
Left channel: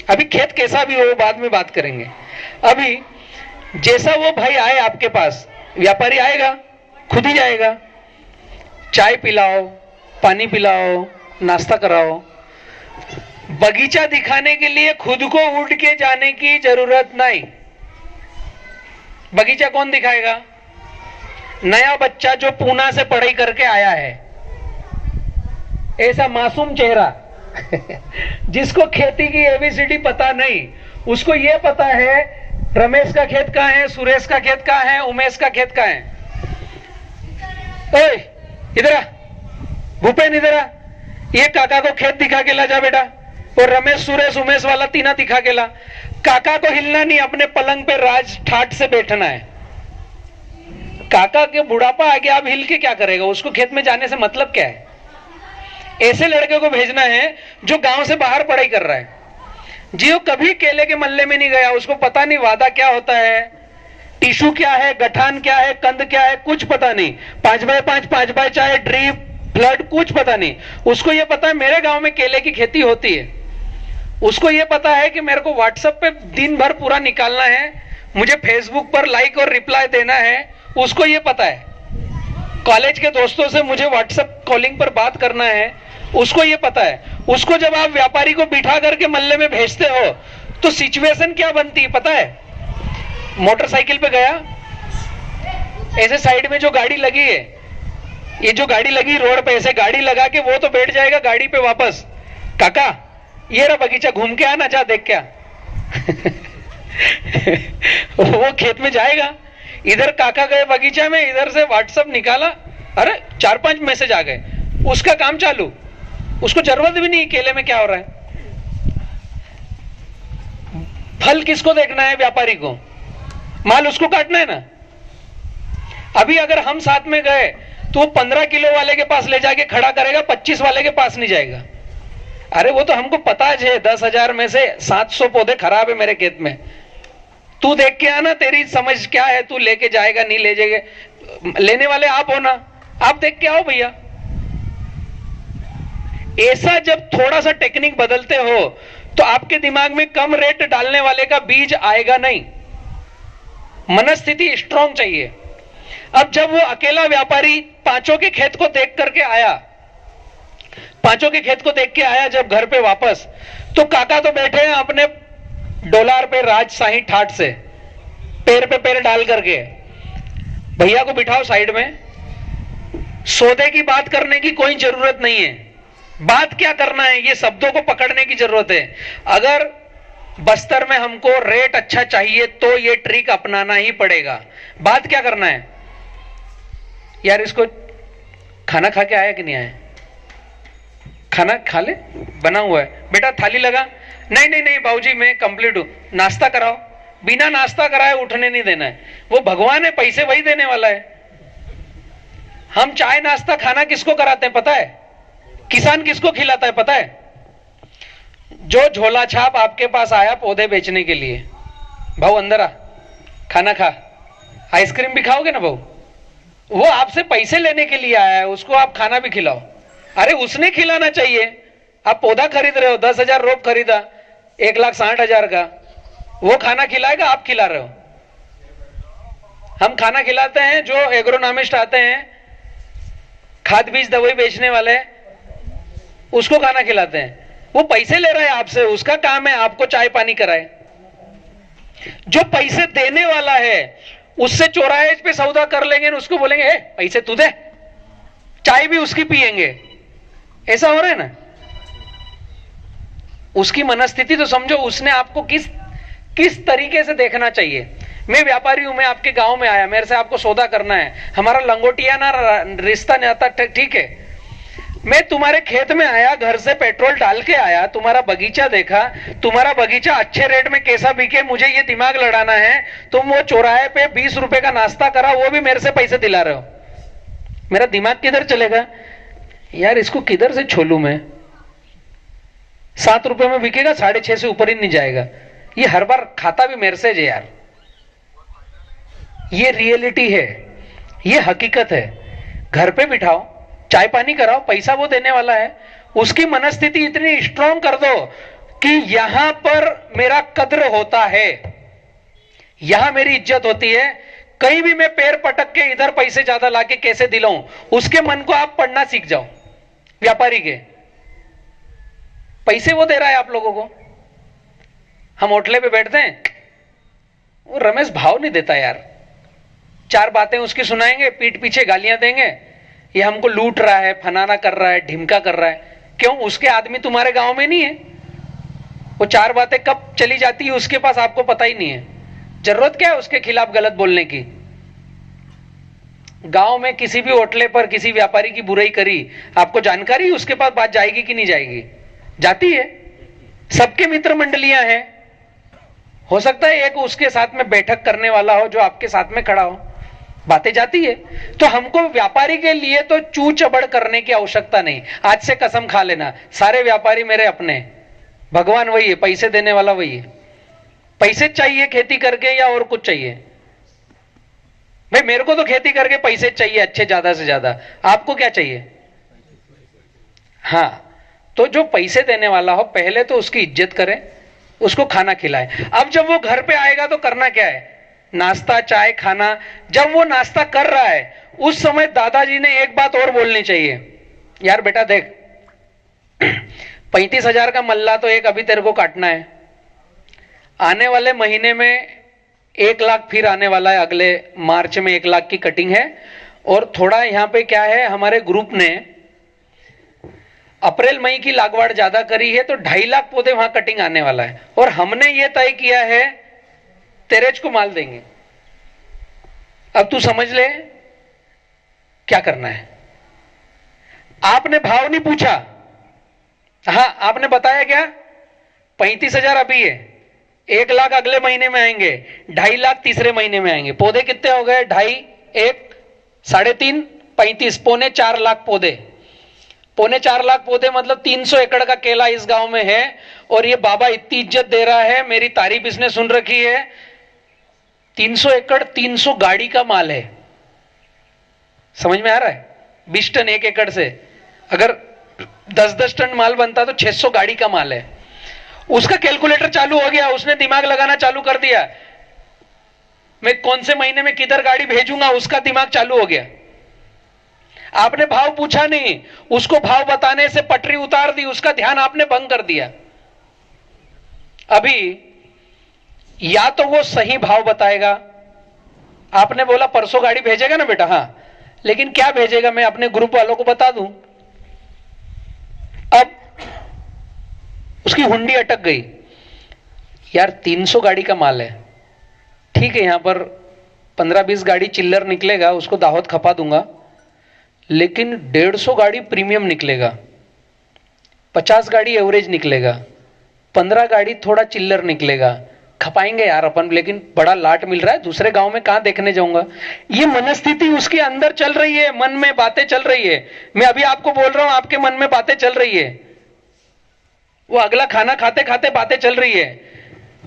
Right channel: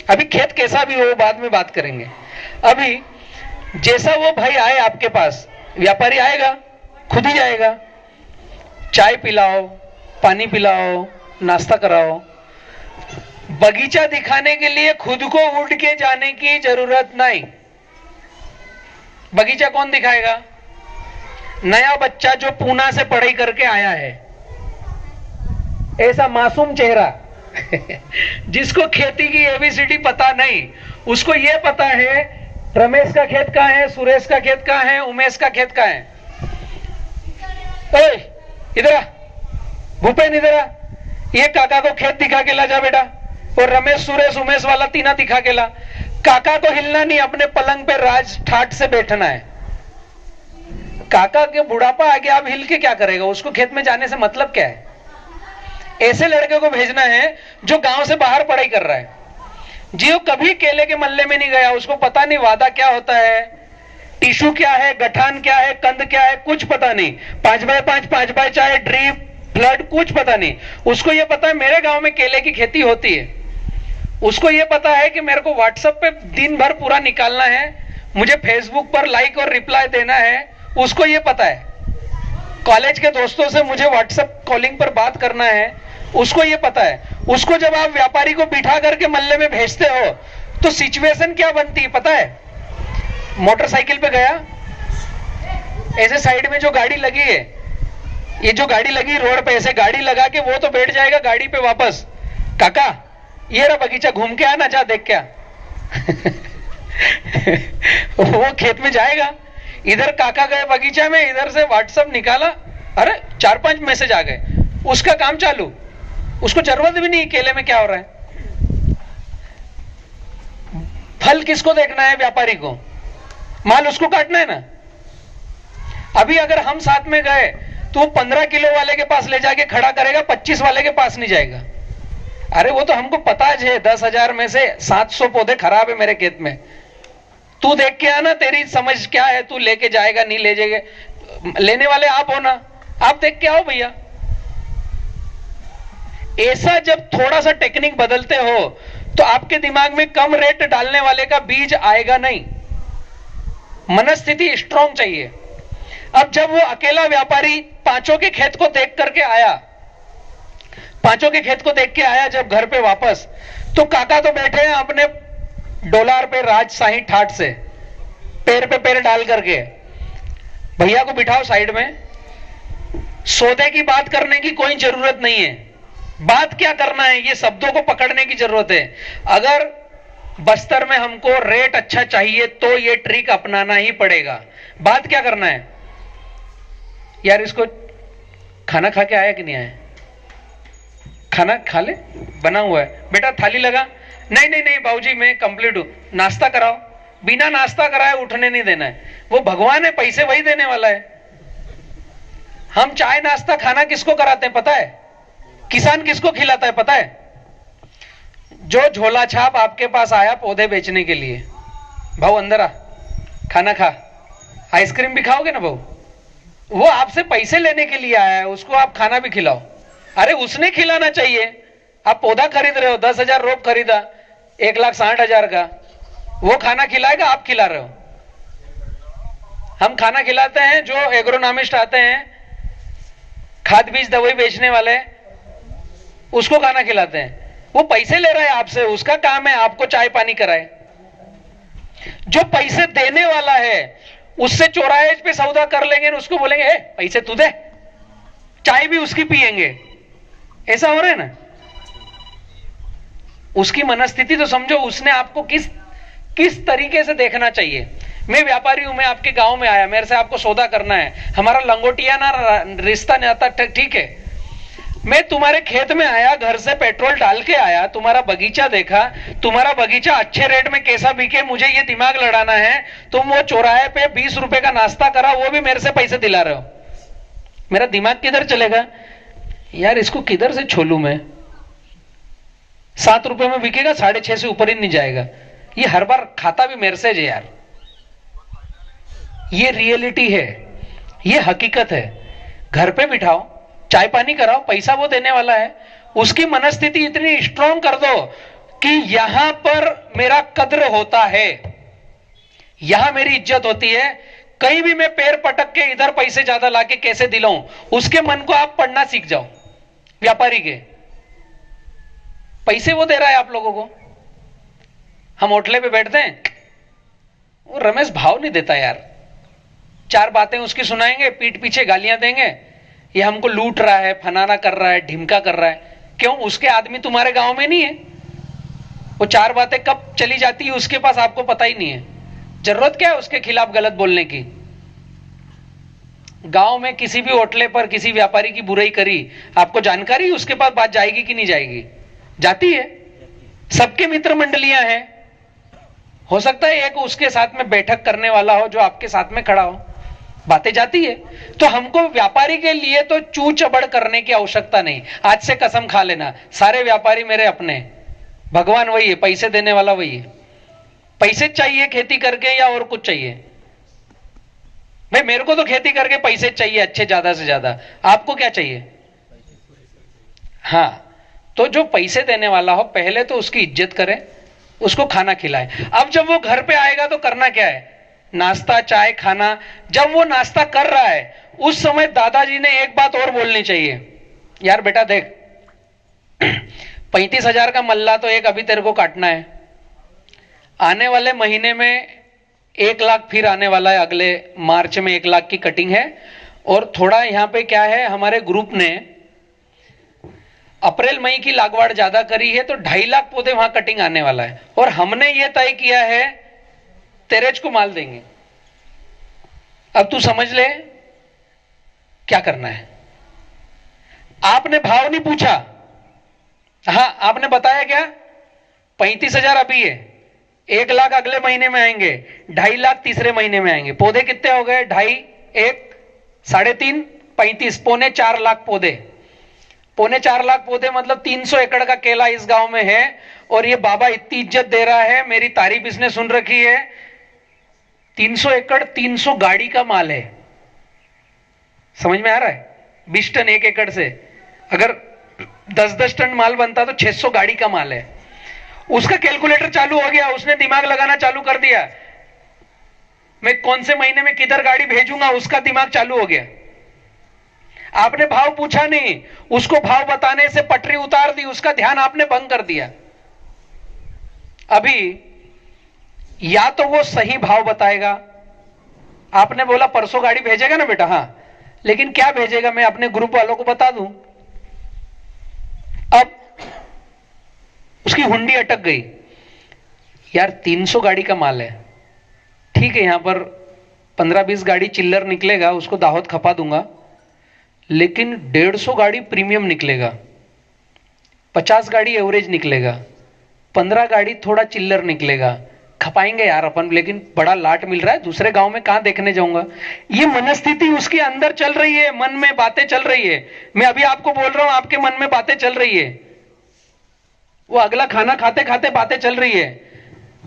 अभी खेत कैसा भी हो बाद में बात करेंगे। अभी जैसा वो भाई आए आपके पास, व्यापारी आएगा, खुद ही जाएगा, चाय पिलाओ, पानी पिलाओ, नाश्ता कराओ। बगीचा दिखाने के लिए खुद को उड़ के जाने की जरूरत नहीं। बगीचा कौन दिखाएगा? नया बच्चा जो पूना से पढ़ाई करके आया है, ऐसा मासूम चेहरा जिसको खेती की एबीसीडी पता नहीं, उसको ये पता है रमेश का खेत कहाँ है, सुरेश का खेत कहाँ है, उमेश का खेत कहाँ है। इधर आ भूपेन, इधर आ, ये काका को खेत दिखा के ला जा बेटा, और रमेश सुरेश उमेश वाला तीना दिखा के ला। काका को हिलना नहीं, अपने पलंग पे राज ठाट से बैठना है। काका के बुढ़ापा आ गया, अब हिल के क्या करेगा? उसको खेत में जाने से मतलब क्या है? ऐसे लड़के को भेजना है जो गांव से बाहर पढ़ाई कर रहा है, जियो कभी केले के मल्ले में नहीं गया, उसको पता नहीं वादा क्या होता है, टिश्यू क्या है, गठान क्या है, कंद क्या है, कुछ पता नहीं। 5x5 5x चाहे ड्रिप फ्लड, कुछ पता नहीं। उसको ये पता है मेरे गांव में केले की खेती होती है, उसको ये पता है कि मेरे को व्हाट्सएप पे दिन भर पूरा निकालना है, मुझे फेसबुक पर लाइक और रिप्लाई देना है, उसको ये पता है। कॉलेज के दोस्तों से मुझे व्हाट्सएप कॉलिंग पर बात करना है, उसको ये पता है। उसको जब आप व्यापारी को बिठा करके मल्ले में भेजते हो तो सिचुएशन क्या बनती है पता है? मोटरसाइकिल पे गया, ऐसे साइड में जो गाड़ी लगी है, ये जो गाड़ी लगी रोड पे, ऐसे गाड़ी लगा के वो तो बैठ जाएगा गाड़ी पे वापस, काका ये रहा बगीचा, घूम के आना, जा देख क्या। वो खेत में जाएगा, इधर काका गए बगीचा में, इधर से व्हाट्सएप निकाला, अरे 4-5 मैसेज आ गए, उसका काम चालू, उसको जरूरत भी नहीं केले में क्या हो रहा है। फल किसको देखना है? व्यापारी को। माल उसको काटना है ना। अभी अगर हम साथ में गए तो वो 15 किलो वाले के पास ले जाके खड़ा करेगा, 25 वाले के पास नहीं जाएगा। अरे वो तो हमको पता है 10,000 में से 700 पौधे खराब है मेरे खेत में, तू देख के आना, तेरी समझ क्या है, तू लेके जाएगा नहीं ले जाएगा, लेने वाले आप हो ना, आप देख के आओ भैया। ऐसा जब थोड़ा सा टेक्निक बदलते हो तो आपके दिमाग में कम रेट डालने वाले का बीज आएगा नहीं। मनस्थिति स्ट्रांग चाहिए। अब जब वो अकेला व्यापारी पांचों के खेत को देख करके आया, पांचों के खेत को देख के आया जब घर पे वापस, तो काका तो बैठे हैं अपने डोलार पे राजशाही ठाट से, पैर पे पैर डाल करके। भैया को बिठाओ साइड में, सौदे की बात करने की कोई जरूरत नहीं है। बात क्या करना है, ये शब्दों को पकड़ने की जरूरत है। अगर बस्तर में हमको रेट अच्छा चाहिए तो ये ट्रिक अपनाना ही पड़ेगा। बात क्या करना है यार, इसको खाना खा के आया कि नहीं आया? खाना खा ले, बना हुआ है बेटा, थाली लगा। नहीं नहीं नहीं बाबूजी मैं कंप्लीट हूं, नाश्ता कराओ। बिना नाश्ता कराए उठने नहीं देना है। वो भगवान है, पैसे वही देने वाला है। हम चाय नाश्ता खाना किसको कराते हैं पता है? किसान किसको खिलाता है पता है? जो झोला छाप आपके पास आया पौधे बेचने के लिए, भाऊ अंदर आ, खाना खा, आइसक्रीम भी खाओगे ना भाऊ, वो आपसे पैसे लेने के लिए आया है, उसको आप खाना भी खिलाओ। अरे उसने खिलाना चाहिए। आप पौधा खरीद रहे हो, 10,000 रोप खरीदा 1,60,000 का, वो खाना खिलाएगा, आप खिला रहे हो। हम खाना खिलाते हैं, जो एग्रोनॉमिस्ट आते हैं, खाद बीज दवाई बेचने वाले, उसको खाना खिलाते हैं। वो पैसे ले रहा है आपसे, उसका काम है आपको चाय पानी कराए। जो पैसे देने वाला है उससे चौराहे पे सौदा कर लेंगे, उसको बोलेंगे पैसे तू दे, चाय भी उसकी पिएंगे। ऐसा हो रहा है ना। उसकी मनस्थिति तो समझो, उसने आपको किस तरीके से देखना चाहिए। मैं व्यापारी हूं, मैं आपके गांव में आया, मेरे से आपको सौदा करना है, हमारा लंगोटिया ना रिश्ता नहीं आता, ठीक है। मैं तुम्हारे खेत में आया, घर से पेट्रोल डाल के आया, तुम्हारा बगीचा देखा, तुम्हारा बगीचा अच्छे रेट में कैसा बिके, मुझे ये दिमाग लड़ाना है। तुम वो चौराहे पे 20 रुपए का नाश्ता करा, वो भी मेरे से पैसे दिला रहे हो। मेरा दिमाग किधर चलेगा यार, इसको किधर से छोलू मैं। 7 रुपए में बिकेगा, 6.5 से ऊपर ही नहीं जाएगा। ये हर बार खाता भी मेरे से है यार। ये रियलिटी है, ये हकीकत है। घर पे बिठाओ, चाय पानी कराओ, पैसा वो देने वाला है। उसकी मनस्थिति इतनी स्ट्रांग कर दो कि यहां पर मेरा कद्र होता है, यहां मेरी इज्जत होती है। कहीं भी मैं पैर पटक के इधर पैसे ज्यादा लाके कैसे दिलाऊं, उसके मन को आप पढ़ना सीख जाओ। व्यापारी के पैसे वो दे रहा है आप लोगों को। हम होटले पे बैठते हैं, वो रमेश भाव नहीं देता यार, 4 बातें उसकी सुनाएंगे, पीठ पीछे गालियां देंगे, ये हमको लूट रहा है, फनाना कर रहा है, ढिमका कर रहा है। क्यों? उसके आदमी तुम्हारे गांव में नहीं है। वो 4 बातें कब चली जाती है उसके पास आपको पता ही नहीं है। जरूरत क्या है उसके खिलाफ गलत बोलने की? गांव में किसी भी होटले पर किसी व्यापारी की बुराई करी, आपको जानकारी उसके पास बात जाएगी कि नहीं जाएगी? जाती है। सबके मित्र मंडलियां हैं, हो सकता है एक उसके साथ में बैठक करने वाला हो जो आपके साथ में खड़ा हो, बातें जाती है। तो हमको व्यापारी के लिए तो चू चबड़ करने की आवश्यकता नहीं। आज से कसम खा लेना, सारे व्यापारी मेरे अपने, भगवान वही है, पैसे देने वाला वही है। पैसे चाहिए खेती करके या और कुछ चाहिए? भाई मेरे को तो खेती करके पैसे चाहिए अच्छे, ज्यादा से ज्यादा। आपको क्या चाहिए? हाँ, तो जो पैसे देने वाला हो पहले तो उसकी इज्जत करें, उसको खाना खिलाए। अब जब वो घर पे आएगा तो करना क्या है? नाश्ता चाय खाना। जब वो नाश्ता कर रहा है उस समय दादाजी ने एक बात और बोलनी चाहिए, यार बेटा देख 35,000 का मल्ला तो एक अभी तेरे को काटना है, आने वाले महीने में 1 लाख फिर आने वाला है, अगले मार्च में 1 लाख की कटिंग है। और थोड़ा यहाँ पे क्या है, हमारे ग्रुप ने अप्रैल मई की लागवड़ ज्यादा करी है तो 2.5 लाख पौधे वहां कटिंग आने वाला है। और हमने ये तय किया है तेरेज को माल देंगे। अब तू समझ ले क्या करना है। आपने भाव नहीं पूछा, हाँ आपने बताया क्या 35,000 अभी है, 1 लाख अगले महीने में आएंगे, 2.5 लाख तीसरे महीने में आएंगे। पौधे कितने हो गए, 2.5, 1, 3.5, 35, 3.25 पौधे। 3.25 पौधे मतलब 300 एकड़ का केला इस गांव में है। और ये बाबा इतनी इज्जत दे रहा है, मेरी तारीफ इसने सुन रखी है। 300 एकड़ 300 गाड़ी का माल है। समझ में आ रहा है? 20 टन 1 एकड़ से अगर 10-10 टन माल बनता तो 600 गाड़ी का माल है। उसका कैलकुलेटर चालू हो गया, उसने दिमाग लगाना चालू कर दिया, मैं कौन से महीने में किधर गाड़ी भेजूंगा, उसका दिमाग चालू हो गया। आपने भाव पूछा नहीं, उसको भाव बताने से पटरी उतार दी, उसका ध्यान आपने भंग कर दिया। अभी या तो वो सही भाव बताएगा, आपने बोला परसों गाड़ी भेजेगा ना बेटा, हाँ, लेकिन क्या भेजेगा मैं अपने ग्रुप वालों को बता दूं। अब उसकी हुंडी अटक गई, यार 300 गाड़ी का माल है, ठीक है, यहां पर 15-20 गाड़ी चिल्लर निकलेगा, उसको दावत खपा दूंगा, लेकिन 150 गाड़ी प्रीमियम निकलेगा, 50 गाड़ी एवरेज निकलेगा, 15 गाड़ी थोड़ा चिल्लर निकलेगा, खपाएंगे यार अपन, लेकिन बड़ा लाट मिल रहा है, दूसरे गांव में कहां देखने जाऊंगा। ये मनस्थिति उसके अंदर चल रही है, मन में बातें चल रही है। मैं अभी आपको बोल रहा हूं, आपके मन में बातें चल रही है। वो अगला खाना खाते खाते बातें चल रही है,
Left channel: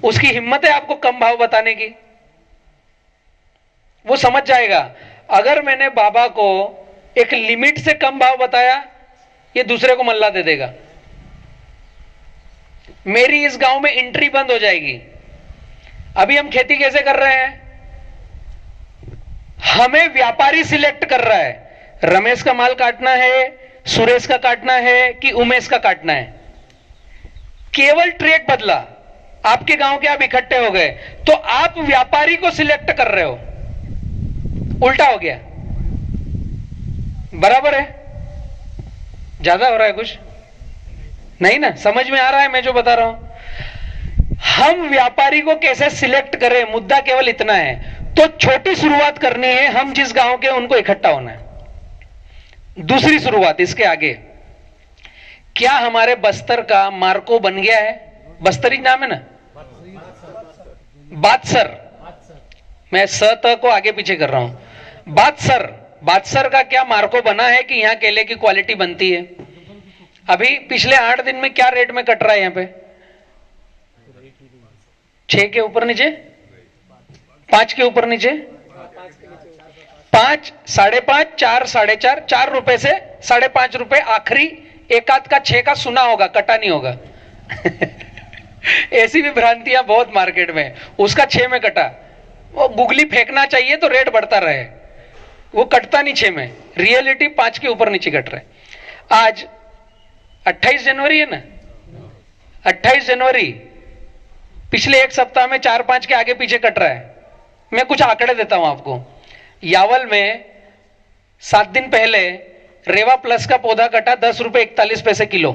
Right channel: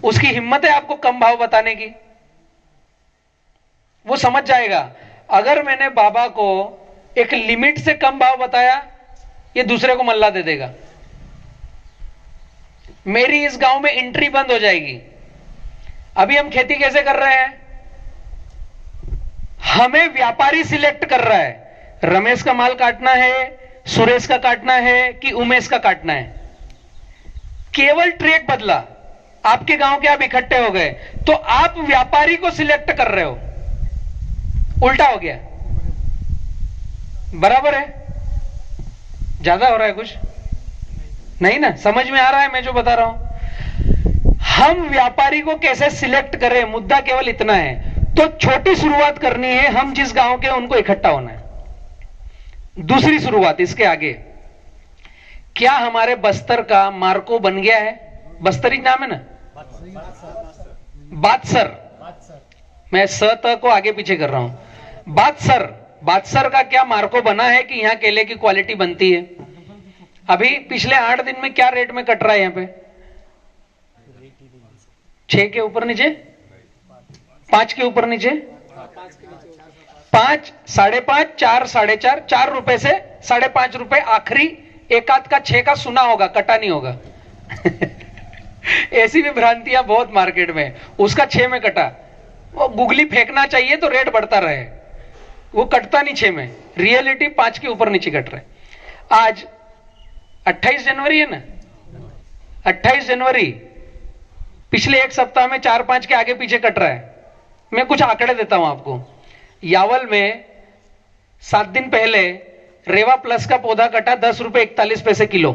उसकी हिम्मत है आपको कम भाव बताने की। वो समझ जाएगा अगर मैंने बाबा को एक लिमिट से कम भाव बताया, ये दूसरे को मल्ला दे देगा, मेरी इस गांव में एंट्री बंद हो जाएगी। अभी हम खेती कैसे कर रहे हैं, हमें व्यापारी सिलेक्ट कर रहा है, रमेश का माल काटना है, सुरेश का काटना है कि उमेश का काटना है। केवल ट्रैक बदला, आपके गांव के आप इकट्ठे हो गए तो आप व्यापारी को सिलेक्ट कर रहे हो, उल्टा हो गया। बराबर है? ज्यादा हो रहा है कुछ नहीं ना? समझ में आ रहा है मैं जो बता रहा हूं? हम व्यापारी को कैसे सिलेक्ट करें, मुद्दा केवल इतना है। तो छोटी शुरुआत करनी है, हम जिस गांव के उनको इकट्ठा होना है। दूसरी शुरुआत इसके आगे, क्या हमारे बस्तर का मार्को बन गया है? बस्तरी नाम है ना, बादसर, मैं स त को आगे पीछे कर रहा हूं। बादसर का क्या मार्को बना है कि यहां केले की क्वालिटी बनती है? अभी पिछले 8 दिन में क्या रेट में कट रहा है यहां पे? 6 के ऊपर नीचे, 5 के ऊपर नीचे, 5, 5.5, 4, 4.5, 4 रुपए से 5.5 रुपए आखिरी। एक आध का 6 का सुना होगा, कटा नहीं होगा। ऐसी भी भ्रांतियां बहुत मार्केट में, उसका 6 में कटा। वो गुगली फेंकना चाहिए तो रेट बढ़ता रहे, वो कटता नहीं 6 में, रियलिटी 5 के ऊपर नीचे कट रहा है। आज 28 जनवरी है ना, 28 जनवरी, पिछले एक सप्ताह में 4-5 के आगे पीछे कट रहा है। मैं कुछ आंकड़े देता हूं आपको। यावल में 7 दिन पहले रेवा प्लस का पौधा कटा 10 रुपए 41 पैसे किलो।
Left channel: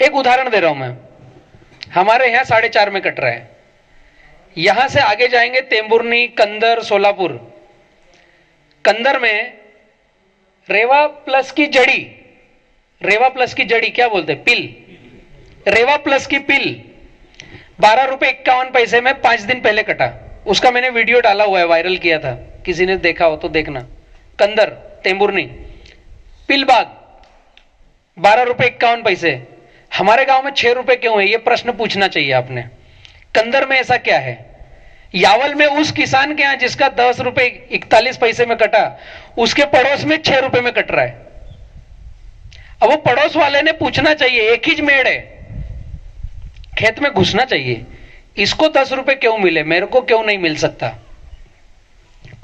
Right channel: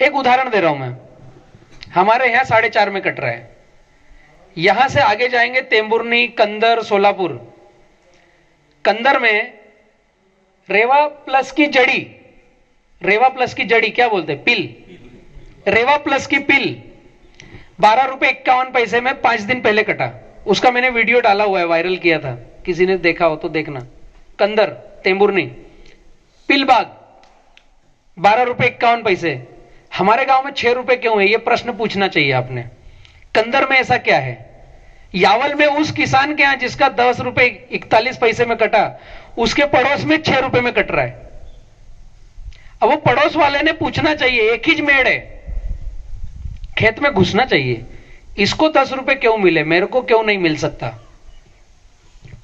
एक उदाहरण दे रहा हूं मैं, हमारे यहां 4.5 में कट रहा है। यहां से आगे जाएंगे तेंबुरनी, कंदर, सोलापुर। कंदर में रेवा प्लस की जड़ी क्या बोलते हैं, पिल, रेवा प्लस की पिल 12 रुपए 51 पैसे में 5 दिन पहले कटा। उसका मैंने वीडियो डाला हुआ है, वायरल किया था, किसी ने देखा हो तो देखना। कंदर, तेंबुरनी, पिलबाग 12 रुपए 51 पैसे। हमारे गांव में 6 रुपए क्यों है, यह प्रश्न पूछना चाहिए आपने। कंदर में ऐसा क्या है? यावल में उस किसान के यहां जिसका 10 रुपए 41 पैसे में कटा, उसके पड़ोस में 6 रुपए में कट रहा है। अब वो पड़ोस वाले ने पूछना चाहिए, एक ही मेड़ है, खेत में घुसना चाहिए, इसको 10 रुपए क्यों मिले, मेरे को क्यों नहीं मिल सकता?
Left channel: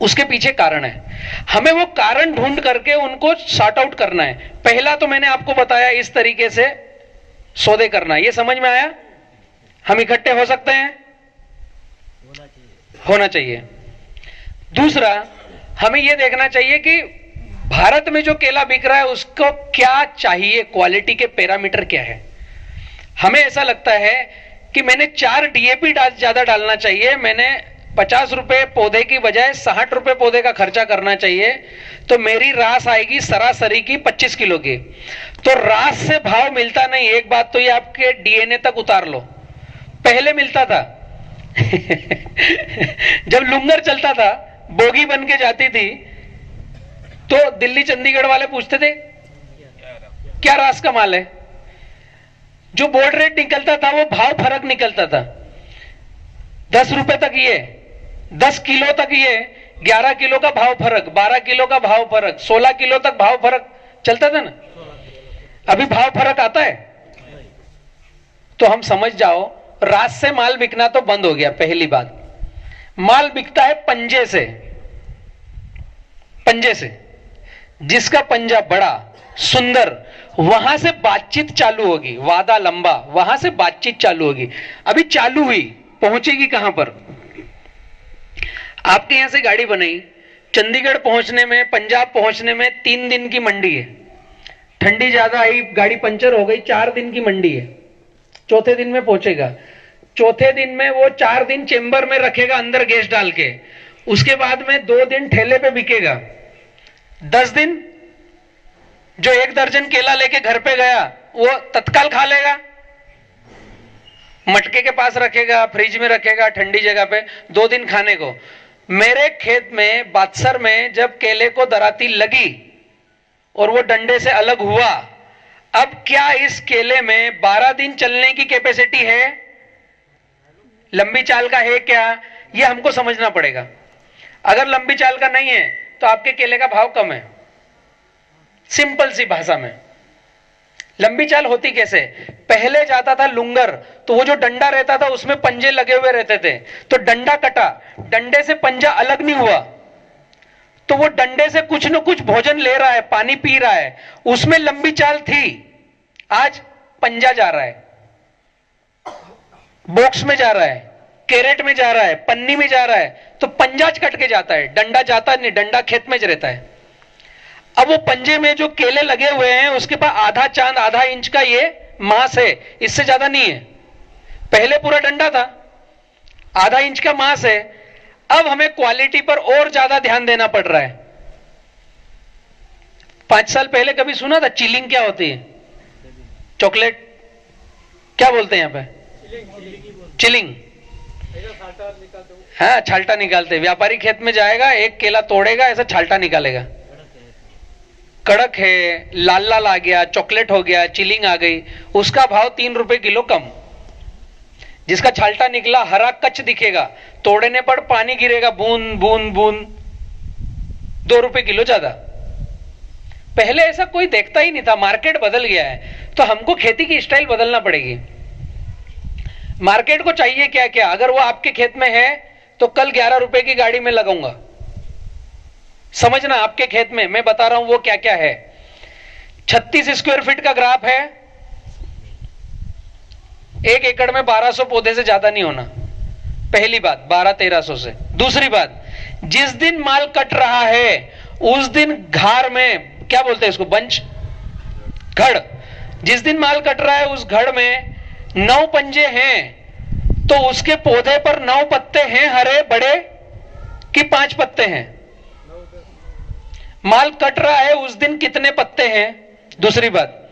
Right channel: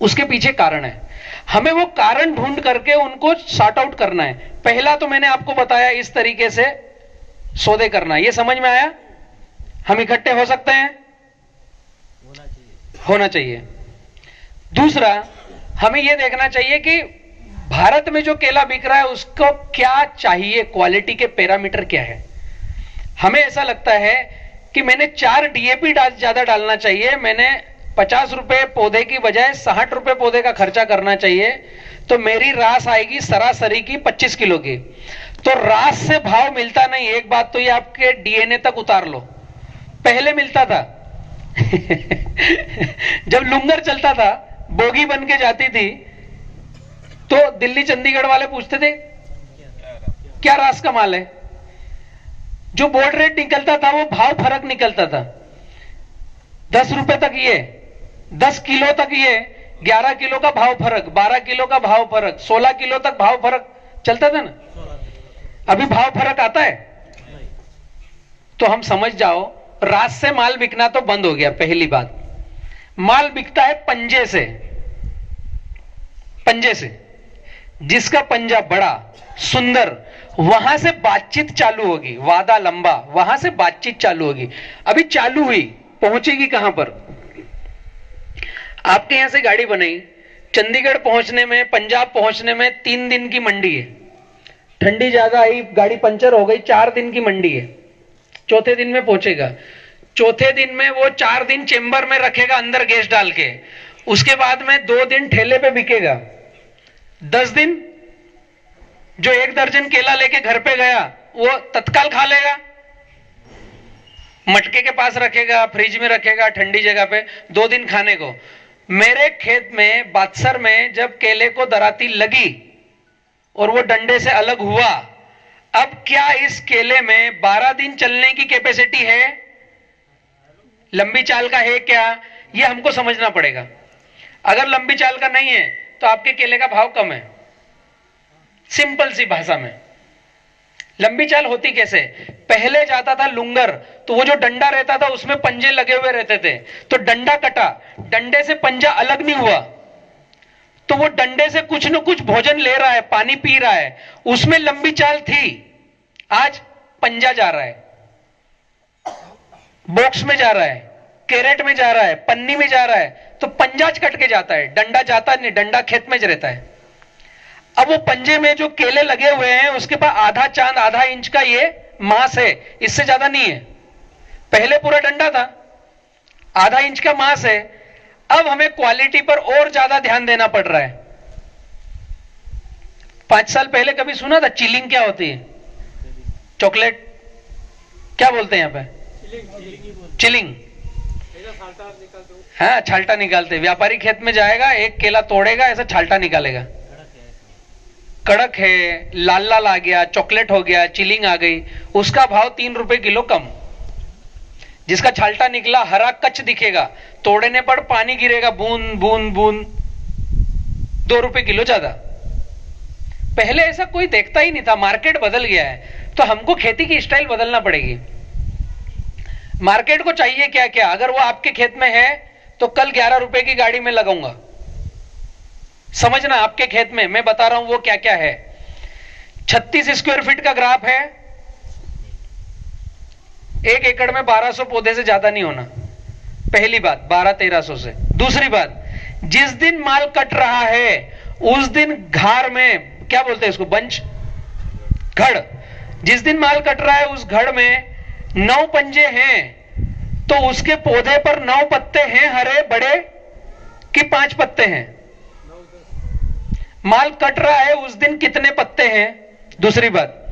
उसके पीछे कारण है, हमें वो कारण ढूंढ करके उनको सॉर्ट आउट करना है। पहला तो मैंने आपको बताया, इस तरीके से सौदे करना है। ये समझ में आया? हम इकट्ठे हो सकते हैं? होना चाहिए। दूसरा, हमें यह देखना चाहिए कि भारत में जो केला बिक रहा है उसको क्या चाहिए, क्वालिटी के पैरामीटर क्या है। हमें ऐसा लगता है कि मैंने 4 डीएपी ज्यादा डालना चाहिए, मैंने 50 रुपए पौधे की बजाय 60 रुपए पौधे का खर्चा करना चाहिए, तो मेरी रास आएगी सरासरी की 25 किलो की। तो रास से भाव मिलता नहीं, एक बात तो ये आपके डीएनए तक उतार लो। पहले मिलता था जब लुंगर चलता था, बोगी बन के जाती थी, तो दिल्ली चंडीगढ़ वाले पूछते थे क्या रास का माल है। जो बोर्ड रेट निकलता था वो भाव फर्क निकलता था, 10 रुपए तक ये, 10 किलो तक ये, 11 किलो का भाव फर्क, 12 किलो का भाव फर्क, 16 किलो तक भाव फर्क चलता था ना। अभी भाव फर्क आता है। तो हम समझ जाओ, रास से माल बिकना तो बंद हो गया। पहली बात, माल बिकता है पंजे से। पंजे से, जिसका पंजा बड़ा सुंदर, वहां से बातचीत चालू होगी, वादा लंबा, वहां से बातचीत चालू होगी। अभी चालू हुई, पहुंचेगी कहां पर? आपके यहां से गाड़ी बनाई, चंडीगढ़ पहुंचने में, पंजाब पहुंचने में 3 दिन की मंडी है। ठंडी ज्यादा आई, गाड़ी पंचर हो गई, 4 दिन की मंडी है। चौथे दिन में पहुंचेगा। चौथे दिन में वो 4 दिन चेंबर में रखेगा अंदर गैस डाल के, उसके बाद में 2 दिन ठेले पे बिकेगा। 10 दिन जो 1 दर्जन केला लेके घर पे गया वो तत्काल खा लेगा, मटके के पास रखेगा, फ्रिज में रखेगा ठंडी जगह पे, 2 दिन खाने को। मेरे खेत में बादसर में जब केले को दराती लगी और वो डंडे से अलग हुआ, अब क्या इस केले में 12 दिन चलने की कैपेसिटी है? लंबी चाल का है क्या? ये हमको समझना पड़ेगा। अगर लंबी चाल का नहीं है तो आपके केले का भाव कम है। सिंपल सी भाषा में, लंबी चाल होती कैसे? पहले जाता था लुंगर, तो वो जो डंडा रहता था उसमें पंजे लगे हुए रहते थे, तो डंडा कटा, डंडे से पंजा अलग नहीं हुआ, तो वो डंडे से कुछ न कुछ भोजन ले रहा है, पानी पी रहा है, उसमें लंबी चाल थी। आज पंजा जा रहा है, बॉक्स में जा रहा है, कैरेट में जा रहा है, पन्नी में जा रहा है, तो पंजा कट के जाता है, डंडा जाता नहीं, डंडा खेत में रहता है। अब वो पंजे में जो केले लगे हुए हैं उसके पास आधा चांद, आधा इंच का ये मांस है, इससे ज्यादा नहीं है। पहले पूरा डंडा था, आधा इंच का मांस है। अब हमें क्वालिटी पर और ज्यादा ध्यान देना पड़ रहा है। 5 साल पहले कभी सुना था चिलिंग क्या होती है? चॉकलेट क्या बोलते हैं यहाँ पे? चिलिंग। हाँ, छाल्टा निकालते। व्यापारी खेत में जाएगा, एक केला तोड़ेगा, ऐसा छाल्टा निकालेगा। कड़क है, लाल लाल आ गया, चॉकलेट हो गया, चिलिंग आ गई, उसका भाव 3 रुपए किलो कम। जिसका छाल्टा निकला हरा कच्च दिखेगा, तोड़ने पर पानी गिरेगा बूंद बूंद बूंद, 2 रुपए किलो ज्यादा। पहले ऐसा कोई देखता ही नहीं था। मार्केट बदल गया है, तो हमको खेती की स्टाइल बदलना पड़ेगी। मार्केट को चाहिए क्या क्या? अगर वो आपके खेत में है तो कल 11 रुपए की गाड़ी में लगाऊंगा। समझना, आपके खेत में मैं बता रहा हूं वो क्या क्या है। 36 स्क्वायर फीट का ग्राफ है, 1 एकड़ में 1200 पौधे से ज्यादा नहीं होना। पहली बात, 1200-1300 से। दूसरी बात, जिस दिन माल कट रहा है उस दिन घार में, क्या बोलते हैं इसको, बंच, घड़, जिस दिन माल कट रहा है उस घड़ में 9 पंजे हैं, तो उसके पौधे पर 9 पत्ते हैं हरे बड़े कि 5 पत्ते हैं? माल कट रहा है उस दिन कितने पत्ते हैं? दूसरी बात,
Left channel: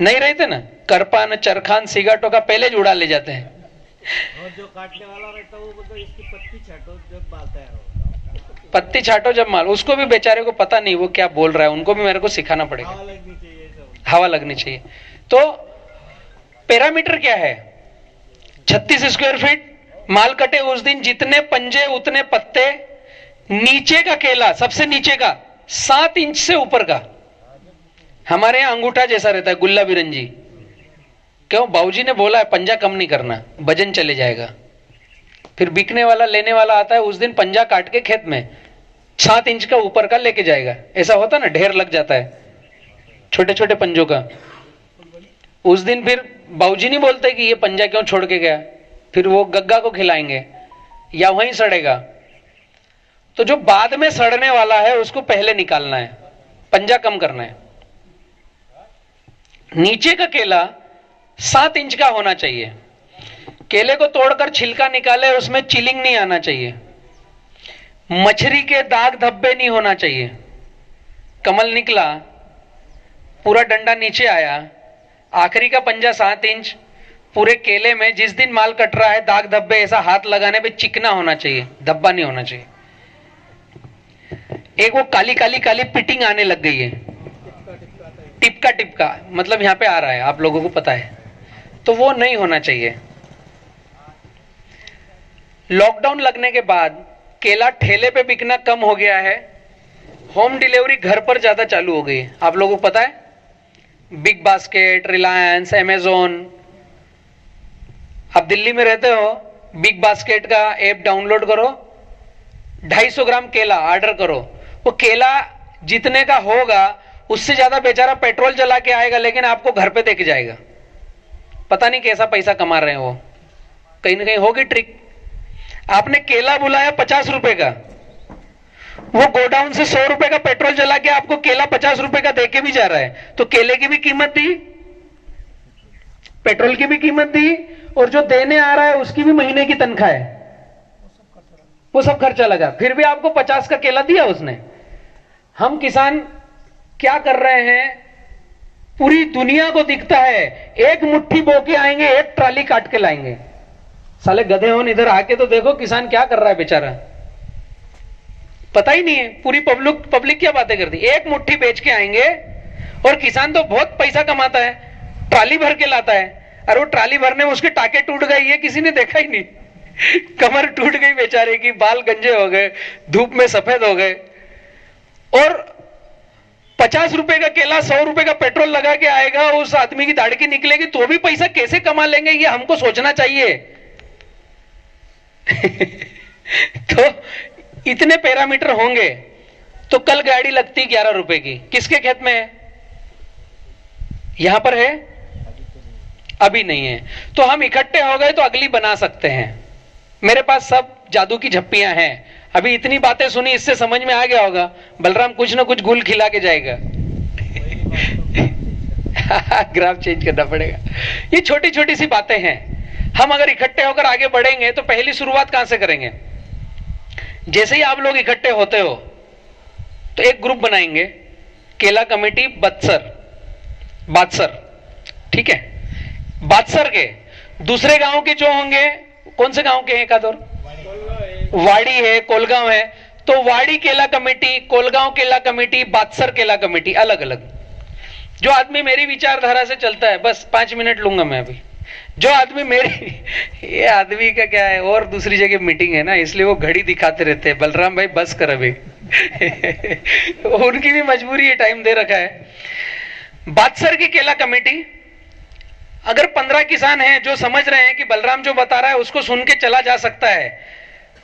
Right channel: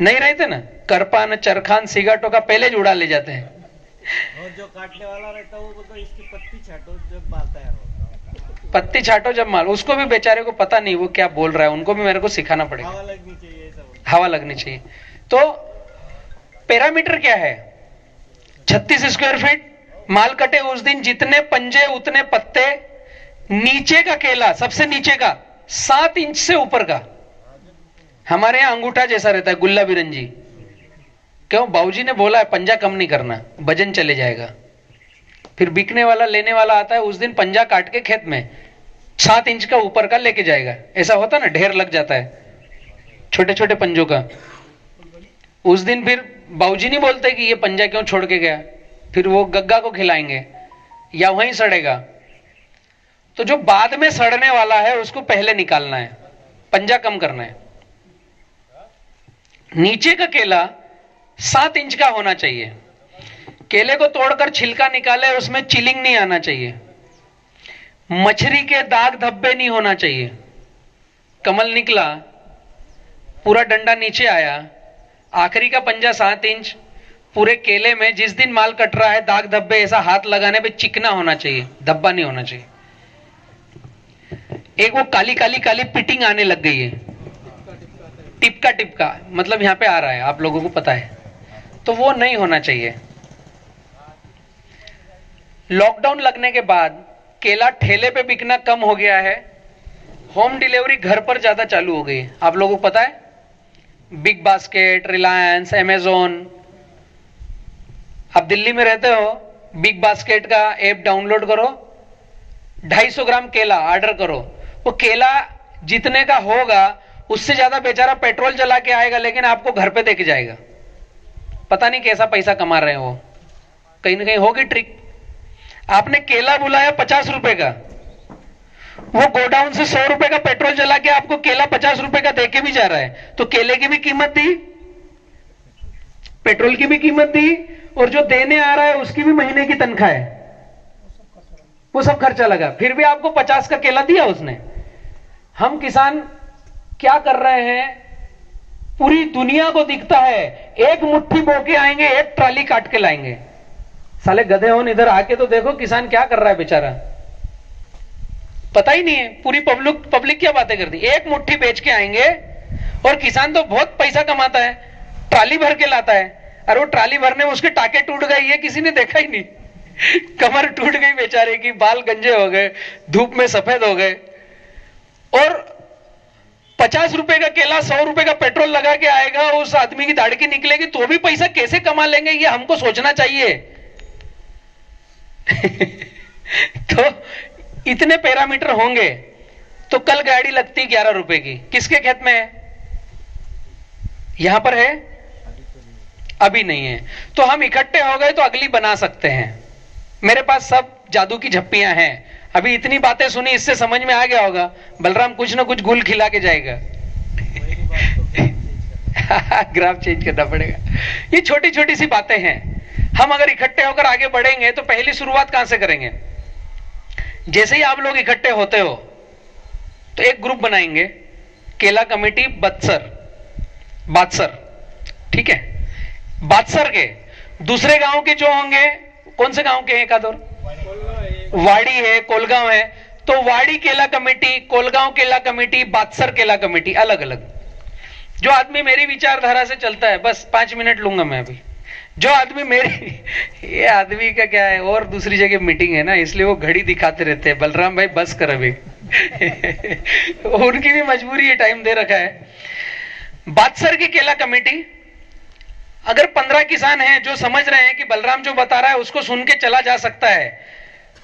नहीं रहते ना करपान, चरखान, सिगाटो का पहले जुड़ा ले जाते हैं। और जो काटने वाला रहता है वो बोलता है इसकी पत्ती छाटो जब मालता है वो। पत्ती छाटो जब माल, उसको भी बेचारे को पता नहीं वो क्या बोल रहा है, उनको भी मेरे को सिखाना पड़ेगा। हवा लगनी चाहिए सब। हवा लगनी चाहिए। तो पैरामीटर क्या है? 36 स्क्वायर फीट, माल कटे उस दिन जितने पंजे उतने पत्ते, नीचे का केला, सबसे नीचे का 7 इंच से ऊपर का। हमारे यहां अंगूठा जैसा रहता है, गुल्ला बिरंजी। क्यों? बाबूजी ने बोला है पंजा कम नहीं करना, वजन चले जाएगा। फिर बिकने वाला, लेने वाला आता है, उस दिन पंजा काट के खेत में 7 इंच का ऊपर का लेके जाएगा। ऐसा होता ना, ढेर लग जाता है छोटे छोटे पंजों का। उस दिन फिर बाबूजी नहीं बोलते कि ये पंजा क्यों छोड़ के गया, फिर वो गग्गा को खिलाएंगे, या वहीं सड़ेगा, तो जो बाद में सड़ने वाला है उसको पहले निकालना है, पंजा कम करना है। नीचे का केला 7 इंच का होना चाहिए। केले को तोड़कर छिलका निकाले, उसमें चिलिंग नहीं आना चाहिए, मछली के दाग धब्बे नहीं होना चाहिए। कमल निकला, पूरा डंडा नीचे आया, आखिरी का पंजा 7 इंच, पूरे केले में जिस दिन माल कट रहा है दाग धब्बे ऐसा हाथ लगाने पे चिकना होना चाहिए, धब्बा नहीं होना चाहिए। एक वो काली काली काली पिटिंग आने लग गई है, टिपका टिपका, मतलब यहां पे आ रहा है, आप लोगों को पता है, तो वो नहीं होना चाहिए। लॉकडाउन लगने के बाद केला ठेले पे बिकना कम हो गया है, होम डिलीवरी घर पर ज्यादा चालू हो गई है। आप लोगों को पता है, बिग बास्केट, रिलायंस, अमेजोन। आप दिल्ली में रहते हो, बिग बास्केट का ऐप डाउनलोड करो, 250 ग्राम केला ऑर्डर करो, वो केला जितने का होगा उससे ज्यादा बेचारा पेट्रोल जला के आएगा, लेकिन आपको घर पे देके जाएगा। पता नहीं कैसा पैसा कमा रहे हैं वो, कहीं ना कहीं होगी ट्रिक। आपने केला बुलाया 50 रुपए का, वो गोडाउन से 100 रुपए का पेट्रोल जला के आपको केला 50 रुपए का देके भी जा रहा है, तो केले की भी कीमत दी, पेट्रोल की भी कीमत दी, और जो देने आ रहा है उसकी भी महीने की तनख्वाह है, वो सब खर्चा लगा, फिर भी आपको 50 का केला दिया उसने। हम किसान क्या कर रहे हैं, पूरी दुनिया को दिखता है, एक मुट्ठी बो के आएंगे, एक ट्राली काट के लाएंगे। साले गधे हो, इधर आके तो देखो किसान क्या कर रहा है बेचारा, पता ही नहीं है। पूरी पब्लिक क्या बातें करती, एक मुट्ठी बेच के आएंगे, और किसान तो बहुत पैसा कमाता है, ट्राली भर के लाता है। अरे वो ट्राली भरने में उसके टाके टूट गए, ये किसी ने देखा ही नहीं, कमर टूट गई बेचारे की, बाल गंजे हो गए, धूप में सफेद हो गए, और 50 रुपए का केला 100 रुपए का पेट्रोल लगा के आएगा, उस आदमी की दाढ़ी निकलेगी, तो भी पैसा कैसे कमा लेंगे, ये हमको सोचना चाहिए। तो इतने पैरामीटर होंगे तो कल गाड़ी लगती 11 रुपए की, किसके खेत में है? यहां पर है? अभी नहीं है। तो हम इकट्ठे हो गए तो अगली बना सकते हैं। मेरे पास सब जादू की झप्पियां हैं। अभी इतनी बातें सुनी, इससे समझ में आ गया होगा बलराम कुछ ना कुछ गुल खिला के जाएगा। ग्राफ चेंज करना पड़ेगा। ये छोटी छोटी सी बातें हैं। हम अगर इकट्ठे होकर आगे बढ़ेंगे तो पहली शुरुआत कहां से करेंगे? जैसे ही आप लोग इकट्ठे होते हो तो एक ग्रुप बनाएंगे, केला कमेटी बादसर, ठीक है? बादसर के दूसरे गांव के जो होंगे, कौन से गांव के हैं? एक आध और, वाड़ी है, कोलगांव है, तो वाड़ी केला कमेटी, कोलगांव केला कमेटी, बादसर केला कमेटी, अलग अलग। जो आदमी मेरी विचारधारा से चलता है, बस 5 मिनट लूंगा मैं अभी। जो आदमी मेरी, ये आदमी का क्या है, और दूसरी जगह मीटिंग है ना, इसलिए वो घड़ी दिखाते रहते हैं, बलराम भाई बस कर अभी। उनकी भी मजबूरी है, टाइम दे रखा है। बादसर की केला कमेटी, अगर 15 किसान हैं जो समझ रहे हैं कि बलराम जो बता रहा है उसको सुन के चला जा सकता है,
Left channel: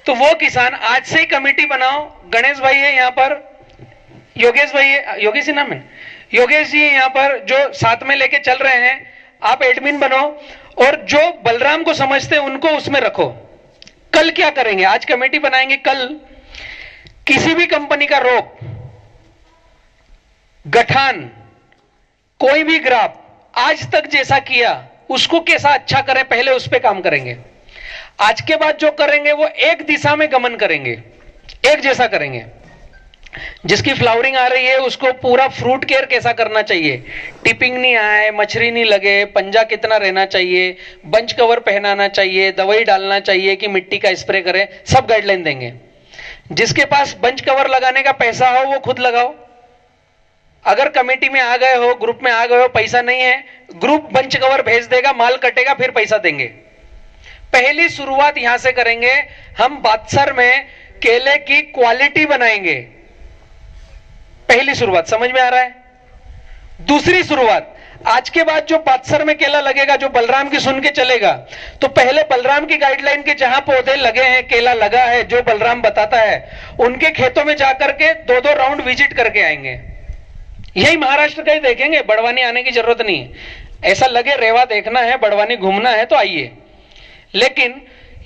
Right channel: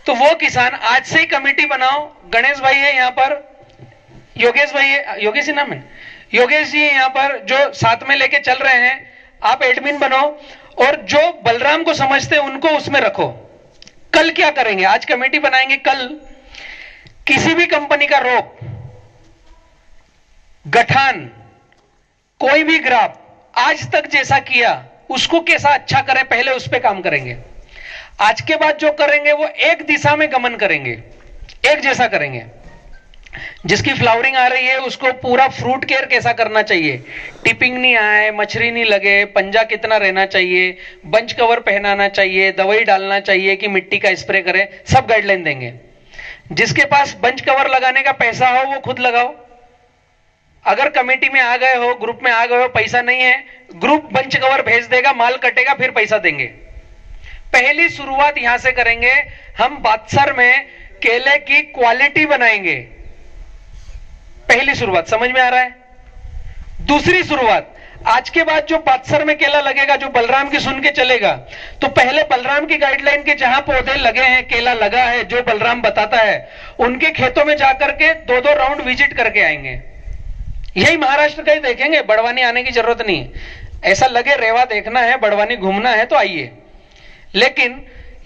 तो वो किसान आज से ही कमेटी बनाओ। गणेश भाई है यहाँ पर, योगेश भाई है, योगेश ही नाम है, योगेश जी है यहाँ पर, जो साथ में लेके चल रहे हैं। आप एडमिन बनो, और जो बलराम को समझते हैं उनको उसमें रखो। कल क्या करेंगे? आज कमेटी बनाएंगे, कल किसी भी कंपनी का रोक, गठान, कोई भी ग्राफ आज तक जैसा किया उसको कैसा अच्छा करें, पहले उस पर काम करेंगे। आज के बाद जो करेंगे वो एक दिशा में गमन करेंगे, एक जैसा करेंगे। जिसकी फ्लावरिंग आ रही है उसको पूरा फ्रूट केयर कैसा करना चाहिए, टिपिंग नहीं आए, मछली नहीं लगे, पंजा कितना रहना चाहिए, बंच कवर पहनाना चाहिए, दवाई डालना चाहिए कि मिट्टी का स्प्रे करें, सब गाइडलाइन देंगे। जिसके पास बंच कवर लगाने का पैसा हो वो खुद लगाओ। अगर कमेटी में आ गए हो, ग्रुप में आ गए हो, पैसा नहीं है, ग्रुप बंच कवर भेज देगा, माल कटेगा, फिर पैसा देंगे। पहली शुरुआत यहां से करेंगे। हम बादसर में केले की क्वालिटी बनाएंगे, पहली शुरुआत। समझ में आ रहा है? दूसरी शुरुआत, आज के बाद जो बादसर में केला लगेगा, जो बलराम की सुन के चलेगा, तो पहले बलराम की गाइडलाइन के जहां पौधे लगे हैं, केला लगा है, जो बलराम बताता है, उनके खेतों में जाकर के 2-2 राउंड विजिट करके आएंगे। यही महाराष्ट्र का ही देखेंगे, बड़वानी आने की जरूरत नहीं है। ऐसा लगे रेवा देखना है, बड़वानी घूमना है तो आइए, लेकिन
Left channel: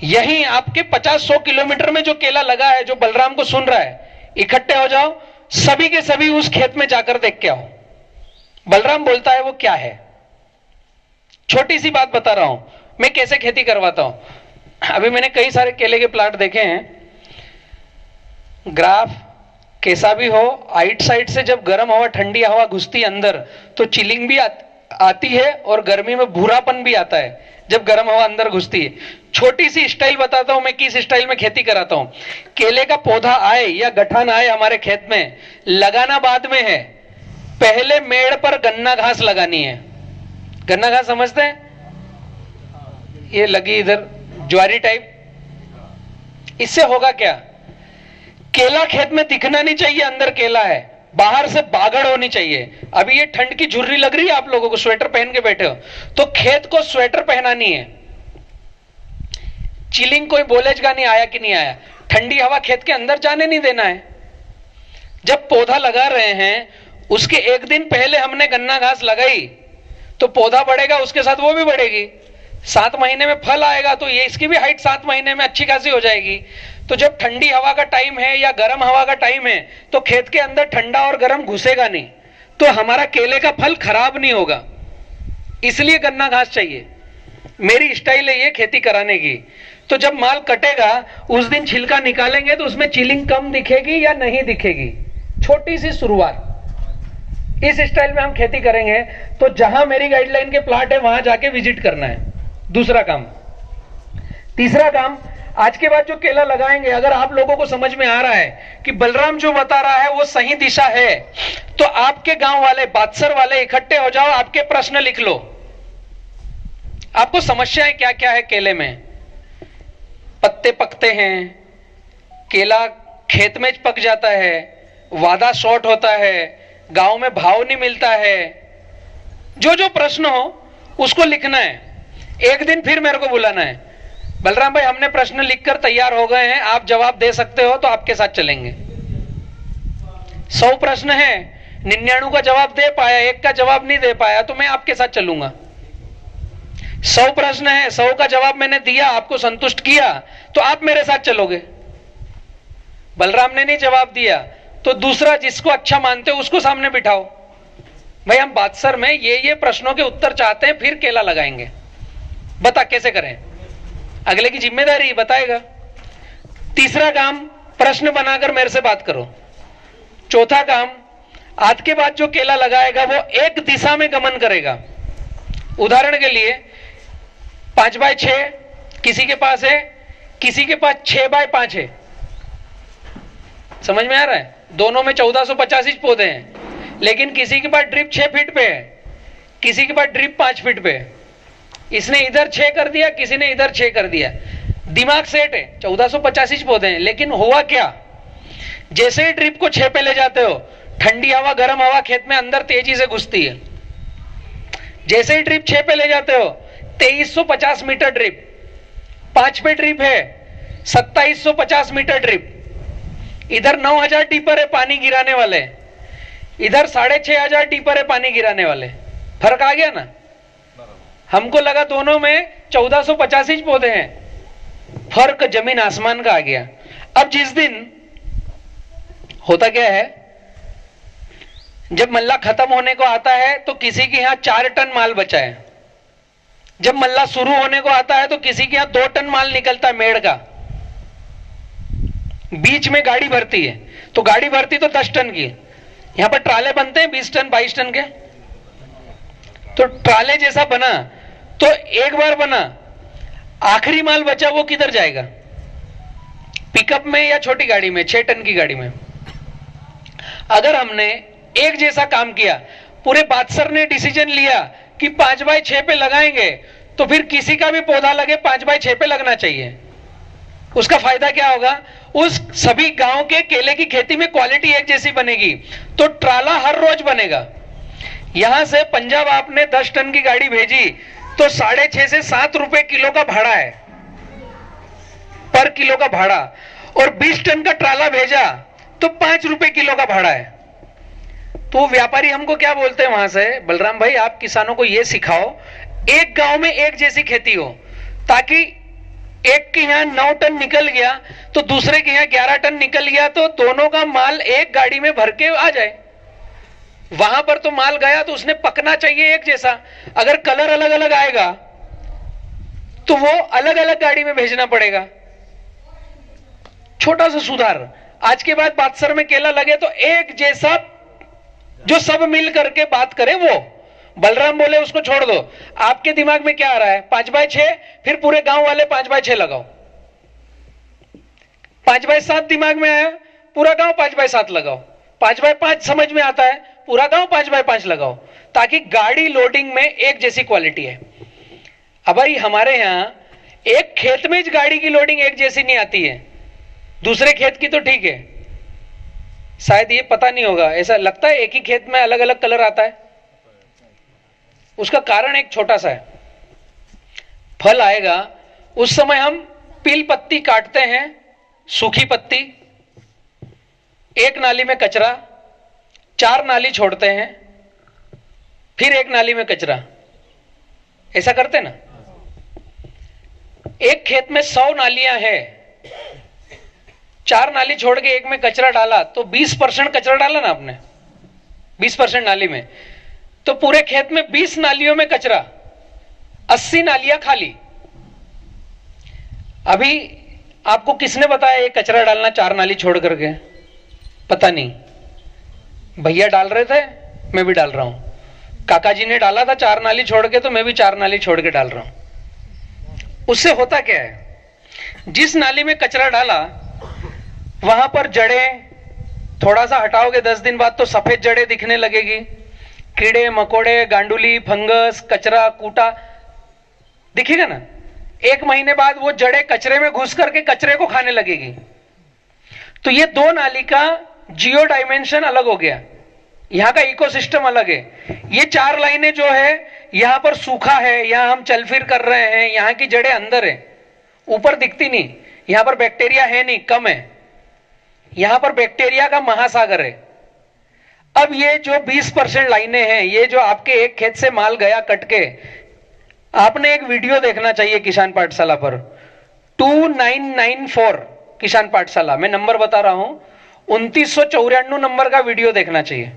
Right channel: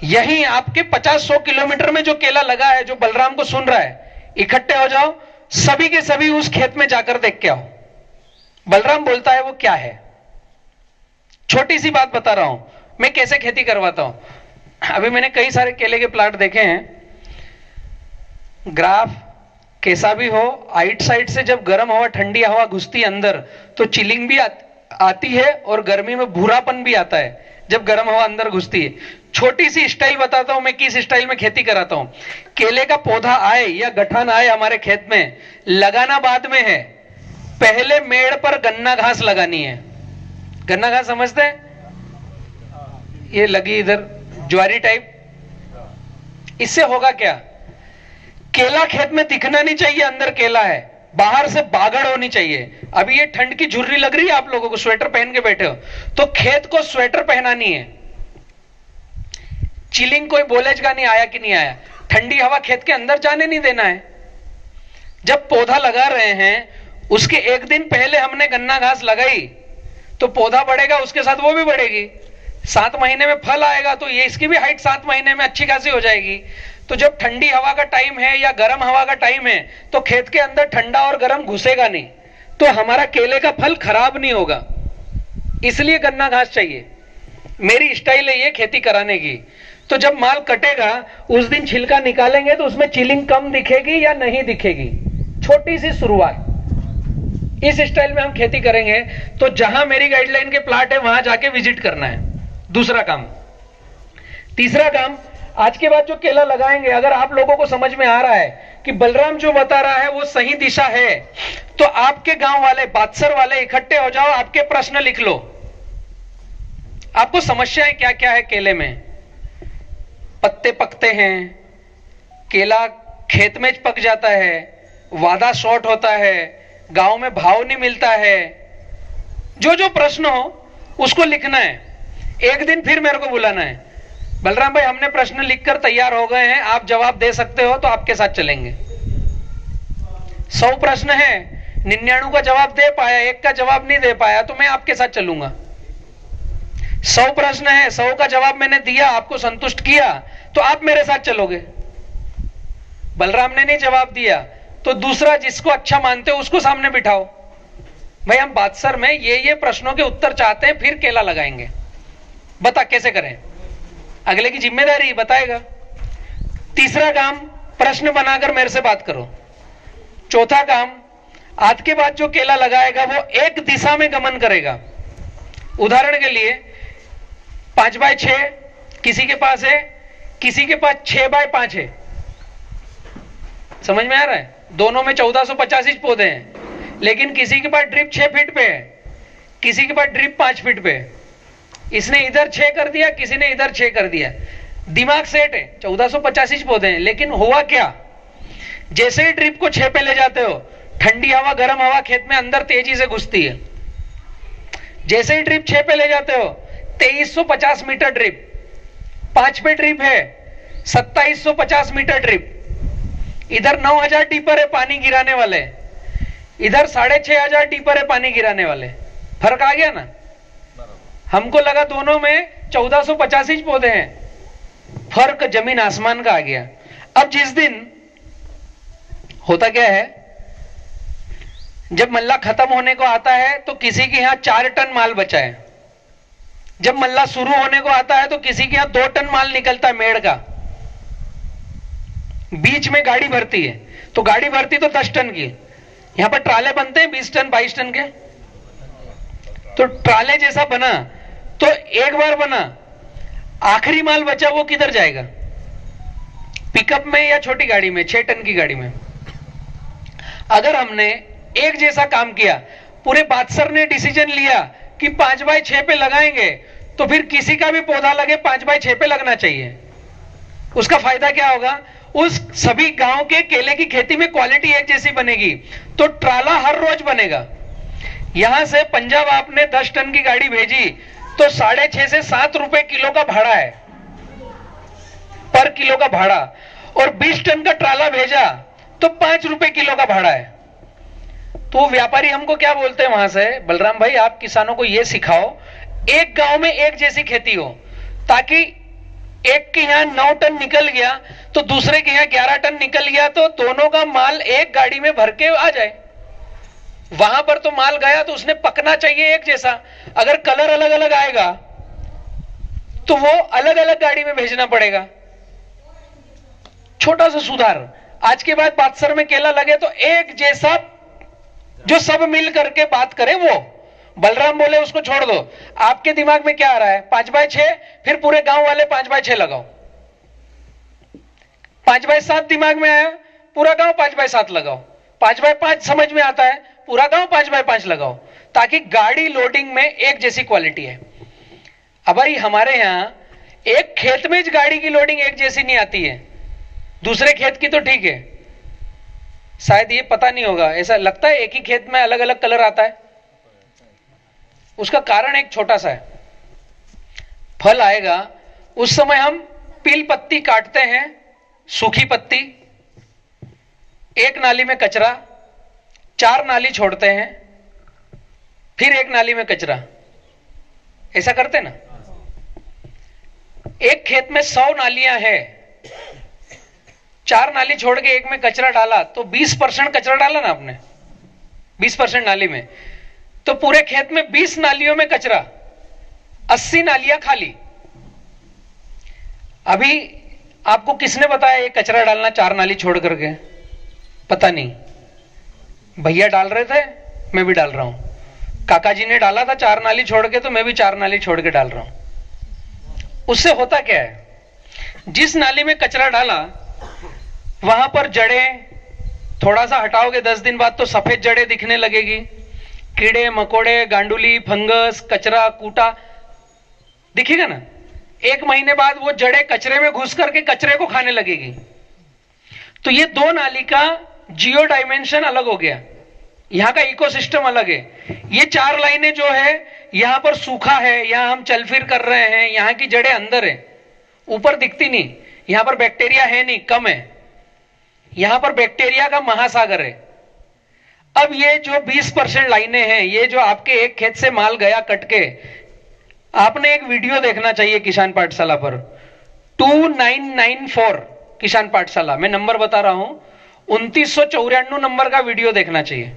यहीं आपके 50-100 किलोमीटर में जो केला लगा है, जो बलराम को सुन रहा है, इकट्ठे हो जाओ, सभी के सभी उस खेत में जाकर देख के आओ। बलराम बोलता है वो क्या है। छोटी सी बात बता रहा हूं मैं कैसे खेती करवाता हूं। अभी मैंने कई सारे केले के प्लांट देखे हैं, ग्राफ कैसा भी हो, आइट साइड से जब गर्म हवा ठंडी हवा घुसती है अंदर तो चिलिंग भी आती है और गर्मी में भूरापन भी आता है जब गर्म हवा अंदर घुसती है। छोटी सी स्टाइल बताता हूं मैं किस स्टाइल में खेती कराता हूं। केले का पौधा आए या गठान आए हमारे खेत में, लगाना बाद में है, पहले मेड़ पर गन्ना घास लगानी है। गन्ना घास समझते हैं, ये लगी इधर ज्वारी टाइप। इससे होगा क्या, केला खेत में दिखना नहीं चाहिए अंदर केला है, बाहर से बागड़ होनी चाहिए। अभी ये ठंड की झुर्री लग रही है आप लोगों को, स्वेटर पहन के बैठे हो, तो खेत को स्वेटर पहनानी है। चिलिंग कोई बोलेगा नहीं आया कि नहीं आया, ठंडी हवा खेत के अंदर जाने नहीं देना है। जब पौधा लगा रहे हैं उसके एक दिन पहले हमने गन्ना घास लगाई तो पौधा बढ़ेगा, उसके साथ वो भी बढ़ेगी। 7 महीने में फल आएगा तो ये इसकी भी हाइट 7 महीने में अच्छी खासी हो जाएगी। तो जब ठंडी हवा का टाइम है या गर्म हवा का टाइम है तो खेत के अंदर ठंडा और गर्म घुसेगा नहीं, तो हमारा केले का फल खराब नहीं होगा। इसलिए गन्ना घास चाहिए। मेरी स्टाइल है ये खेती कराने की। तो जब माल कटेगा उस दिन छिलका निकालेंगे तो उसमें चिलिंग कम दिखेगी या नहीं दिखेगी। छोटी सी शुरुआत, इस स्टाइल में हम खेती करेंगे। तो जहां मेरी गाइडलाइन के प्लाट है वहां जाके विजिट करना है। दूसरा काम। तीसरा काम, आज के बाद जो केला लगाएंगे, अगर आप लोगों को समझ में आ रहा है कि बलराम जो बता रहा है वो सही दिशा है, तो आपके गांव वाले, बादसर वाले इकट्ठे हो जाओ, आपके प्रश्न लिख लो। आपको समस्याएं क्या क्या है केले में। पत्ते पकते हैं, केला खेत में पक जाता है, वादा शॉर्ट होता है, गांव में भाव नहीं मिलता है। जो जो प्रश्न हो उसको लिखना है। एक दिन फिर मेरे को बुलाना है, बलराम भाई हमने प्रश्न लिखकर तैयार हो गए हैं, आप जवाब दे सकते हो तो आपके साथ चलेंगे। 100 प्रश्न है, 99 का जवाब दे पाया, 1 का जवाब नहीं दे पाया तो मैं आपके साथ चलूंगा। 100 प्रश्न है, 100 का जवाब मैंने दिया, आपको संतुष्ट किया तो आप मेरे साथ चलोगे। बलराम ने नहीं जवाब दिया तो दूसरा जिसको अच्छा मानते हो उसको सामने बिठाओ। भाई हम बादसर में ये प्रश्नों के उत्तर चाहते हैं, फिर केला लगाएंगे, बता कैसे करें। अगले की जिम्मेदारी बताएगा। तीसरा काम, प्रश्न बनाकर मेरे से बात करो। चौथा काम, आज के बाद जो केला लगाएगा वो एक दिशा में गमन करेगा। उदाहरण के लिए 5x6 किसी के पास है, किसी के पास 6x5 है। समझ में आ रहा है, दोनों में 1450 इंच पौधे हैं, लेकिन किसी के पास ड्रिप 6 फीट पे है, किसी के पास ड्रिप 5 फीट पे है। इसने इधर 6 कर दिया, किसी ने इधर 6 कर दिया। दिमाग सेट है, 1450 इंच पौधे हैं, लेकिन हुआ क्या, जैसे ही ड्रिप को 6 पे ले जाते हो, ठंडी हवा गर्म हवा खेत में अंदर तेजी से घुसती है। जैसे ही ड्रिप 6 पे ले जाते हो, 2350 मीटर ड्रिप, 5 पे ड्रिप है, 2750 मीटर ड्रिप। इधर 9000 टीपर है पानी गिराने वाले, इधर 6500 टीपर है पानी गिराने वाले। फर्क आ गया ना। हमको लगा दोनों में 1450 इंच पौधे हैं, फर्क जमीन आसमान का आ गया। अब जिस दिन होता क्या है, जब मल्ला खत्म होने को आता है तो किसी के यहां 4 टन माल बचा है, जब मल्ला शुरू होने को आता है तो किसी के यहां 2 टन माल निकलता है मेड़ का। बीच में गाड़ी भरती है, तो गाड़ी भरती तो 10 टन की, यहां पर ट्राले बनते हैं 20 टन 22 टन के। तो ट्राले जैसा बना, तो एक बार बना, आखिरी माल बचा वो किधर जाएगा, पिकअप में या छोटी गाड़ी में, 6 टन की गाड़ी में। अगर हमने एक जैसा काम किया, पूरे बादसर ने डिसीजन लिया कि 5x6 पे लगाएंगे, तो फिर किसी का भी पौधा लगे 5x6 पे लगना चाहिए। उसका फायदा क्या होगा, उस सभी गांव के केले की खेती में क्वालिटी एक जैसी बनेगी, तो ट्राला हर रोज बनेगा। यहां से पंजाब आपने 10 टन की गाड़ी भेजी तो 6.5 से 7 रुपए किलो का भाड़ा है, पर किलो का भाड़ा, और 20 टन का ट्राला भेजा तो 5 रुपए किलो का भाड़ा है। तो व्यापारी हमको क्या बोलते हैं वहां से, बलराम भाई आप किसानों को ये सिखाओ एक गांव में एक जैसी खेती हो, ताकि एक के यहाँ 9 टन निकल गया तो दूसरे के यहाँ 11 टन निकल गया, तो दोनों का माल एक गाड़ी में भर के आ जाए। वहां पर तो माल गया तो उसने पकना चाहिए एक जैसा। अगर कलर अलग अलग आएगा तो वो अलग अलग गाड़ी में भेजना पड़ेगा। छोटा सा सुधार। आज के बाद बादसर में केला लगे तो एक जैसा, जो सब मिल करके बात करे वो। बलराम बोले उसको छोड़ दो। आपके दिमाग में क्या आ रहा है? 5x6, फिर पूरे गांव वाले 5x6 लगाओ। 5x7 दिमाग में आया, पूरा गांव 5x7 लगाओ। 5x5 समझ में आता है, पूरा गांव 5x5 लगाओ, ताकि गाड़ी लोडिंग में एक जैसी क्वालिटी है। अब भाई हमारे यहां एक खेत में गाड़ी की लोडिंग एक जैसी नहीं आती है, दूसरे खेत की तो ठीक है। शायद ये पता नहीं होगा, ऐसा लगता है एक ही खेत में अलग अलग कलर आता है। उसका कारण एक छोटा सा है। फल आएगा उस समय हम पील पत्ती काटते हैं, सूखी पत्ती, एक नाली में कचरा, 4 नाली छोड़ते हैं, फिर एक नाली में कचरा। ऐसा करते ना? एक खेत में 100 नालियां हैं, 4 नाली छोड़ के एक में कचरा डाला तो 20% कचरा डाला ना आपने, 20% नाली में, तो पूरे खेत में 20 नालियों में कचरा, 80 नालियां खाली। अभी आपको किसने बताया ये कचरा डालना 4 नाली छोड़ करके? पता नहीं, भैया डाल रहे थे, मैं भी डाल रहा हूं। काका जी ने डाला था 4 नाली छोड़ के, तो मैं भी 4 नाली छोड़ के डाल रहा हूं। उससे होता क्या है? जिस नाली में कचरा डाला वहां पर जड़ें, थोड़ा सा हटाओगे 10 दिन बाद तो सफेद जड़ें दिखने लगेगी। कीड़े मकोड़े, गांडुली, फंगस, कचरा, कूटा दिखेगा ना। 1 महीने बाद वो जड़ें कचरे में घुस करके कचरे को खाने लगेगी। तो ये 2 नाली का जियो डायमेंशन अलग हो गया, यहां का इकोसिस्टम अलग है। ये 4 लाइनें जो है, यहां पर सूखा है, यहां हम चल फिर कर रहे हैं, यहां की जड़ें अंदर है, ऊपर दिखती नहीं। यहां पर बैक्टीरिया है नहीं, कम है। यहां पर बैक्टीरिया का महासागर है। अब ये जो 20% लाइनें हैं, ये जो आपके एक खेत से माल गया कट के, आपने एक वीडियो देखना चाहिए किसान पाठशाला पर, 2994 किसान पाठशाला, मैं नंबर बता रहा हूं, 2994 नंबर का वीडियो देखना चाहिए।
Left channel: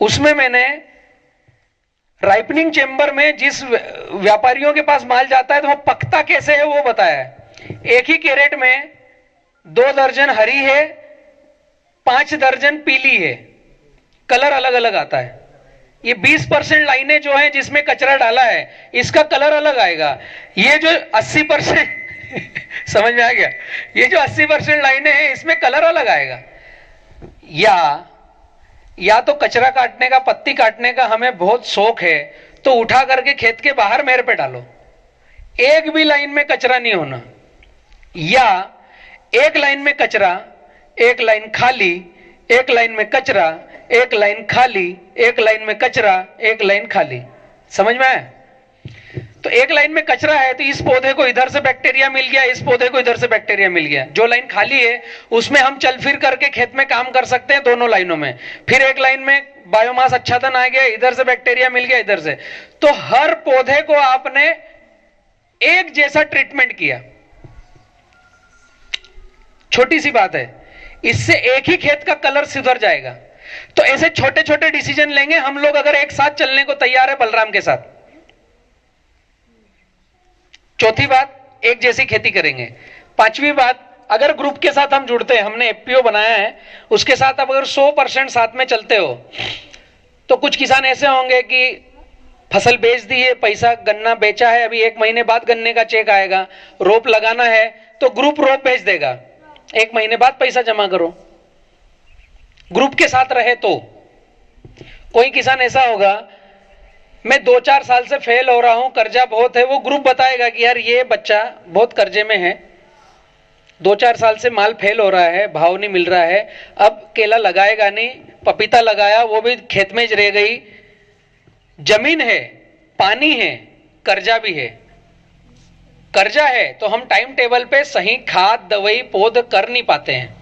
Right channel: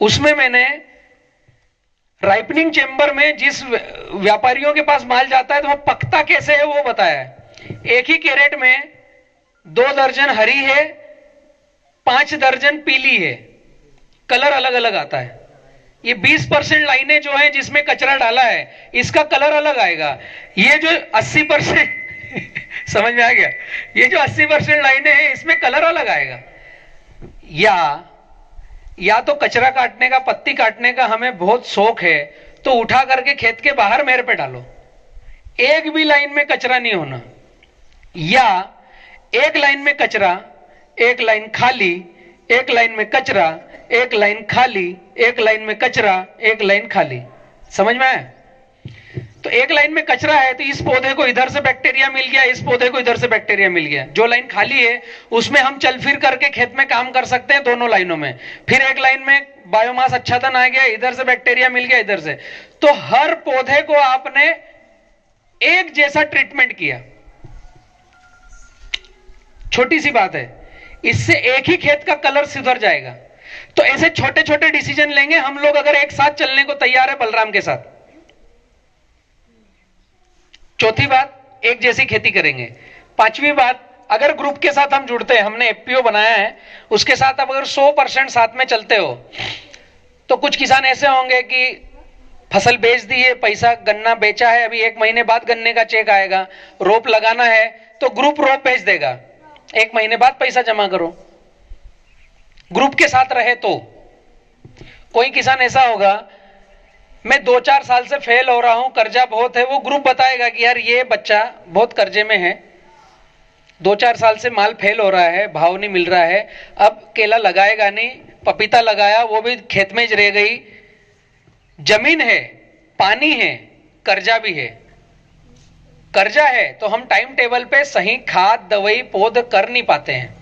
उसमें मैंने राइपनिंग चेंबर में जिस व्यापारियों के पास माल जाता है तो वो पकता कैसे है वो बताया है। एक ही कैरेट में 2 दर्जन हरी है, 5 दर्जन पीली है, कलर अलग अलग आता है। ये 20% लाइनें जो है जिसमें कचरा डाला है, इसका कलर अलग आएगा। ये जो 80% समझ में आ गया? ये जो 80% लाइनें हैं इसमें कलर अलग आएगा। या तो कचरा काटने का, पत्ती काटने का हमें बहुत शौक है तो उठा करके खेत के बाहर मेरे पे डालो, एक भी लाइन में कचरा नहीं होना। या एक लाइन में कचरा, एक लाइन खाली, एक लाइन में कचरा, एक लाइन खाली, एक लाइन में कचरा, एक लाइन खाली। समझ में आया? तो एक लाइन में कचरा है तो इस पौधे को इधर से बैक्टीरिया मिल गया, इस पौधे को इधर से बैक्टीरिया मिल गया। जो लाइन खाली है उसमें हम चल फिर करके खेत में काम कर सकते हैं, दोनों लाइनों में। फिर एक लाइन में बायोमास अच्छादन आ गया, इधर से बैक्टीरिया मिल गया, इधर से। तो हर पौधे को आपने एक जैसा ट्रीटमेंट किया। छोटी सी बात है, इससे एक ही खेत का कलर सुधर जाएगा। तो ऐसे छोटे छोटे डिसीजन लेंगे हम लोग, अगर एक साथ चलने को तैयार है बलराम के साथ। चौथी बात, एक जैसी खेती करेंगे। 5वीं बात, अगर ग्रुप के साथ हम जुड़ते हैं, हमने एफपीओ बनाया है, उसके साथ अब अगर 100% साथ में चलते हो तो कुछ किसान ऐसे होंगे कि फसल बेच दी है, पैसा गन्ना बेचा है, अभी 1 महीने बाद गन्ने का चेक आएगा, रोप लगाना है तो ग्रुप रोप बेच देगा, 1 महीने बाद पैसा जमा करो। ग्रुप के साथ रहे तो कोई किसान ऐसा होगा, मैं 2-4 साल से फेल हो रहा हूं, कर्जा बहुत है, वो ग्रुप बताएगा कि यार ये बच्चा बहुत कर्जे में है, 2-4 साल से माल फेल हो रहा है, भाव नहीं मिल रहा है, अब केला लगाएगा नहीं, पपीता लगाया वो भी खेत में रह गई, जमीन है, पानी है, कर्जा भी है। कर्जा है तो हम टाइम टेबल पे सही खाद दवाई पौध कर नहीं पाते हैं,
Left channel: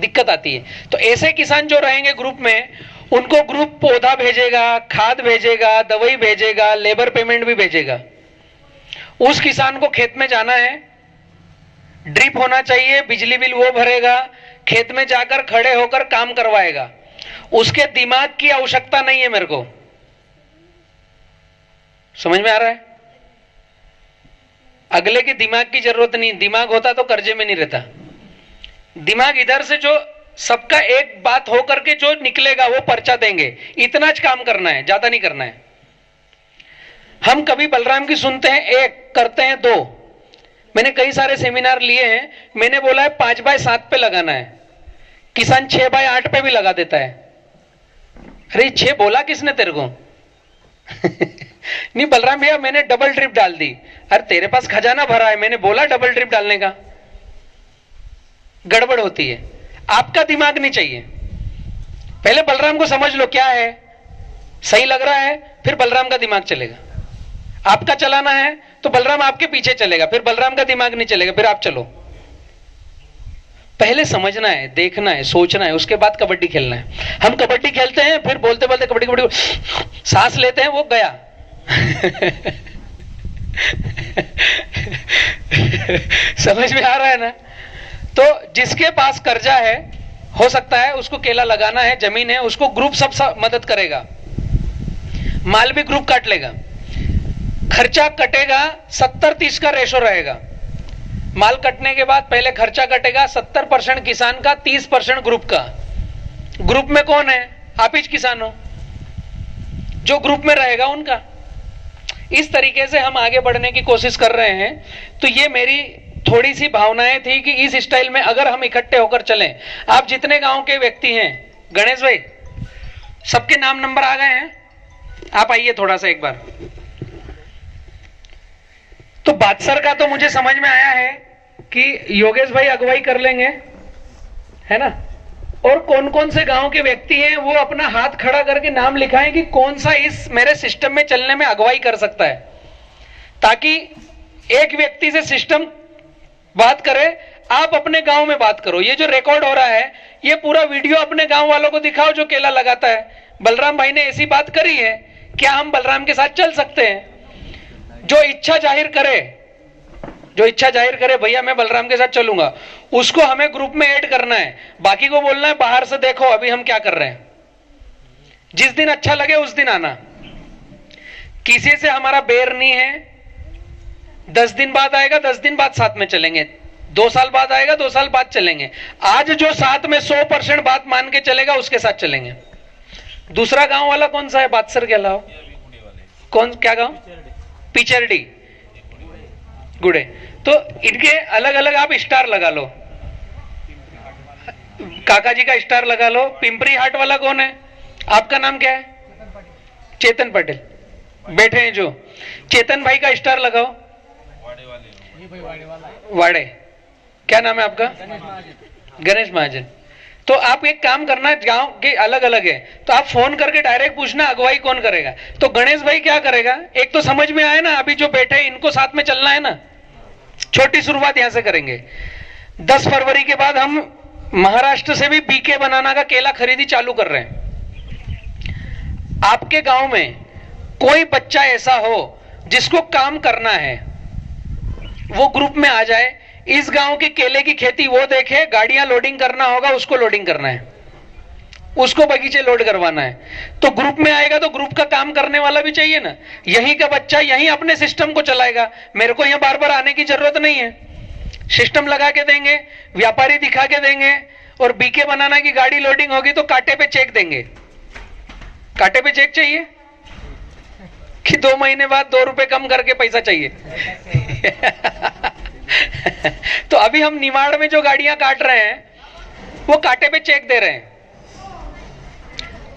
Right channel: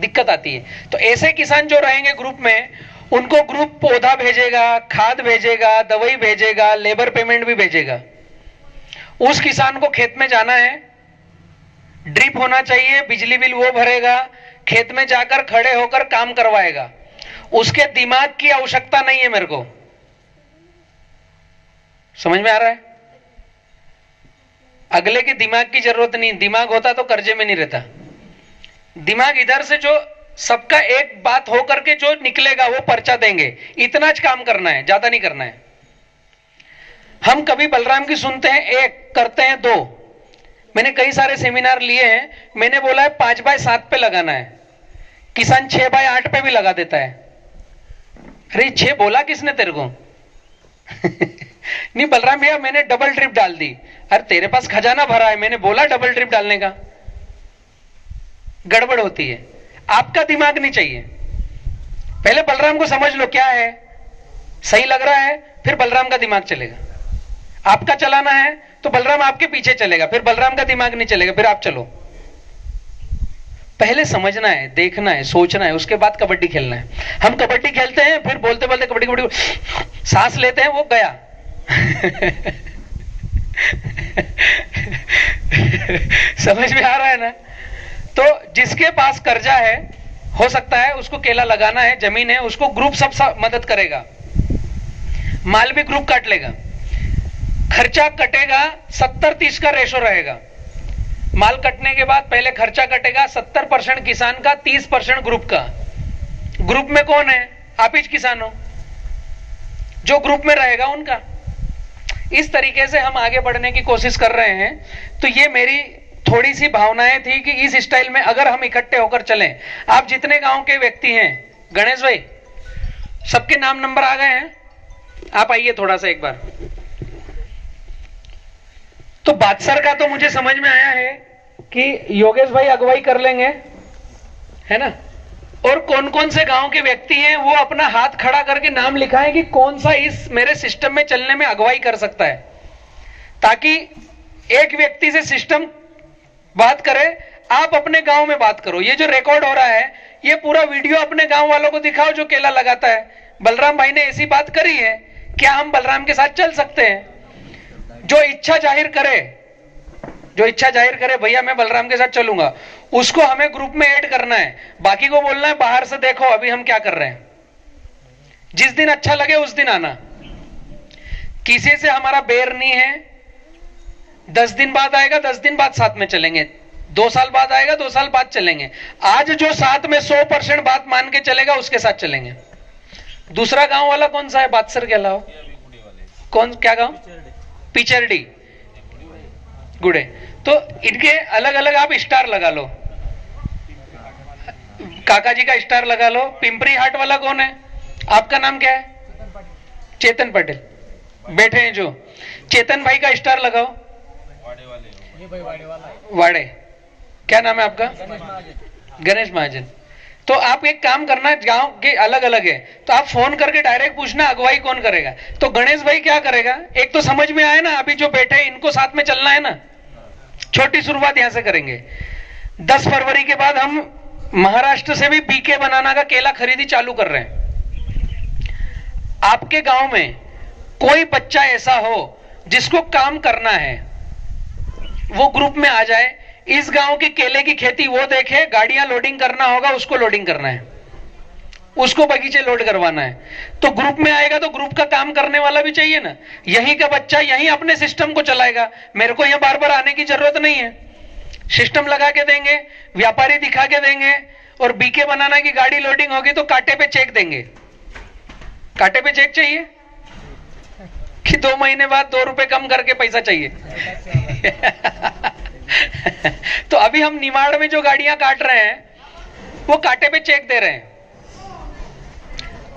दिक्कत आती है। तो ऐसे किसान जो रहेंगे ग्रुप में, उनको ग्रुप पौधा भेजेगा, खाद भेजेगा, दवाई भेजेगा, लेबर पेमेंट भी भेजेगा। उस किसान को खेत में जाना है, ड्रिप होना चाहिए, बिजली बिल वो भरेगा, खेत में जाकर खड़े होकर काम करवाएगा। उसके दिमाग की आवश्यकता नहीं है मेरे को। समझ में आ रहा है? अगले के दिमाग की जरूरत नहीं। दिमाग होता तो कर्जे में नहीं रहता। दिमाग इधर से जो सबका एक बात हो करके जो निकलेगा वो पर्चा देंगे, इतना ज काम करना है, ज्यादा नहीं करना है। हम कभी बलराम की सुनते हैं एक, करते हैं दो। मैंने कई सारे सेमिनार लिए हैं, मैंने बोला है 5x7 पे लगाना है, किसान 6x8 पे भी लगा देता है। अरे 6 बोला किसने तेरे को? नहीं बलराम भैया मैंने डबल ड्रिप डाल दी। अरे तेरे पास खजाना भरा है, मैंने बोला डबल ड्रिप डालने का। गड़बड़ होती है। आपका दिमाग नहीं चाहिए। पहले बलराम को समझ लो क्या है, सही लग रहा है, फिर बलराम का दिमाग चलेगा। आपका चलाना है तो बलराम आपके पीछे चलेगा, फिर बलराम का दिमाग नहीं चलेगा, फिर आप चलो। पहले समझना है, देखना है, सोचना है, उसके बाद कबड्डी खेलना है। हम कबड्डी खेलते हैं, फिर बोलते बोलते कबड्डी कबड्डी सांस लेते हैं, वो गया। समझ में आ रहा है ना? तो जिसके पास कर्जा है, हो सकता है उसको केला लगाना है, जमीन है, उसको ग्रुप सब मदद करेगा, माल भी ग्रुप काट लेगा, खर्चा कटेगा 70-30 का रेशो रहेगा। माल कटने के बाद पहले खर्चा कटेगा 70% किसान का, 30% ग्रुप का। ग्रुप में कौन है? आप ही किसान हो, जो ग्रुप में रहेगा उनका। इस तरीके से हम आगे बढ़ने की कोशिश कर रहे हैं। तो ये मेरी थोड़ी सी भावनाएं थी कि इस स्टाइल में अगर हम इकट्ठे होकर चलें। आप जितने गांव के व्यक्ति हैं, गणेश भाई सबके नाम नंबर आ गए हैं, आप आइए थोड़ा सा एक बार। तो बादसर का तो मुझे समझ में आया है कि योगेश भाई अगुवाई कर लेंगे, है ना? और कौन कौन से गांव के व्यक्ति हैं वो अपना हाथ खड़ा करके नाम लिखाएं कि कौन सा इस मेरे सिस्टम में चलने में अगुवाई कर सकता है, ताकि एक व्यक्ति से सिस्टम बात करे, आप अपने गांव में बात करो। ये जो रिकॉर्ड हो रहा है, ये पूरा वीडियो अपने गांव वालों को दिखाओ जो केला लगाता है। बलराम भाई ने ऐसी बात करी है, क्या हम बलराम के साथ चल सकते हैं? जो इच्छा जाहिर करे भैया मैं बलराम के साथ चलूंगा, उसको हमें ग्रुप में ऐड करना है। बाकी को बोलना है बाहर से देखो अभी हम क्या कर रहे हैं। जिस दिन अच्छा लगे उस दिन आना। किसी से हमारा बेर नहीं है। 10 दिन बाद आएगा, 10 दिन बाद साथ में चलेंगे। 2 साल बाद आएगा, 2 साल बाद चलेंगे। आज जो साथ में 100% बात मान के चलेगा उसके साथ चलेंगे। दूसरा गांव वाला कौन सा है बादसर के अलावा? कौन, क्या गांव? पिचरडी, गुड़े। तो इनके अलग अलग आप स्टार लगा लो, काका जी का स्टार लगा लो। पिंपरी हाट वाला कौन है? आपका नाम क्या है? चेतन पटेल बैठे हैं जो। चेतन भाई का स्टार लगाओ। वाड़े, क्या नाम है आपका? गणेश महाजन। तो आप एक काम करना, गांव के अलग अलग है तो आप फोन करके डायरेक्ट पूछना अगुवाई कौन करेगा। तो गणेश भाई क्या करेगा? एक तो समझ में आए ना, अभी जो बैठे इनको साथ में चलना है ना। छोटी शुरुआत यहां से करेंगे। 10 फरवरी के बाद हम महाराष्ट्र से भी बीके बनाना का केला खरीदी चालू कर रहे हैं। आपके गांव में कोई बच्चा ऐसा हो जिसको काम करना है, वो ग्रुप में आ जाए। इस गांव की केले की खेती वो देखे, गाड़ियां लोडिंग करना होगा उसको लोडिंग करना है, उसको बगीचे लोड करवाना है। तो ग्रुप में आएगा तो ग्रुप का काम करने वाला भी चाहिए ना। यहीं का बच्चा यहीं अपने सिस्टम को चलाएगा, मेरे को यहां बार बार आने की जरूरत नहीं है। सिस्टम लगा के देंगे, व्यापारी दिखा के देंगे, और बीके बनाना की गाड़ी लोडिंग होगी तो कांटे पे चेक देंगे। कांटे पे चेक चाहिए कि 2 महीने बाद 2 रुपए कम करके पैसा चाहिए। तो अभी हम निमाड़ में जो गाड़ियां काट रहे हैं वो कांटे पे चेक दे रहे हैं।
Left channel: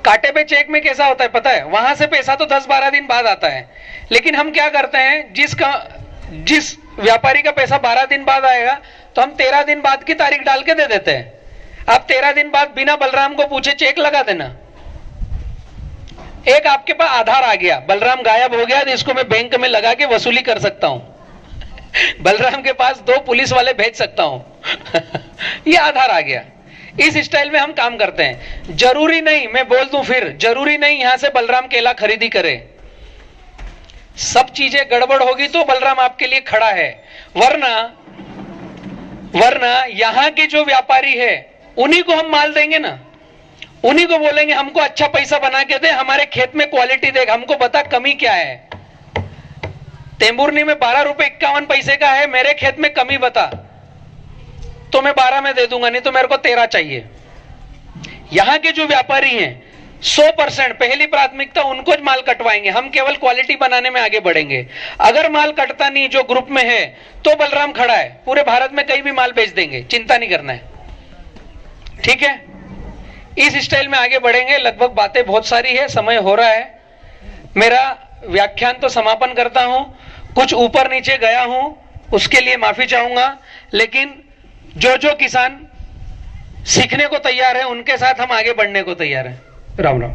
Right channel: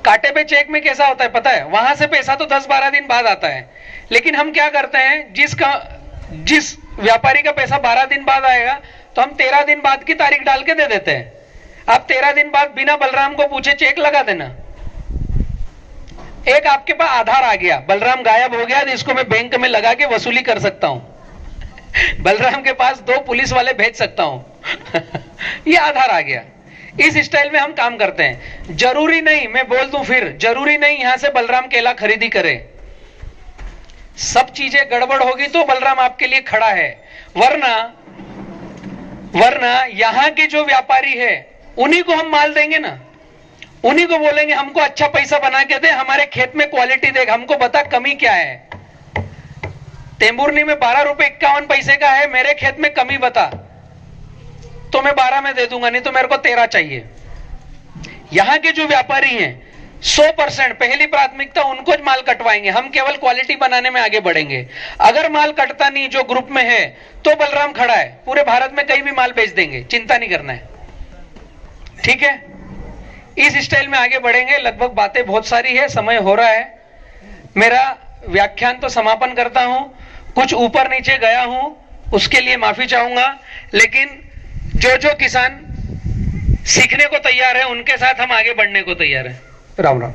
कांटे पे चेक में कैसा होता है पता है? वहां से पैसा तो 10-12 दिन बाद आता है, लेकिन हम क्या करते हैं, जिस व्यापारी का पैसा 12 दिन बाद आएगा तो हम 13 दिन बाद की तारीख डाल के दे देते हैं। आप 13 दिन बाद बिना बलराम को पूछे चेक लगा देना। एक आपके पास आधार आ गया, बलराम गायब हो गया, जिसको मैं बैंक में लगा के वसूली कर सकता हूं। बलराम के पास 2 पुलिस वाले भेज सकता हूं। ये आधार आ गया। इस स्टाइल में हम काम करते हैं। जरूरी नहीं, मैं बोल दूं फिर, जरूरी नहीं यहां से बलराम केला खरीदी करे। सब चीजें गड़बड़ होगी तो बलराम आपके लिए खड़ा है, वरना यहां के जो व्यापारी है उन्हीं को हम माल देंगे ना, उन्हीं को बोलेंगे हमको अच्छा पैसा बना के दे, हमारे खेत में क्वालिटी देख, हमको बता कमी क्या है। तेंबुरनी में 12 रुपए 51 पैसे का है, मेरे खेत में कमी बता तो मैं 12 में दे दूंगा, नहीं तो मेरे को 13 चाहिए। यहां के जो व्यापारी हैं 100% पहली प्राथमिकता उनको ज माल कटवाएंगे, हम केवल क्वालिटी बनाने में आगे बढ़ेंगे। अगर माल कटता नहीं जो ग्रुप में है तो बलराम खड़ा है, पूरे भारत में कहीं भी माल बेच देंगे, चिंता नहीं करना है, ठीक है। इस स्टाइल में आगे बढ़ेंगे। लगभग बातें बहुत सारी है, समय हो रहा है, मेरा व्याख्यान तो समापन करता हूं। कुछ ऊपर नीचे गया हूं उसके लिए माफी चाहूंगा, लेकिन जो किसान सीखने को तैयार है उनके साथ हम आगे बढ़ने को तैयार हैं। राम राम।